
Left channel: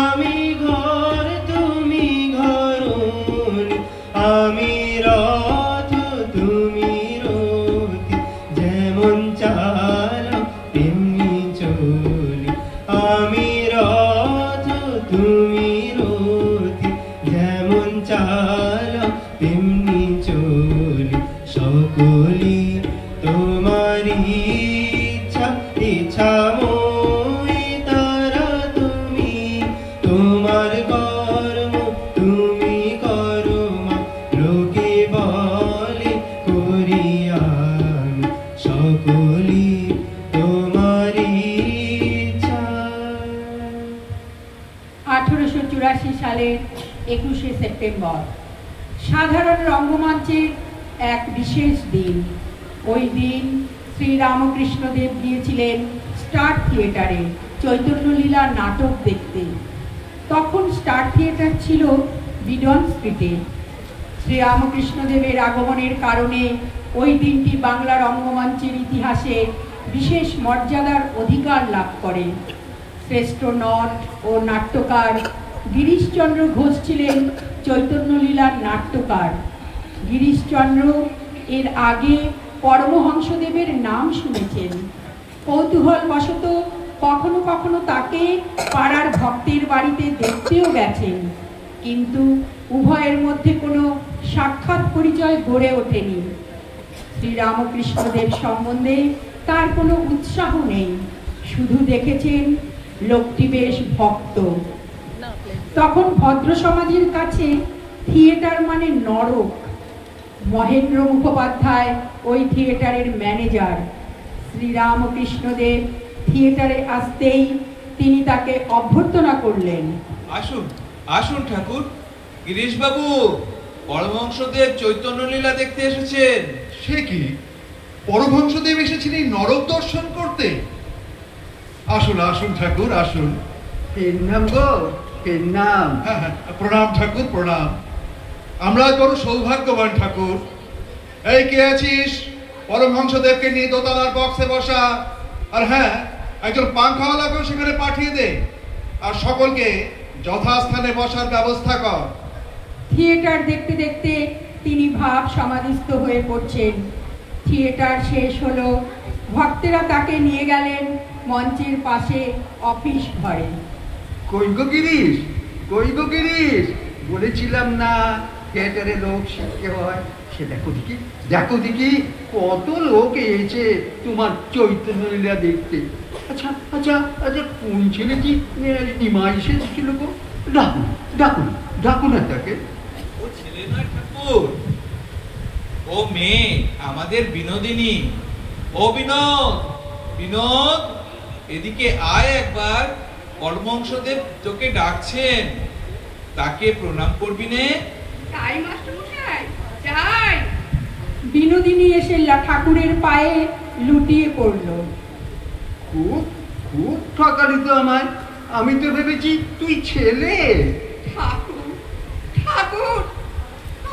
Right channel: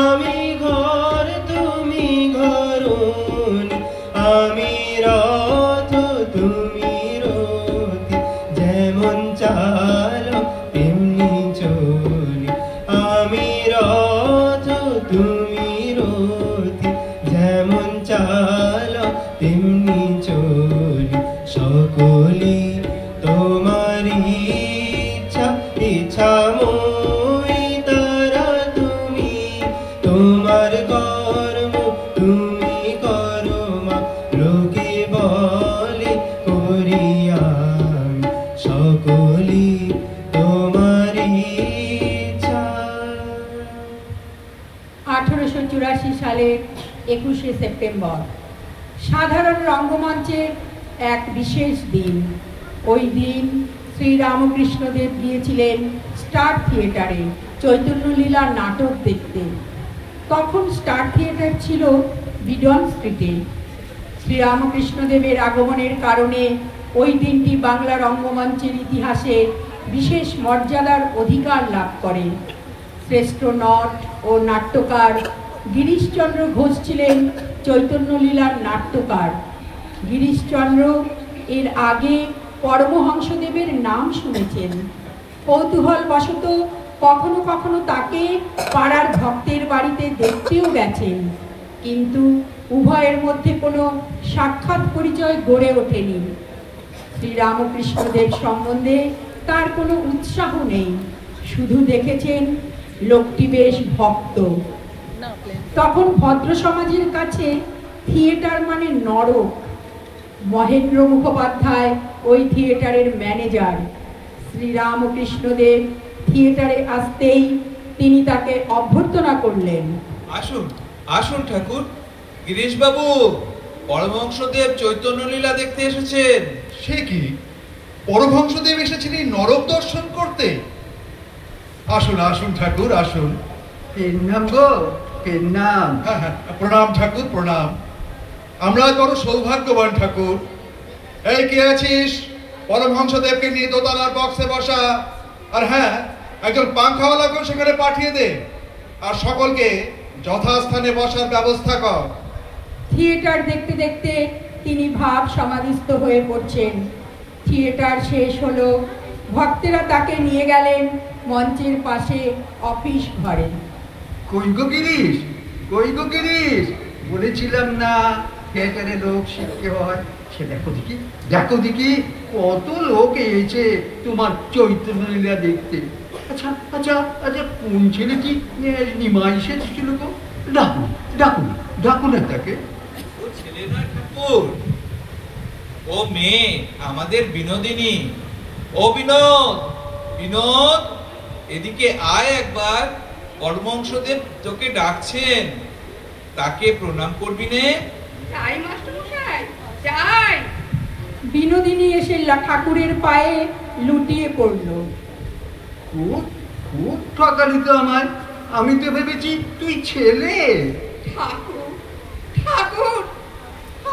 আমি ঘর তুমি ঘরণী আমি রথ তুমি রথি যেমন চাল তেমনি চলি আমি রথ তুমি রথি যেমন চাল তেমনি চলি সকলি তোমারি ইচ্ছা ইচ্ছাময়ী তারা তুমি তোমার কর্ম তুমি করো মা লোকে বলে করিয়া সকলি তোমারি ইচ্ছা 1884 সালের 21শে সেপ্টেম্বর সাধারণ রঙ্গমঞ্চের এক বিশেষ দিন। ওই দিন শ্রী রামকৃষ্ণদেব গিয়েছিলেন স্টার থিয়েটারে চৈতন্যলীলা নাটক দেখতে। তখন স্টার থিয়েটার ছিল বিডন স্ট্রিটে। শ্রী রামকৃষ্ণদেবের আগমনের কারণে ওই দিনটি বাংলা রঙ্গমঞ্চের ইতিহাসে বিশেষ মর্যাদার অধিকার লাভ করে। শ্রেষ্ঠ নট ও নাট্যকার গিরিশচন্দ্র ঘোষ ছিলেন চৈতন্যলীলার নাট্যকার। গিরিশচন্দ্র এর আগে পরমহংসদেবের নাম শুনেছেন। কৌতূহলবশত কখনো কখনো তাকে পাড়ার ভক্তের বাড়িতে দেখতেও গেছেন, কিন্তু উভয়ের মধ্যে কোনো সাক্ষাৎ পরিচয় গড়ে ওঠেনি। শ্রী রামকৃষ্ণদেব সম্বন্ধে তার কোনো উৎসাহ নেই, শুধু দেখেছেন লোকটি বেশ ভক্ত। তখন ভদ্র সমাজের কাছে থিয়েটার মানে নরক। মহেন্দ্র মুখোপাধ্যায় ওই থিয়েটারের ম্যানেজার। শ্রী রামকৃষ্ণদেব থিয়েটারে আসতেই তিনি তাকে অভ্যর্থনা করলেন। আসুন আসুন ঠাকুর। গিরিশ বাবু, পরমহংসদেব চৈতন্যলীলা দেখতে এসেছেন। সে কি, পরমহংসদেব এসেছিলেন নরক দর্শন করতে? আসুন আসুন ঠাকুর আসুন। নাম গো নাম। হ্যাঁ হ্যাঁ, প্রণাম ঠাকুর প্রণাম। আমরা বড় সৌভাগ্যবান ঠাকুর। এই কে আছিস? পরমহংসদেবকে নিয়ে দোতলার বক্সে বসা, আর হ্যাঁ একজন পাংখাওয়ালাকে সেখানে পাঠিয়ে দে, আর সকলকে যথাস্থানে বসার ব্যবস্থা কর। থিয়েটার দেখতে দেখতে তিনি ভাব সমাধিস্থ হয়ে পড়ছেন। থিয়েটার শেষ হলো, ভক্তেরা তাকে নিয়ে গেলেন মঞ্চের পাশে অফিস ঘরে। কই গো গিরিশ, কই গো গিরিশ, বলেছিলাম না থিয়েটারে লোক শিখতে হয়। সে দেখো দেখি, দেখো দেখি কত লোক এসেছে তোমার চৈতন্যলীলা দেখতে। আচ্ছা আচ্ছা আচ্ছা, কোন ছেলেটি নিমাই এসেছিল গো? ডাকুন ডাকুন ডাকুন না তাকে। ও ছেলে নয় ঠাকুর, ও মেয়ে, আমাদের বিনোদিনী। ও বিনোদ, বিনোদ, এদিকে আয় একবার। পরমহংসদেব তোকে ডাকছেন, তাকে প্রণাম করবি নে। তাই মাস্টারমশাই, যাই। বিনোদিনী এসে ঠাকুরের পায়ে লুটিয়ে পড়ল। খুব খুব ঠকালি তো আমায়, আমি তো ভেবেছি তুই ছেলে। ঠাকুর, ঠাকুর,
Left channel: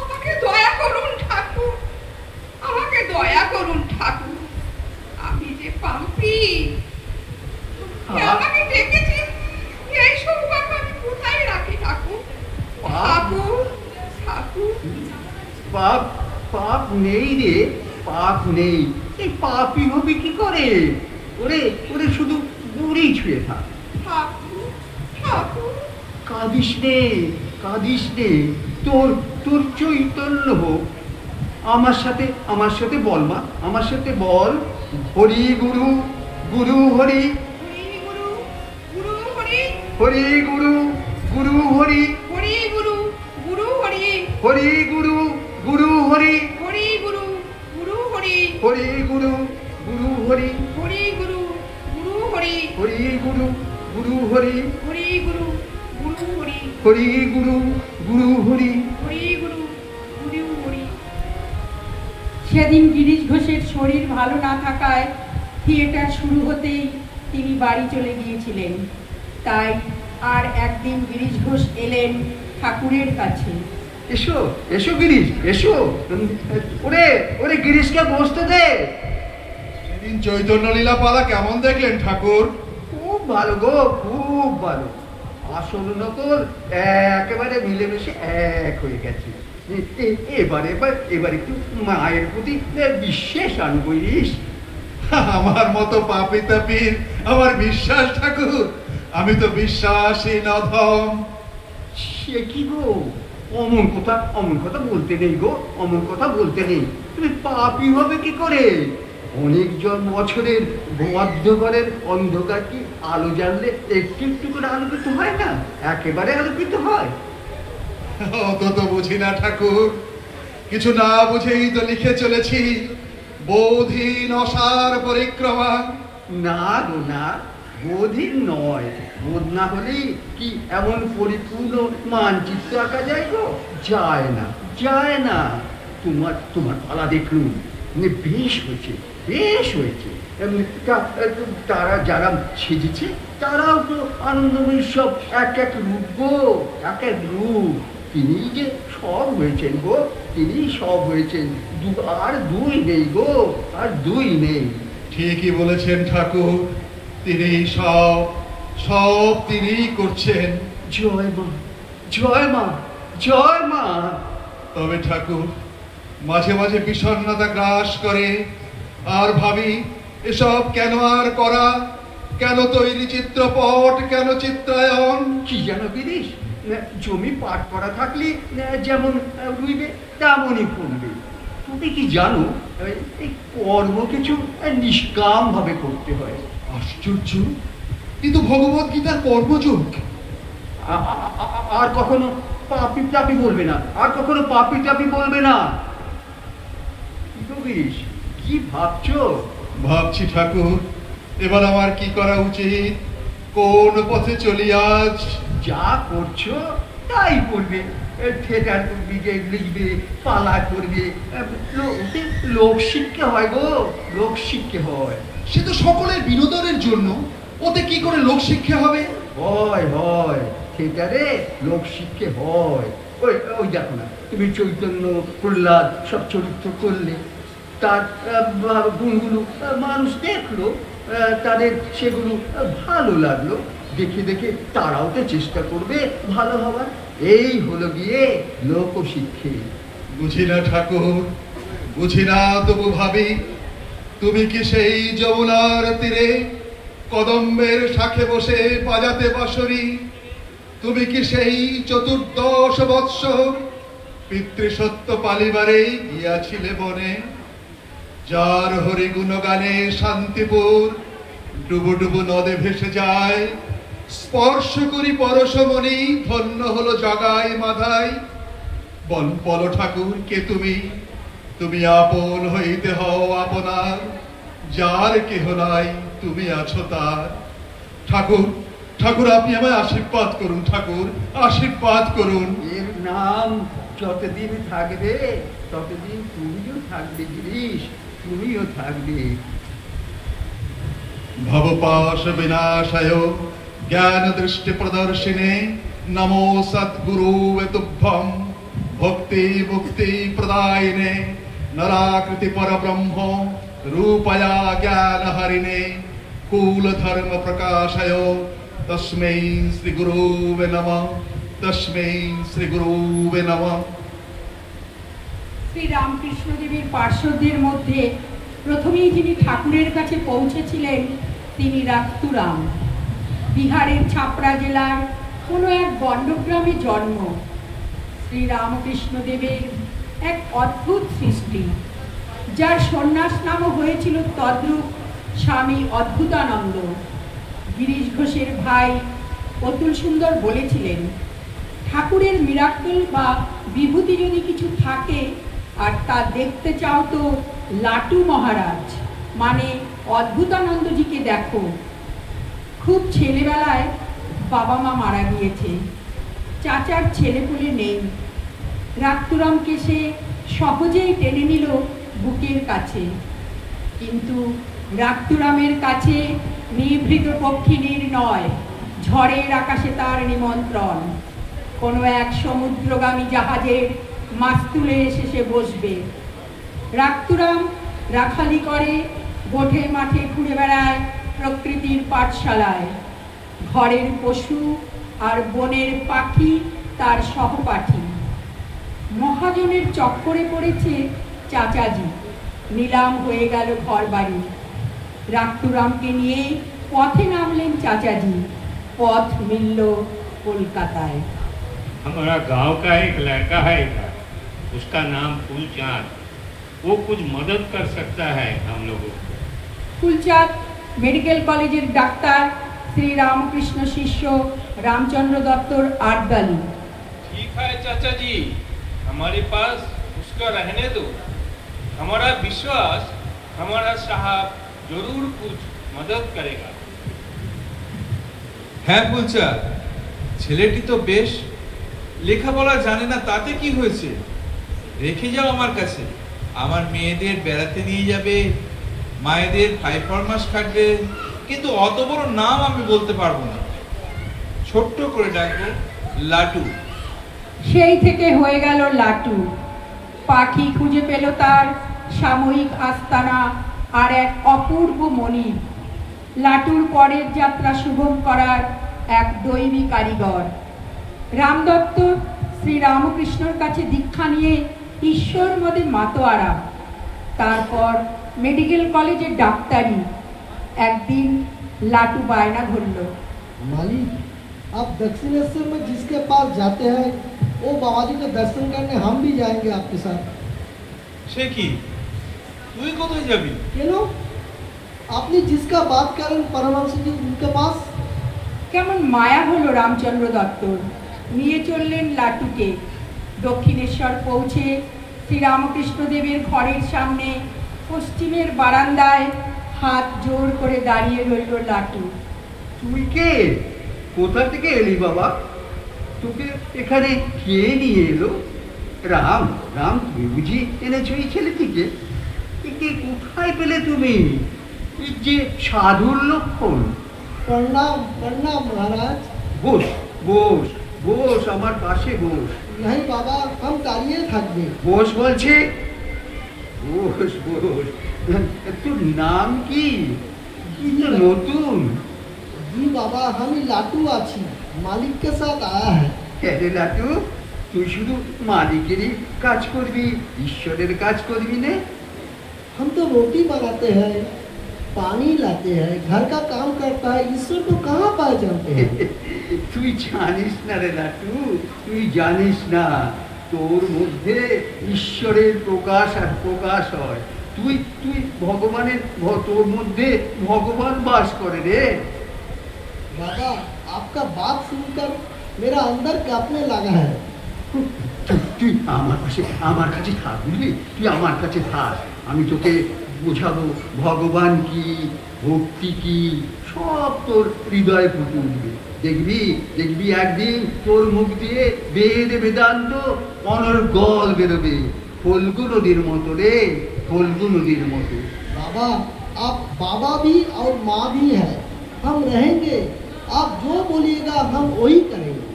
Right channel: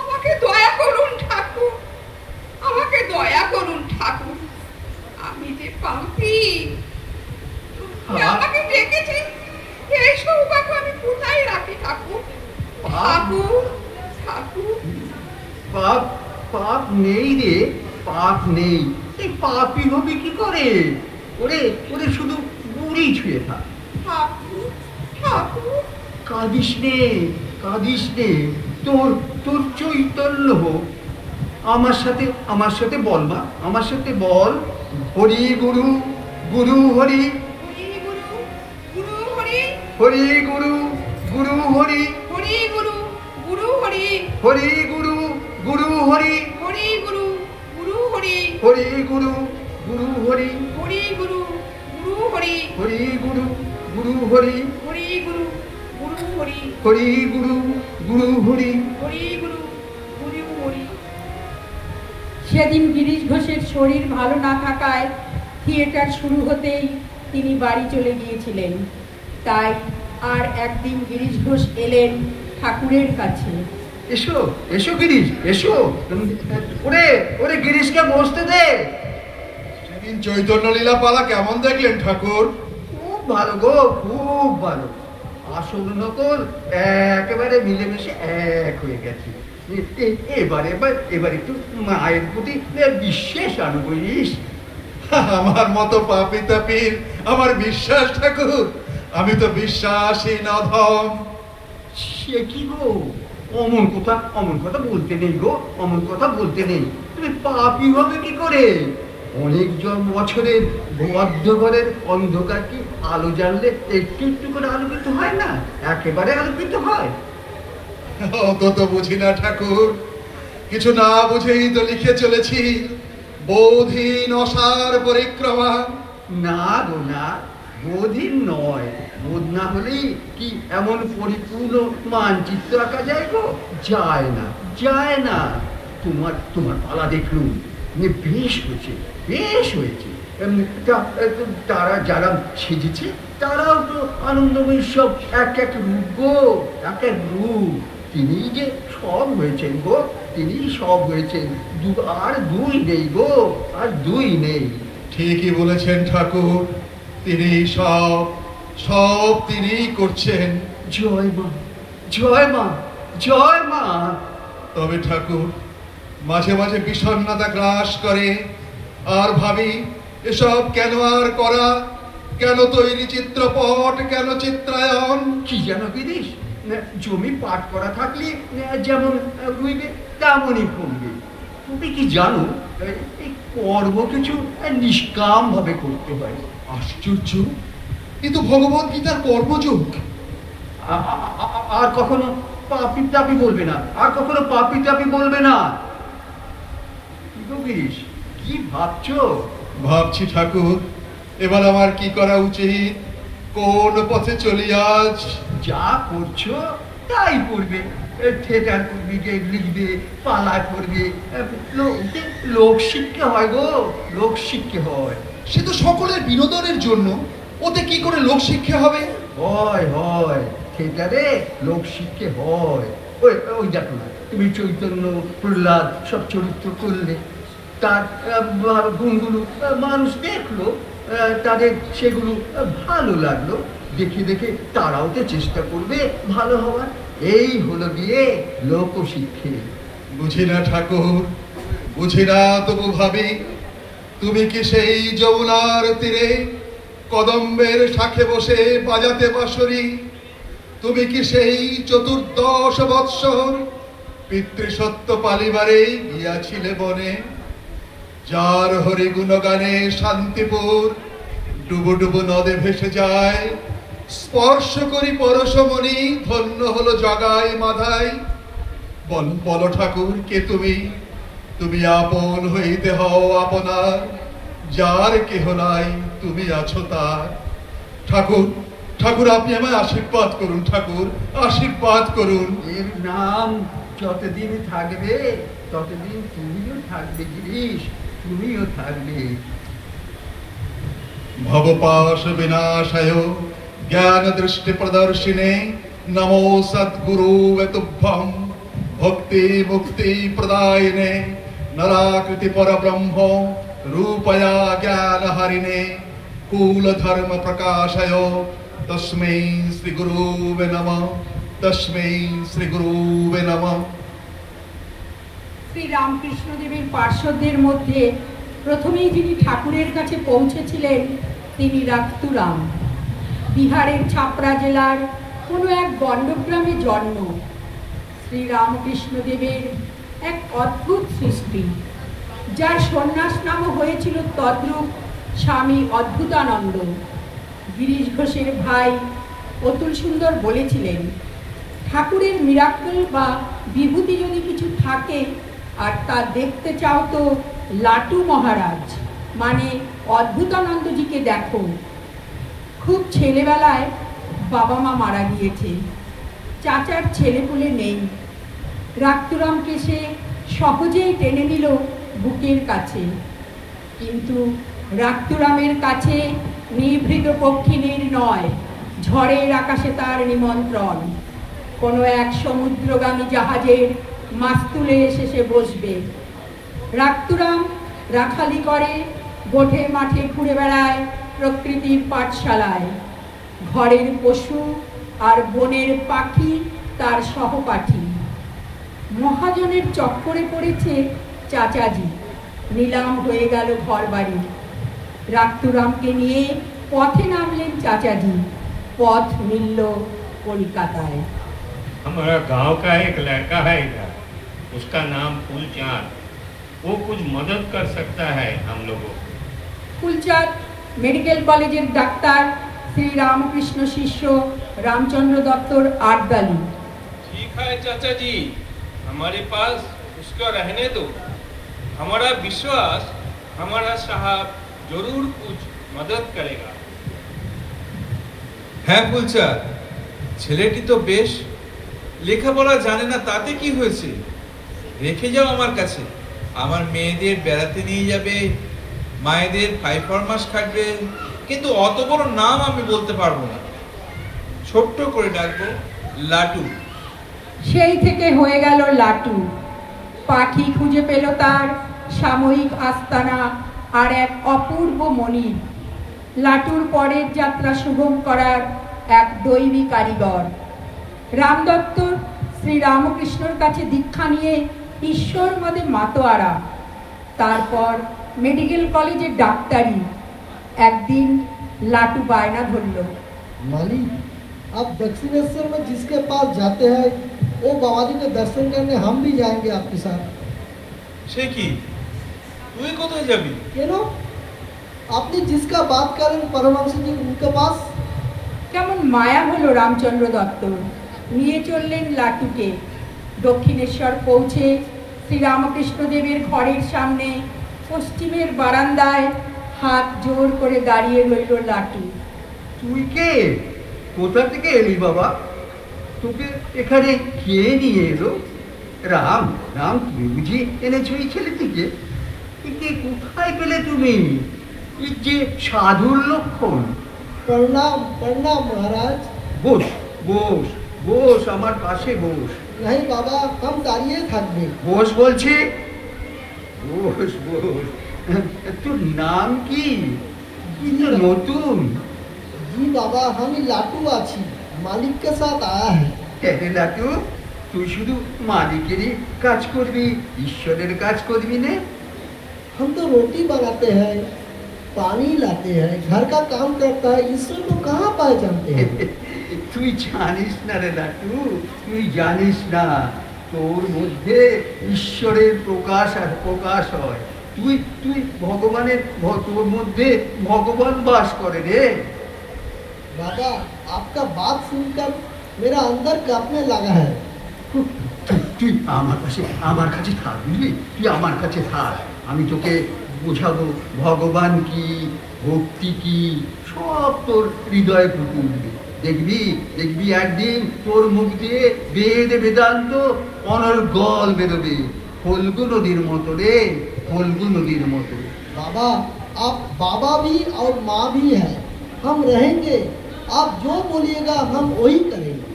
আমাকে দয়া করুন ঠাকুর, আমাকে দয়া করুন ঠাকুর, আমি যে পাপী। আমাকে ডেকেছি, এই সৌভাগ্য আমি কোথায় রাখি ঠাকুর? ঠাকুর, ঠাকুর। পাপ পাপ নেই রে, পাপ নেই। এই পাপই হবি কি করে? ওরে ওরে শুধু বুড়ি ছুঁয়ে থাক। ঠাকুর, ঠাকুর। কাঁদিস নে, কাঁদিস নে। তোর তোর চৈতন্য হোক। আমার সাথে বল মা, আমার সাথে বল। হরি গুরু, গুরু হরি, হরি গুরু, গুরু হরি, হরি গুরু, গুরু হরি, হরি গুরু, গুরু হরি, হরি গুরু, গুরু হরি, হরি গুরু, গুরু হরি, হরি গুরু, গুরু হরি, হরি গুরু, গুরু হরি, হরি গুরু, গুরু হরি, হরি গুরু, গুরু হরি, হরি গুরু, গুরু হরি। সেদিন গিরিশ ঘোষের শরীর ভালো না থাকায় থিয়েটার শুরু হতেই তিনি বাড়ি চলে গিয়েছিলেন। তাই আর একদিন গিরিশ ঘোষ এলেন ঠাকুরের কাছে। এসো এসো গিরিশ, এসো। ওরে ওরে গিরিশকে বসতে দে। সেদিন চৈতন্য লীলা পালা কেমন দেখলেন ঠাকুর? খুব ভালো গো, খুব ভালো। আসল নকল একেবারে মিলেমিশে এক হয়ে গেছে। এবার একটু মায়ের প্রতি বিশেষ আনবইস। আমার মতো পাপি তাপির আমার বিশ্বাস ঠাকুর, আমি তো বিশ্বাসী নধম। সে কি গো, অমন কথা বলতে নেই গো, অমন কথা বলতে নেই। তুমি পাপি হবে কি করে? অনেকজন বছরের ভূমধ্যঘরের অন্ধকার কি আলো জানলে একটু একটু করে আলোকিত হয় না? একেবারে আলোকিত হয়। অত তো বুঝি না ঠাকুর, কিছু না বুঝেই তো লিখে চলেছি বোধহীন অসার পরিক্রমা। না গো না, বোধহীন নয়। বোধ না হলেই কি এমন পরিপূর্ণ মানচিত্র আঁকা যায় গো? যায় না, যায় না। তোমার পালা দেখলুম, বেশ হয়েছে, বেশ হয়েছে। তারা যারা সেজেছে তারাও তো আনন্দময়ী সব এক এক রূপ গো, এক এক রূপ। তিনি যে সব হয়েছেন গো, তিনি সব হয়েছেন। আর দুই নেই গো, আর দুই নেই। ঠিকই বলেছেন ঠাকুর, তিনি সব সব তিনিই করছেন। জয় মা, জয় মা, জয় মা। তবে ঠাকুর, মাঝে মাঝে বিষণ্ণতা গ্রাস করে, আর ভাবি এসব কেন আর করা, কেন তৈরি চিত্রপট, কেন চিত্রায়ন। কি যেন গিরিশ, জমি পাট করা থাকলে যেমন রুইবে তেমনই ফলবে। তুমি কি জানো, এই কর্ম কিছু নিষ্কাম ভাবে করতে হয়। আশ্চর্য, কিন্তু ভগবত গীতার কর্মযোগ। আর কখনো পাপি টাপি বলবে না, আর কখনো পাপি টাপি বলবে না। গিরিশ, কি ভাবছো? ভাবছি ঠাকুর, এবার আমার কি করা উচিত, কোন পথে চলি আজ। যা করছো তাই করবে। থিয়েটার করবি, লিখবে, পালা করবে। লোক শিক্ষা হয় গো, লোক শিক্ষা হয়। সে তো সকলের বিনোদনের জন্য, ওতে কি করে লোক শিক্ষা হবে? হয় হয়, থিয়েটারে লোক শিক্ষা হয়। ওই ওই দেখো না, তুমি চৈতন্য, প্রহ্লাদ সব চরিত্র করলে, তার গুণগুলো মানুষ দেখলো, তাদের সেগুলো ভালো লাগলো। দেখে দেখে তারাও তো চেষ্টা করবে ভালো হওয়ার। এই হলো গিয়ে লোকশিক্ষে। বুঝি না ঠাকুর, বুঝি না, তবু ভাবি তুমি কি সেই যমুনার তীরে কদম্বের শাখে বসে বাজাতে বাঁশরি? তুমি কি সেই 14 বৎসর পিতৃসত্য পালিবারে গিয়াছিলে বনে, যার হরি গুণগানে শান্তিপুর ডুবু ডুবু নদে ভেসে যায়, স্পর্শ করি পরশমণি, ধন্য হলো জগায় মাধাই। বল ঠাকুর কে তুমি? তুমি আপন হইতে হও আপনার, যার কেহ নাই তুমি আছো তার। ঠাকুর ঠাকুর আপনি আমায় আশীর্বাদ করুন, ঠাকুর আশীর্বাদ করুন। এর নাম যতদিন থাকবে ততদিন তুমিও থাকবে গিরিশ, তুমিও থাকবে। ভবপাশ বিনাশায় জ্ঞান দৃষ্টি প্রদর্শিনে নমো সদ্গুরু তুভ্যম ভক্তি মুক্তি প্রদায়িনে নরাকৃতি পরব্রহ্ম রূপয়া জ্ঞান হরিণে কুল ধর্ম প্রকাশয় তস্मै শ্রী গুরুবে নমঃ, তস্मै শ্রী গুরুবে নমঃ। শ্রী রামকৃষ্ণদেবের পার্শ্বদের মধ্যে প্রথমেই যিনি ঠাকুরের কাছে পৌঁছেছিলেন তিনি রাক্তুরাম। বিহারের ছাপড়া জেলার কোনো এক গণ্ডগ্রামে জন্ম। শ্রী রামকৃষ্ণদেবের এক অদ্ভুত সৃষ্টি, যার সন্ন্যাস নামও হয়েছিল তদ্রূপ স্বামী অদ্ভুতানন্দ। গিরিশ ঘোষের ভাই অতুল সুন্দর বলেছিলেন, ঠাকুরের মিরাকল বা বিভূতি যদি কিছু থাকে আর তা দেখতে চাও তো লাটু মহারাজ মানে অদ্ভুতানন্দজিকে দেখো। খুব ছেলেবেলায় বাবা মা মারা গিয়েছে, চাচার ছেলেপুলে নেই। রাক্তুরামকে সে সহজেই টেনে নিল বুকের কাছে, কিন্তু রাক্তুরামের কাছে নিভৃত পক্ষিণীর নয়, ঝড়ের আকাশে তার নিমন্ত্রণ। কোনো এক সমুদ্রগামী জাহাজের মাস্তুলে এসে সে বসবে। রাক্তুরাম রাখালি করে, গোঠে মাঠে ঘুরে বেড়ায় প্রকৃতির পাঠশালায়। ঘরের পশু আর বনের পাখি তার সহপাঠী। মহাজনের চক্করে পড়েছে চাচাজি, নিলাম হয়ে গেল ঘর বাড়ি। রাক্তুরামকে নিয়ে পথে নামলেন চাচাজি, পথ মিলল কলকাতায়। हमारा गांव का एक लड़का है इधर, उसका नाम फूलचांद। वो कुछ मदद कर सकता है हम लोगों को। ফুলচাঁদ মেডিকেল কলেজের ডাক্তার শ্রী রামকৃষ্ণ শিষ্য रामचंद्र दत्तर आर्दाली। ठीक है चाचा जी, हमारे पास उसका रहने दो। हमारा विश्वास हमारा साहब जरूर कुछ मदद करेगा। হ্যাঁ ফুলচাঁদ, ছেলেটি তো বেশ লেখাপড়া জানে না, তাতে কি হয়েছে? রেখে যাও আমার কাছে, আমার মেয়েদের বেড়াতে নিয়ে যাবে, মায়েদের পাইফরমাস কাটবে, কিন্তু অত বড় নাম আমি বলতে পারবো না। ছোট্ট করে ডাকবো লাটু। সেই থেকে হয়ে গেল লাটু। পাখি খুঁজে পেল তার সাময়িক আস্তানা আর এক অপূর্ব মনির। লাটুর পরের যাত্রা সুগম করার এক দৈবী কারিগর। রামদত্ত শ্রী রামকৃষ্ণর কাছে দীক্ষা নিয়ে ঈশ্বর মদে মাতোয়ারা, তারপর মেডিকেল কলেজে ডাক্তারি। একদিন লাটু বায়না ধরল, मालिक आप दक्षिणेश्वर में जिसके पास जाते हैं वो बाबा जी के दर्शन करने हम भी जाएंगे आपके साथ। সে কি, তুই কোথায় যাবি? क्यों? आपने जिसका बात करें परमहंस जी उनके पास। কেমন মায়া হলো রামচন্দ্র দত্তর। নিয়ে চললেন লাটুকে। দক্ষিণেশ্বর পৌঁছে শ্রীরামকৃষ্ণদেবের ঘরের সামনে পশ্চিমের বারান্দায় হাত জোর করে দাঁড়িয়ে রইল লাটু। তুই কে? কোথা থেকে এলি বাবা? তোকে এখানে কে নিয়ে এলো? রাম রাম তুমি বুঝি এনেছো এই ছেলেটিকে? একে কোথায় পেলে তুমি? এই যে সাধুর লক্ষণ। प्रणाम प्रणाम महाराज। বস বস বস, আমার পাশে বস। नहीं बाबा हम दाঁড়িয়ে থাকবে। বস বলছি, বস বস। তোর নাম কি? কি তো নতুন? जी बाबा हम ही लाटू आছি, मालिक के साथ आया है। হে লাটু, তুই শুধু মালিকেরই কাজ করবি, ঈশ্বরের কাজ করবি না? हम तो रोटी बनाते हैं, पानी लाते हैं, घर का काम करता है, ईश्वर को कहाँ पाए जानते हैं। তুই জানিস না রে লাটু, তুই জানিস না তোর মধ্যে ঈশ্বরের প্রকাশ আর প্রকাশ হয়। তুই তুই ভগবানের তোর মধ্যে ভগবান বাস করে রে। बाबा आपका बात सुनकर मेरा अंदर कांपने लगा है। তুই আমার কাছে থাক, বুঝলি? তুই আমার কাছে থাক, আমি তোকে বোঝাবো ভগবান কি, ভক্তি কি, সব তোর হৃদয়ে ফুটে উঠবে। দেখবি দেখবি একদিন তোর মুখ দিয়ে বেদ বেদান্ত অনর্গল বেরোবে, ফল্গু নদীর মতো রে, ফল্গু নদীর মতো। बाबा आप बाबा भी और माँ भी है, हम रहेंगे, आप जो बोलिएगा हम वही करेंगे।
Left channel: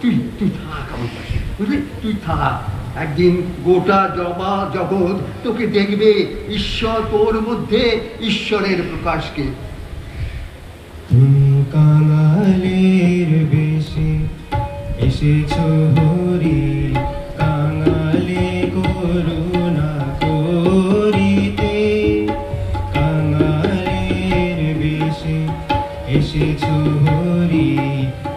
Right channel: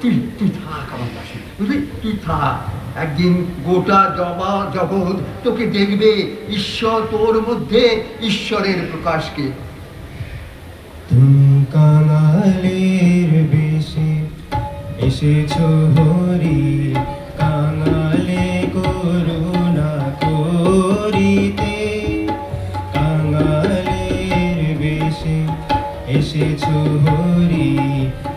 তুই থাক আমার কাছে, বুঝলি? তুই থাক, একদিন গোটা জগৎ তোকে দেখবে, ঈশ্বর তোর মধ্যে ঈশ্বরের প্রকাশকে। তুমি কাঙালের বেশে এসেছো হরি, কাঙালে করুণা করিতে, কাঙালের বেশে এসেছো হরি,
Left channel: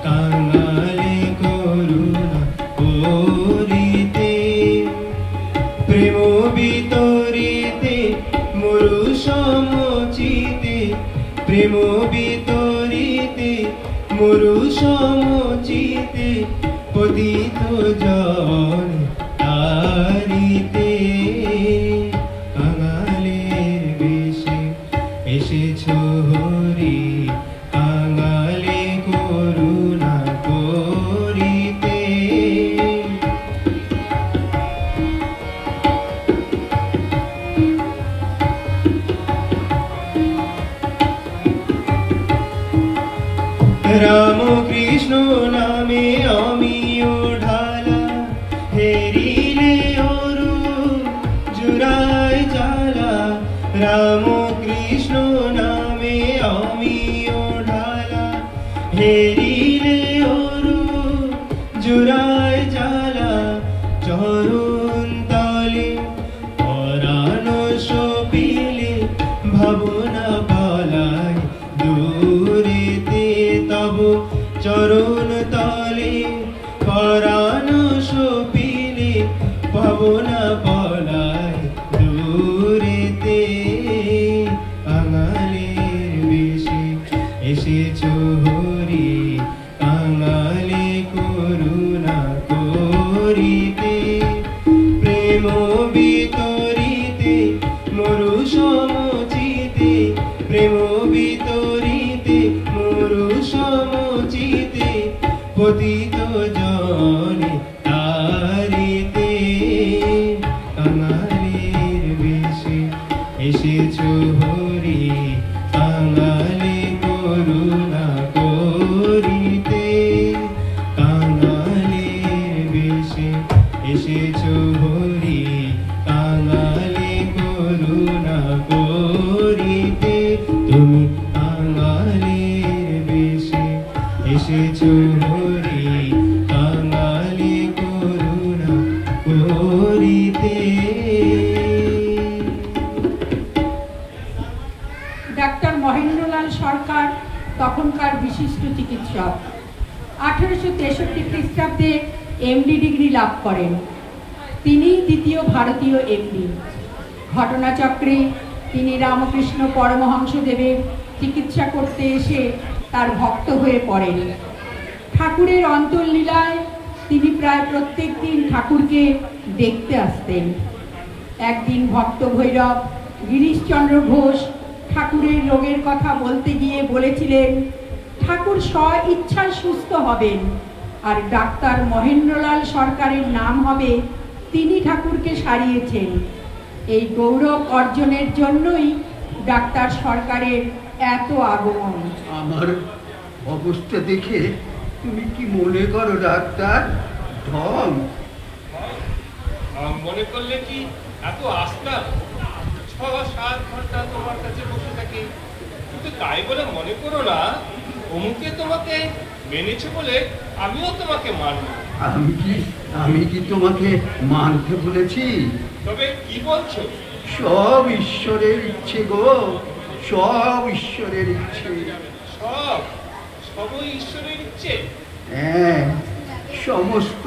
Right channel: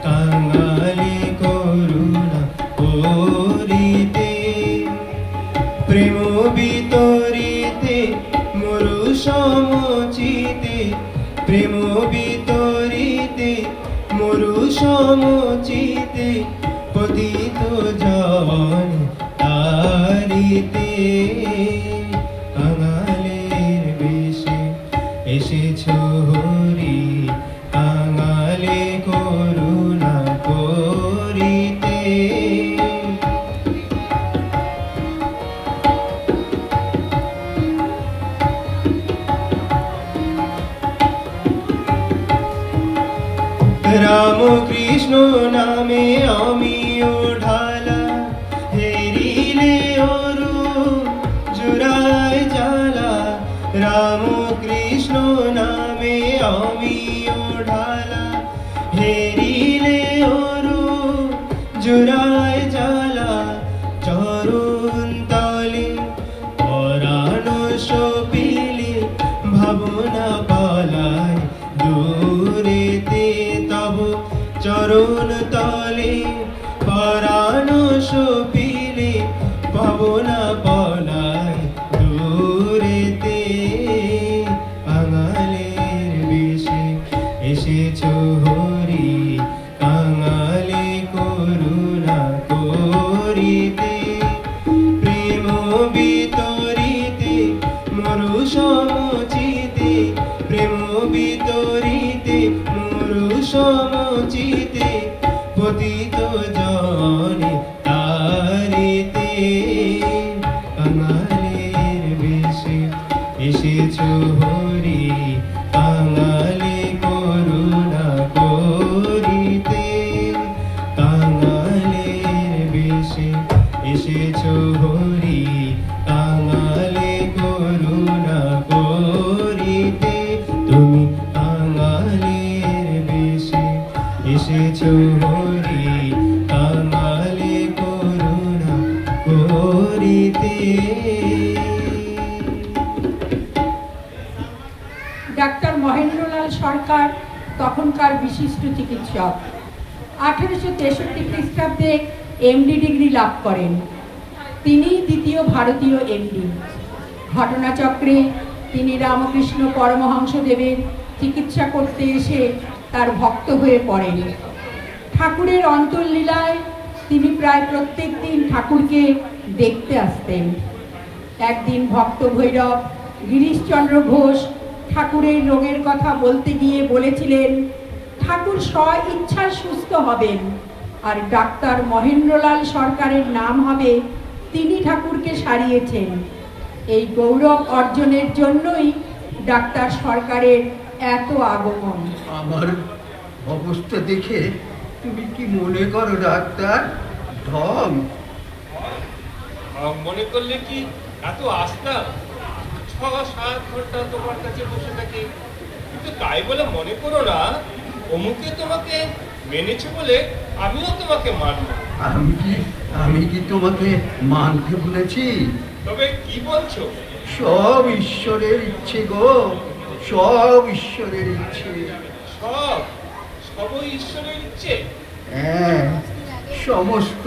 কাঙালে করুণা করিতে, প্রেম বিতরিতে মরু সমচিতে, প্রেম বিতরিতে মরু সমচিতে, পতিত জন তারিতে, কাঙালের বেশে এসেছো হরি, কাঙালে করুণা করিতে। রাম কৃষ্ণ নামে আমিও ঢালা, হেরিলে অরু জুড়ায় জ্বালা, রাম কৃষ্ণ নামে আমিও ঢালা, হেরিলে অরু জুড়ায় জ্বালা, চরণ তলে পরাণ সপিলে, ভাবনা পালায় দূরেতে, তব চরণ তলে পরাণ সপিলে, ভাবনা পালায় দূরেতে, কাঙালের বেশে এসেছো হরি, কাঙালে করুণা করিতে, প্রেম বিতরিতে মরু সমচিতে, প্রেম বিতরিতে মরু সমচিতে, পতিত জনে তারিতে, কাঙালের বেশে এসেছো হরি, কাঙালে করুণা করিতে, কাঙালের বেশে এসেছো হরি, কাঙালে করুণা করিতে, তুমি কাঙালের বেশে এসেছো হরি, কাঙালে করুণা করিতে। ডাক্তার মহেন্দ্রলাল সরকার তখনকার বিশিষ্ট চিকিৎসক। 1863 খ্রিস্টাব্দে এমডি ডিগ্রি লাভ করেন। তিনি দ্বিতীয় ভারতীয় এমডি। ঘটনাচক্রে তিনি রামকৃষ্ণ পরমহংসদেবের চিকিৎসা করতে এসে তার ভক্ত হয়ে পড়েন। ঠাকুরের অন্তর্লীলায় তিনি প্রায় প্রত্যেক দিন ঠাকুরকে দেখতে আসতেন। একদিন ভক্ত ভৈরব গিরিশচন্দ্র ঘোষ ঠাকুরের রোগের কথা বলতে গিয়ে বলেছিলেন, ঠাকুর স্ব ইচ্ছায় সুস্থ হবেন, আর ডাক্তার মহেন্দ্রলাল সরকারের নাম হবে তিনি ঠাকুরকে সারিয়েছেন। এই গৌরব অর্জনের জন্যই ডাক্তার সরকারের এত আগমন। আমার অবস্থা দেখে তুমি কি মনে করো ডাক্তার? ঢং মনে করলে কি এত আস্থা? 6-7 ঘন্টা তোমার কাছে বসে থাকে, কিন্তু তাই বলে মনে করো না অমুকে তোমাকে মেনেছে বলে আমিও তোমাকে মানব। আমি কি তোমাকে মানতে বলেছি? তবে কি বলছো? সব ঈশ্বরের ইচ্ছে গো, সব ঈশ্বরের ইচ্ছে। সবই ঈশ্বরের ইচ্ছে? হ্যাঁ, সমস্ত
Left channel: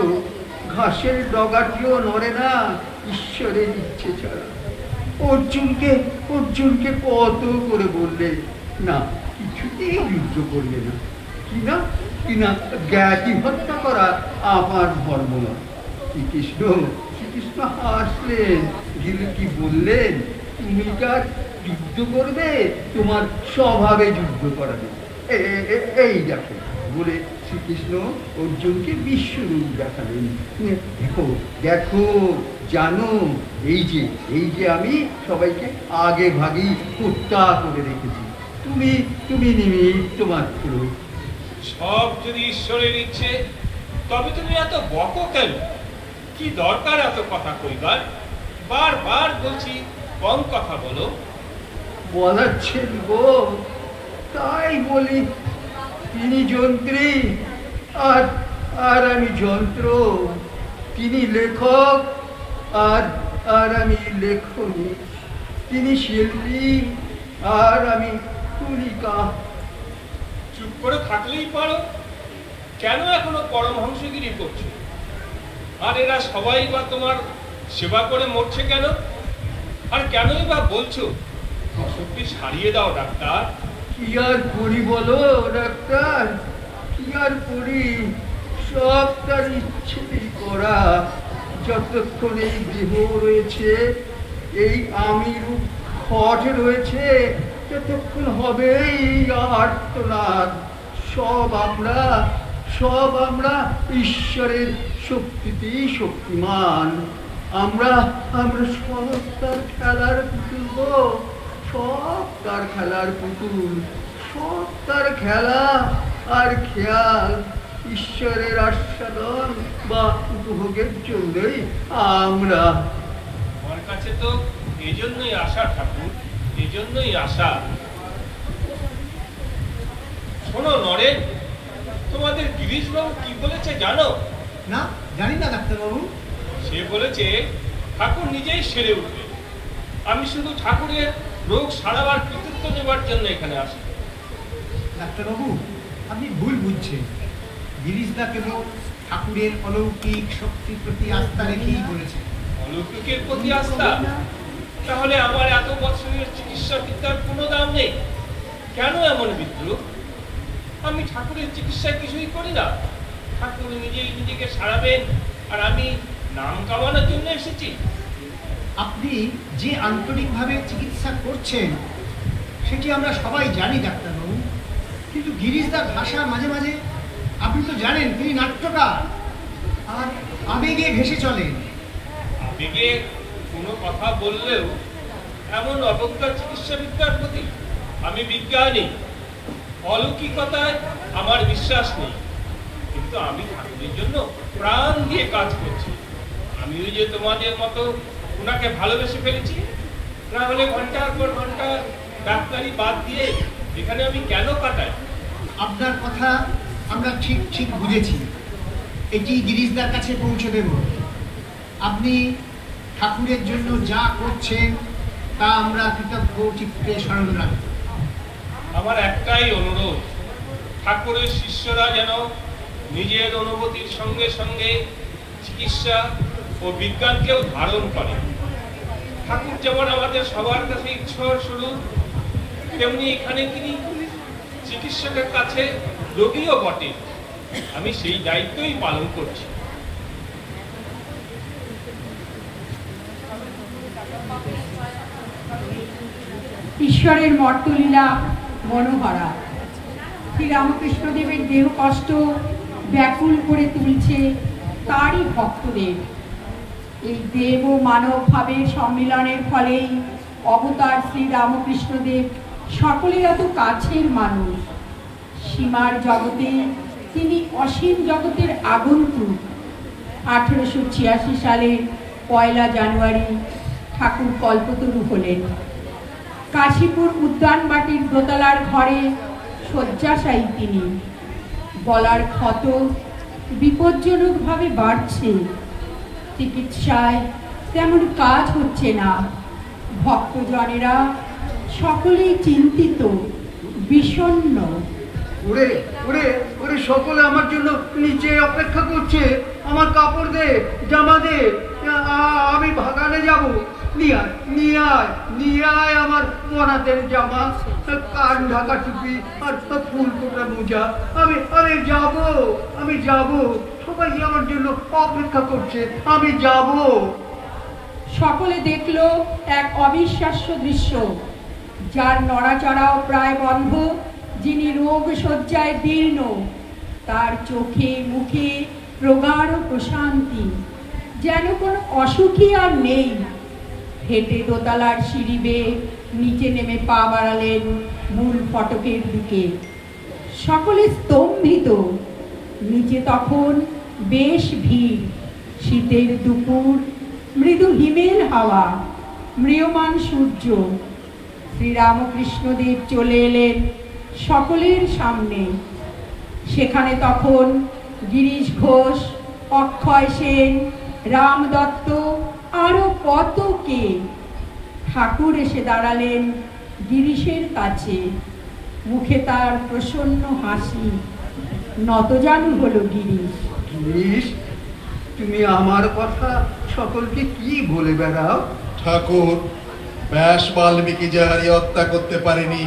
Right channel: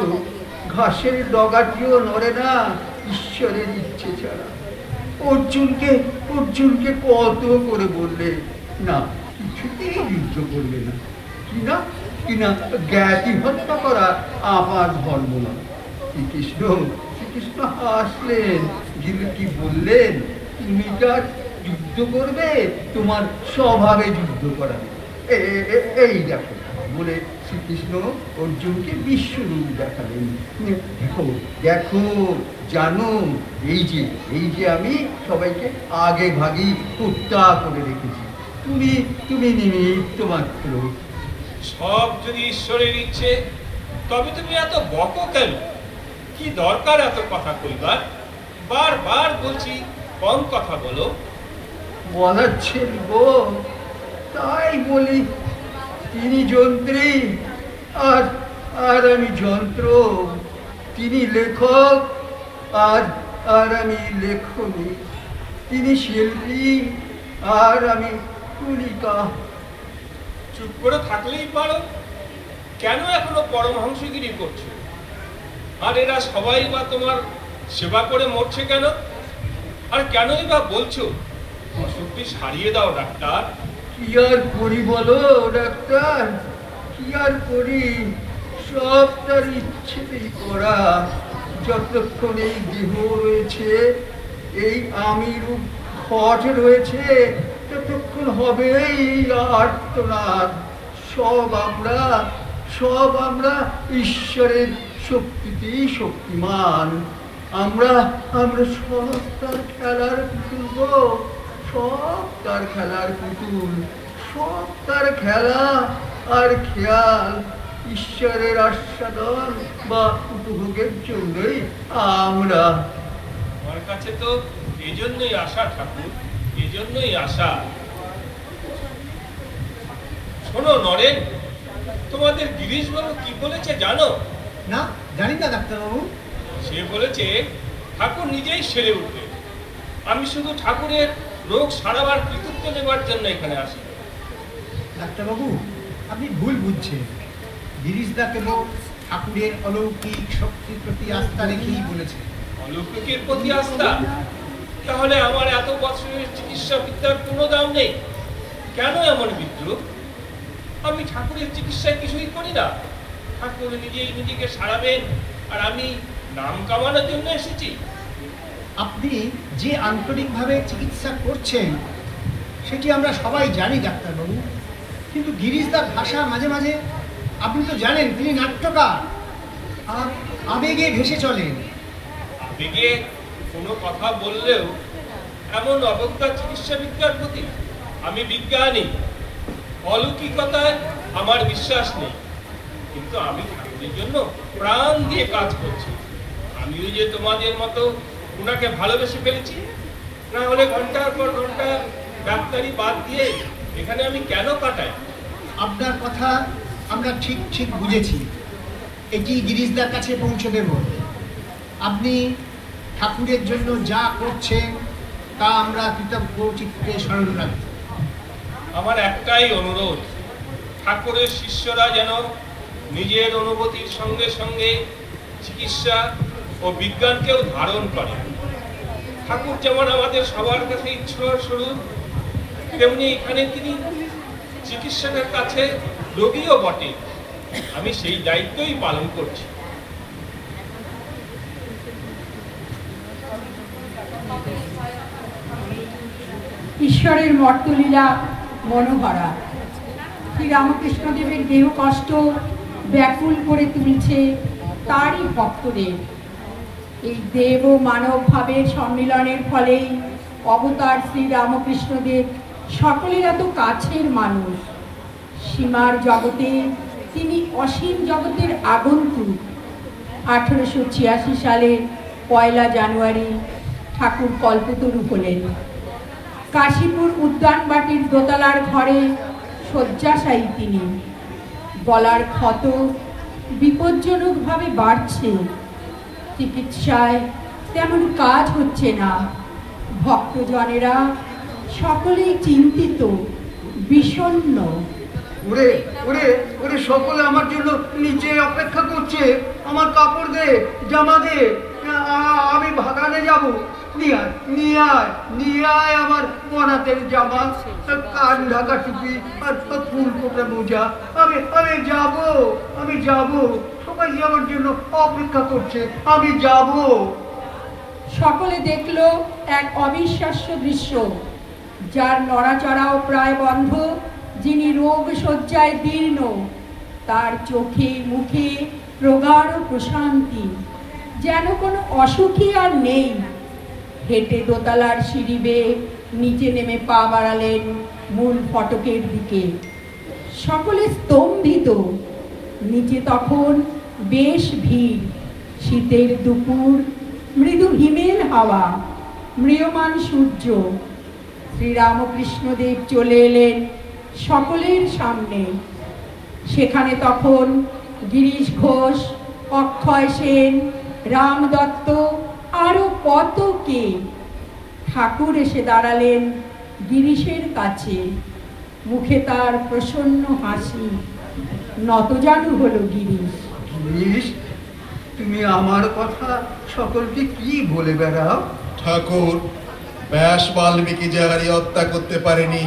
ঘাসের ডগাটিও নড়ে না ঈশ্বরের ইচ্ছে ছাড়া। অর্জুনকে কত করে বললে, না কিছুতেই যুদ্ধ করবে না। কিনা জ্ঞাতি হত্যা করা আমার ধর্ম না। শ্রীকৃষ্ণ হাসলেন, কি বললেন, তুমি কার যুদ্ধ করবে, তোমার স্বভাবে যুদ্ধ করাবে। এই দেখো বলে শ্রীকৃষ্ণ অর্জুনকে বিশ্বরূপ দেখালেন। দেখো দেখো, জানো এই যে আমি সবাইকে আগে ভাগই হত্যা করে রেখেছি, তুমি নিমিত্ত মাত্র। সব যদি ঈশ্বরের ইচ্ছে, তবে তুমি এত বকো কেন? কি দরকার এত কথা কইবার? বারবার বলছি কম কথা বলো। বলাচ্ছেন গো, তাই বলি। তিনি যন্ত্রী আর আমি যন্ত্র। তিনি লেখক আর আমি লেখনী। তিনি শিল্পী আর আমি তুলিকা। চুপ করে থাকলেই পারো, কেন এখনো পরমহংসগিরি করছো? আর এরা সবাই বা তোমার সেবা করে মরছে কেন? আর কেনই বা বলছো অসুখটি সারিয়ে দাও ডাক্তার? কি আর করি বলো ডাক্তার, কি আর করি? সব তার ইচ্ছেতেই করা। যতক্ষণ এই দেহ রয়েছে, এই আমি রূপ খট রয়েছে, ততক্ষণ হবে এই আর্তনাদ। সব আমরা ঈশ্বরের শক্তিতেই শক্তিমান। আমরা সব তার খেলার পুতুল, সব তার খেলার পুতুল, সব তার খেলা আর খেয়াল। ঈশ্বরের আস্বাদন বা উপভোগের জন্যই আমরা। আমার কাছে তো এজন্যই আশা ঠাকুর, এজন্যই আশা। শোনো নরেন, তোমাদের গিরিশবাবু কি বলেছে জানো? না, জানি না ডাক্তারবাবু। সে বলেছে ঠাকুর নিজেই সেরে উঠবে। আমি শুধু ঠাকুরের রোগ সারাবার কৃতিত্ব নেবার জন্য এখানে আসি। ডাক্তারবাবু, আপনি ভুল বুঝছেন। গিরিশদা কেবল ঠাকুরের অলৌকিক শক্তির প্রতি আস্থা রেখেই বলেছে। অলৌকিকের প্রতি আস্থা? তাহলে আমার এত বছরের চিকিৎসা বিদ্যার কোনো দাম নেই? কেন এমন বিদ্রুপ? আমি ঠাকুরের চিকিৎসা কিছুই করি না। ঠাকুর নিজেই নিজেকে সারাবেন, আর আমি নাম কামানোর জন্য এসেছি। আপনি যে আন্তরিকভাবে চিকিৎসা করছেন সেটি আমরা সবাই জানি ডাক্তারবাবু, কিন্তু গিরিশদার ভাষা মাঝে মাঝে, আপনি তো জানেন তিনি নাট্যকার আর আবেগে ভেসে চলেন। আবেগে কোনো কথা বললেও এমন অবজ্ঞা চিকিৎসা বিদ্যার প্রতি? আমি বিজ্ঞানী, অলৌকিকতায় আমার বিশ্বাস নেই, কিন্তু আমি ঠাকুরের জন্য প্রাণ দিয়ে কাজ করছি। আমি ওই যে তোমাদের মতো ওনাকে ভালোবেসে ফেলেছি, না হলে ঘন্টার পর ঘন্টা ডাক্তারি বাদ দিয়ে এখানে আমি কেন কাটাই? আপনার কথা আমরা ঠিক বুঝেছি। এটি গিরিশদার কাছে পৌঁছে দেব। আপনি ঠাকুরের জন্য যা করছেন তা আমরা কৃতজ্ঞ চিত্তে স্মরণ রাখব। আমার একটাই অনুরোধ, ঠাকুরের শিষ্যরা যেন নিজের অনুভূতির সঙ্গে সঙ্গে চিকিৎসা ও বিজ্ঞানকেও ধারণ করে। ঠাকুর যেমন আমাদের সবার কাছে ঈশ্বর স্বরূপ, তেমনি এখানে তিনি চিকিৎসকের কাছে রোগীও বটে। আমি সেই দায়িত্বই পালন করছি। ঈশ্বরের মর্তলীলা মনোহরা। শ্রীরামকৃষ্ণদেবের দেহ কষ্ট ব্যাকুল করে তুলছে তারই ভক্তদের। এই দেব ও মানব ভাবের সম্মিলনের ফলেই অবতার শ্রীরামকৃষ্ণদেব সকলের এত কাছের মানুষ। সীমার জগতে তিনি অসীম জগতের আগন্তুক। 1886 সালে 1 জানুয়ারি ঠাকুর কল্পতরু হলেন। কাশীপুর উদ্যানবাটির দোতলার ঘরে শয্যাশায়ী তিনি। গলার ক্ষত বিপজ্জনকভাবে বাড়ছে, চিকিৎসায় তেমন কাজ হচ্ছে না। ভক্তজনেরা সকলেই চিন্তিত, বিষণ্ণ। ওরে ওরে ওরে, সকলে আমার জন্য নিচে অপেক্ষা করছে। আমার কাপড় দে, জামা দে, আমি বাগানে যাব। নিয়ে আয় আমার মরাতের জামা, কান ঢাকা টুপি আর ফুল ফোটা মোজা। আমি যাব, সবাই আমার জন্য অপেক্ষা করছে, আমি যাব। সকলে দেখলো এক অবিশ্বাস্য দৃশ্য। যার নড়াচড়াও প্রায় বন্ধ, যিনি রোগ শয্যায় দীর্ণ, তার চোখে মুখে প্রগাঢ় প্রশান্তি, যেন কোনো অসুখী আর নেই। হেঁটে দোতলার সিঁড়ি বেয়ে নিচে নেমে পা বাড়ালেন মূল ফটকের দিকে। সকলে স্তম্ভিত। নিচে তখন বেশ ভিড়। শীতের দুপুর, মৃদু হিমেল হাওয়া, ম্রিয়মান সূর্য। শ্রীরামকৃষ্ণদেব চলে এলেন সকলের সামনে। সেখানে তখন গিরিশ ঘোষ, অক্ষয় সেন, রাম দত্ত, আরো কত কে। ঠাকুর এসে দাঁড়ালেন গিরিশের কাছে। মুখে তার প্রসন্ন হাসি। নতজানু হলো গিরিশ। গিরিশ, তুমি আমার কথা সকলকে কি বলে বেড়াও? ঠাকুর, ব্যাস বাল্মীকি যাহারি হত্যা করতে পারেনি,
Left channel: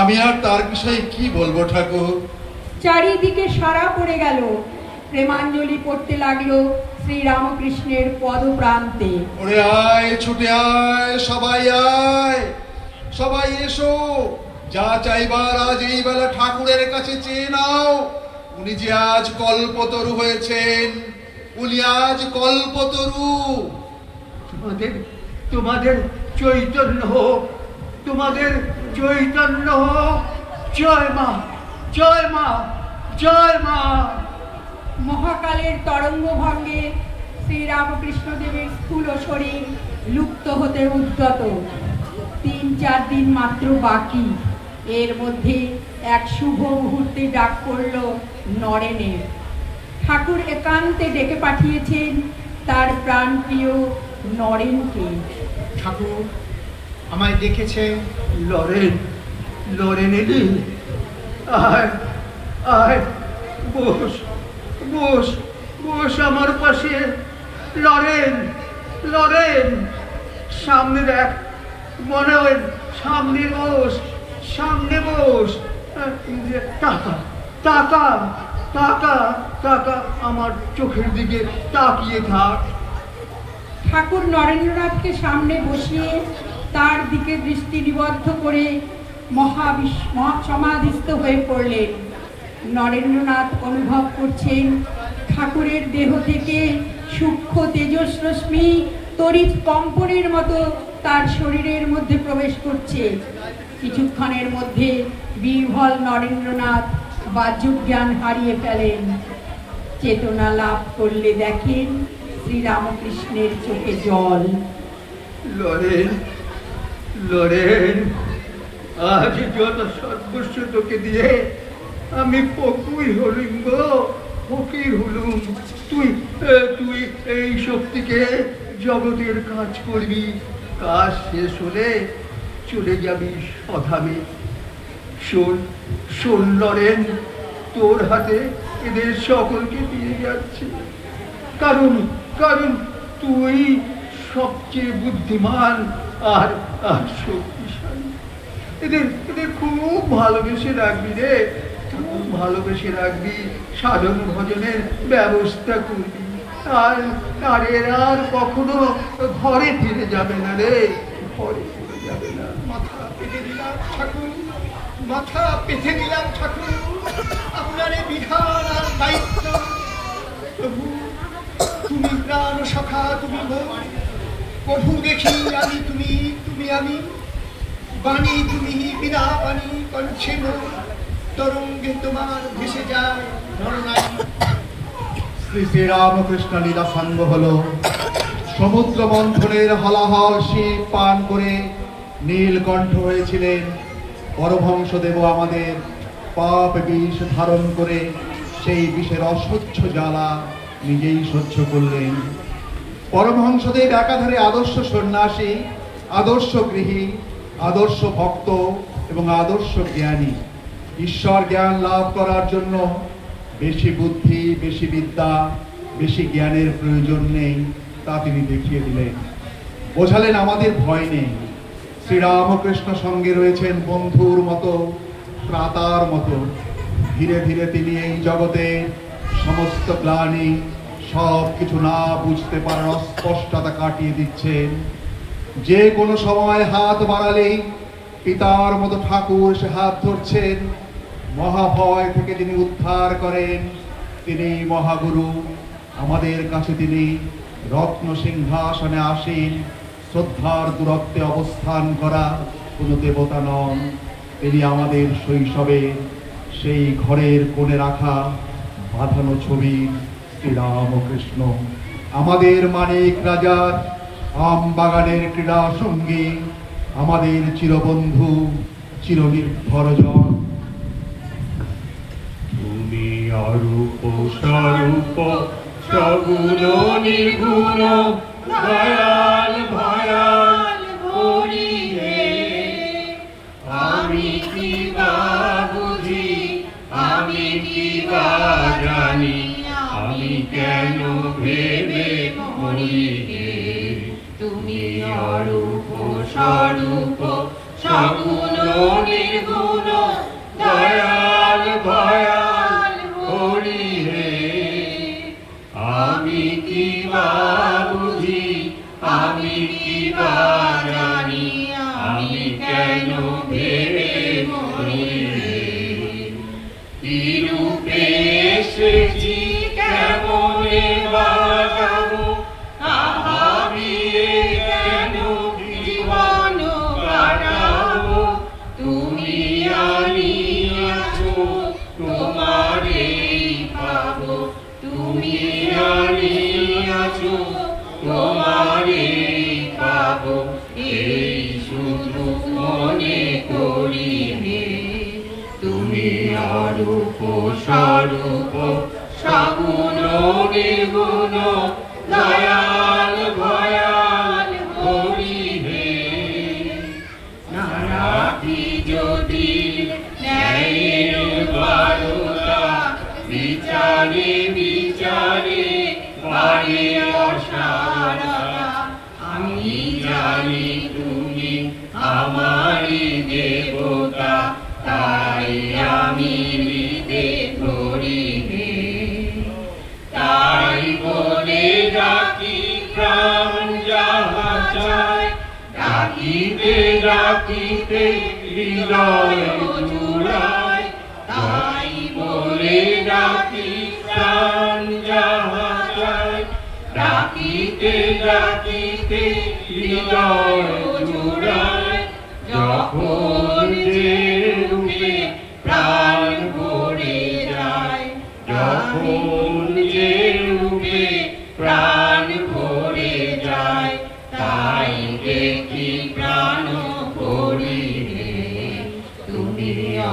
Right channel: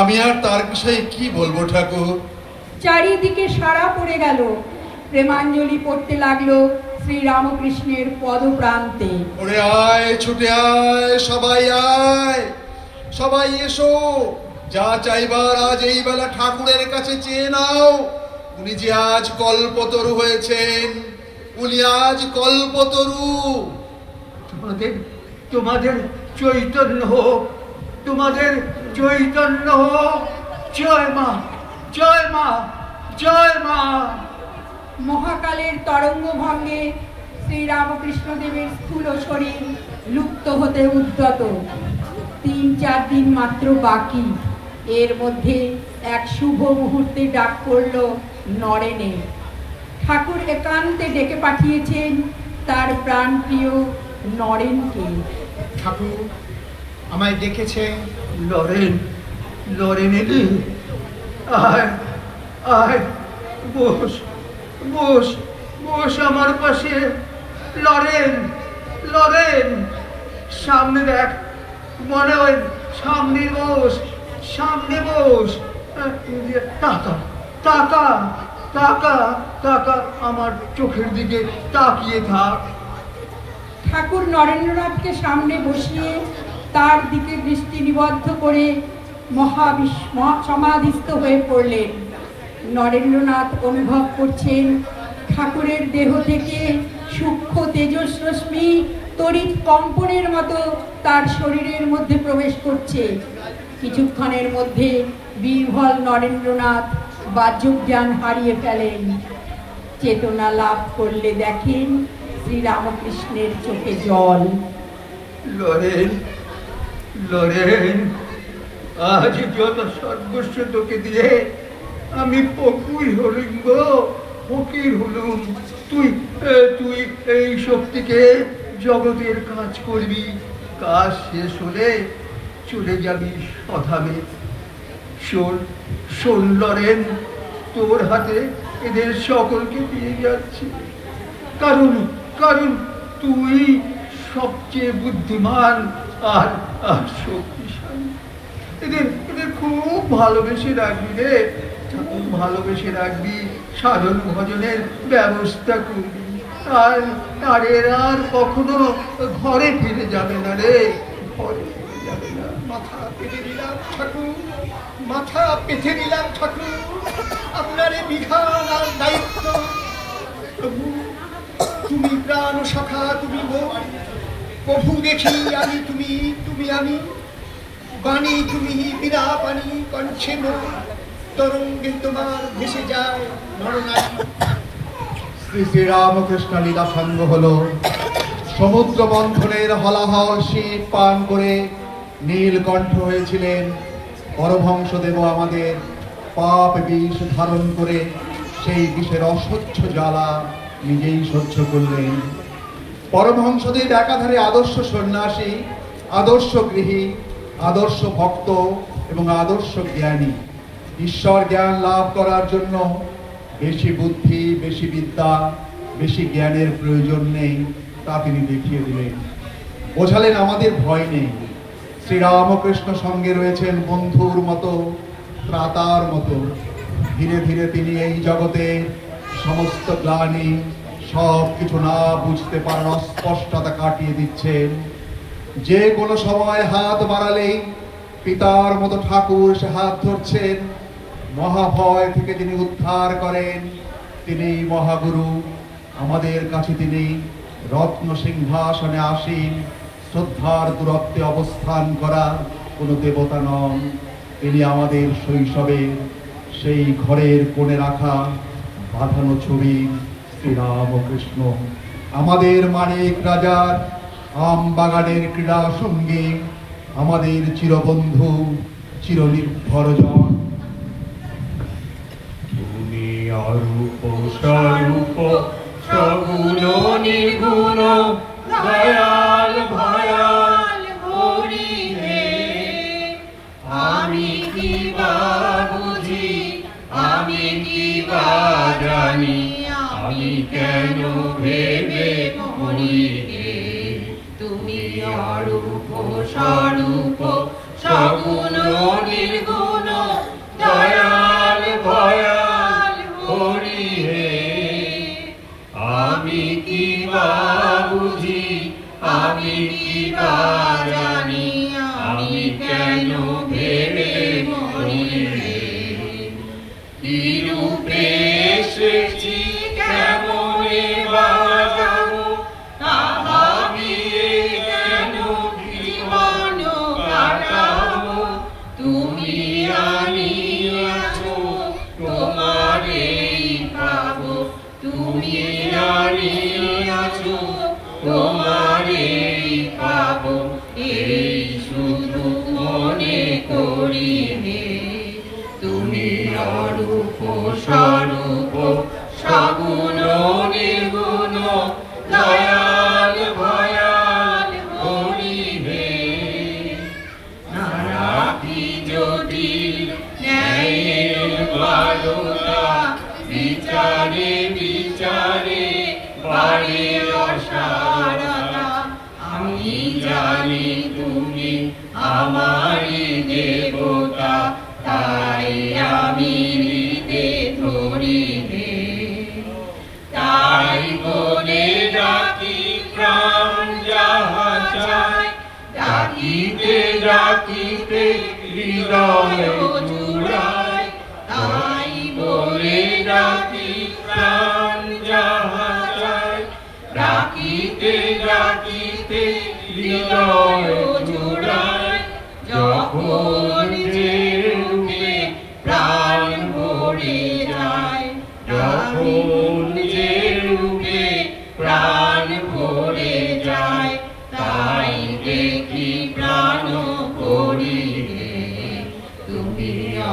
আমি আর তার বিষয়ে কি বলবো ঠাকুর? চারিদিকে সাড়া পড়ে গেল। প্রেমাঞ্জলি পড়তে লাগলো শ্রীরামকৃষ্ণের পদপ্রান্তে। ওরে আয়, ছুটে আয়, সবাই এসো। যা চাইবার আজ এই বেলা ঠাকুরের কাছে চেয়ে নাও। উনি যে আজ কল্পতরু হয়েছেন, উনি আজ কল্পতরু। তোমাদের চৈতন্য হোক, তোমাদের চৈতন্য হোক। জয় মা, জয় মা, জয় মা। মহাকালের তরঙ্গ ভঙ্গে শ্রীরামকৃষ্ণদেবের স্থূল শরীর লুপ্ত হতে উদ্যত। 3-4 দিন মাত্র বাকি। এর মধ্যে এক শুভ মুহূর্তে ডাক পড়ল নরেনের। ঠাকুর একান্তে ডেকে পাঠিয়েছেন তার প্রাণপ্রিয় নরেনকে। ঠাকুর আমায় ডেকেছে। নরেন এলি, আয় আয়, বস আমার পাশে। লরেন, সামনে দেখ, মনে হয় সামনে বস। তাকা আমার চোখের দিকে তাকিয়ে থাক। ঠাকুর নরেন্দ্রনাথকে সামনে বসিয়ে তার দিকে দৃষ্টি নিবদ্ধ করে সমাধিস্থ হয়ে পড়লেন। নরেন্দ্রনাথ অনুভব করছেন ঠাকুরের দেহ থেকে সূক্ষ্ম তেজস্রশ্মি তড়িৎ কম্পনের মতো তার শরীরের মধ্যে প্রবেশ করছে। কিছুক্ষণের মধ্যে বীরবল নরেন্দ্রনাথ বাহ্যজ্ঞান হারিয়ে ফেলেন। চেতনা লাভ করলে দেখেন শ্রীরামকৃষ্ণের চোখে জল। লরেন, আজ যত সর্বস্ব তোকে দিয়ে আমি ফকির হলুম। তুই এই শক্তিকে জগতের কাজ করবি। কাজ শেষ হলে চলে যাবি স্বধামে। শোন লরেন, তোর হাতে এদের সকলকে দিয়ে যাচ্ছি। কারণ তুই সবচেয়ে বুদ্ধিমান আর শক্তিশালী। এদের খুব ভালোবেসে রাখবি রে, খুব ভালোবেসে রাখবি। সাধন ভজনের ব্যবস্থা করবি। আর এরা আর কখনো ঘরে ফিরে যাবে না রে, ঘরে ফিরে যাবে না। মাথা পেতে দিলাম ঠাকুর, আপনার এই বিধান আর দায়িত্ব। প্রভু, তুমি প্রাণ সখা, তুমি প্রভু দেখি আমি, তুমি আমি। বাণী তুমি, বিনা বাণী কণ্ঠে তরঙ্গে তোমার ভেসে যায় নরনারী। শ্রী শ্রীরামকৃষ্ণ লীলা সঙ্গ হল। সমুদ্র মন্থনের হলাহল শিব পান করে নীলকণ্ঠ হয়েছিলেন। পরমহংসদেব আমাদের পাপ বিষ ধারণ করে সেই বিষের অসহ্য জ্বালা নিজেই সহ্য করলেন। পরমহংসদেব একাধারে আদর্শ সন্ন্যাসী, আদর্শ গৃহী, আদর্শ ভক্ত এবং আদর্শ জ্ঞানী। ঈশ্বর জ্ঞান লাভ করার জন্য বেশি বুদ্ধি, বেশি বিদ্যা, বেশি জ্ঞানের প্রয়োজন নেই, তা তিনি দেখিয়ে দিলেন। বোঝালেন আমাদের ভয় নেই। শ্রীরামকৃষ্ণ সঙ্গে রয়েছেন বন্ধুর মতো, ভ্রাতার মতো। ধীরে ধীরে তিনি এই জগতে সমস্ত গ্লানি, সব কিছু না বুঝতে পারার অস্পষ্টতা কাটিয়ে দিচ্ছেন। যে কোনো সময় হাত বাড়ালেই পিতার মতো ঠাকুর সে হাত ধরছেন। মহাভয় থেকে যিনি উদ্ধার করেন তিনি মহাগুরু। আমাদের কাছে তিনি রত্ন সিংহাসনে আসীন, শ্রদ্ধার দূরত্বে অবস্থান করা কোনো দেবতা নন। তিনি আমাদের শৈশবে সেই ঘরের কোণে রাখা বাঁধানো ছবি শ্রীরামকৃষ্ণ, আমাদের মানিক রাজার আম বাগানের ক্রীড়া সঙ্গী, আমাদের চিরবন্ধু, চিরনির্ভরজন। তুমি অরূপ স্বরূপ সগুণ নির্গুণ দয়াল ভয়াল হরি হে। আমি কি বা বুঝি, আমি কি বা জানি, আমি কেন ভেবে মরি হে। তুমি অরূপ স্বরূপ সগুণ নির্গুণ দয়াল ভয়াল হরি হে। আমি কি বা বুঝি, আমি কি বা জানি, আমি কেন ভেবে মরি হে। কি রূপে এসেছি, কেমনে বা যাব, তাহা দিয়ে কেন জীবন কাটাবো। তুমি আনিয়াছো তোমারেই পাবো, তুমি আনিয়াছো তোমারেই পাবো। এই শুধু মনে করি হে। তুমি অরূপ স্বরূপ সগুণ নির্গুণ দয়াল ভয়াল হরি হে। নারাকি জটিল ন্যায়ের বারতা, বিচারে বিচারে বাড়ে অসারতা। আমি জানি তুমি আমারই দেবতা, তাই আমি হৃদে ধরি হে। তাই বলে ডাকি প্রাণ যাহা চায়, ডাকিতে ডাকিতে হৃদয় জুড়ায়। তাই বলে ডাকি প্রাণ যাহা চায়, ডাকিতে ডাকিতে হৃদয় জুড়ায়। যখন যে রূপে প্রাণ ভরে যায়, যখন যে রূপে প্রাণ ভরে যায়, তাই দেখি প্রাণ ভরি হে। তুমি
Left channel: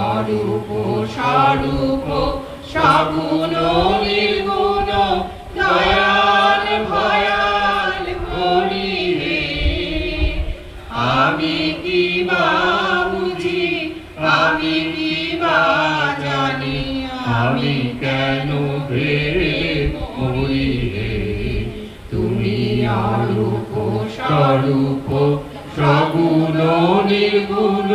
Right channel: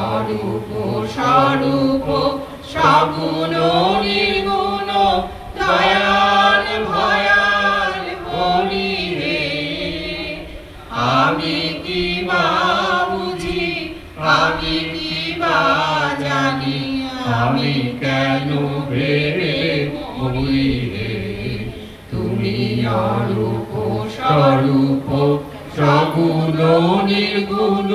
অরূপ স্বরূপ সগুণ নির্গুণ দয়াল ভয়াল হরি হে। আমি কি বা বুঝি, আমি কি বা জানি, আমি কেন ভেবে মরি হে। তুমি অরূপ স্বরূপ সগুণ নির্গুণ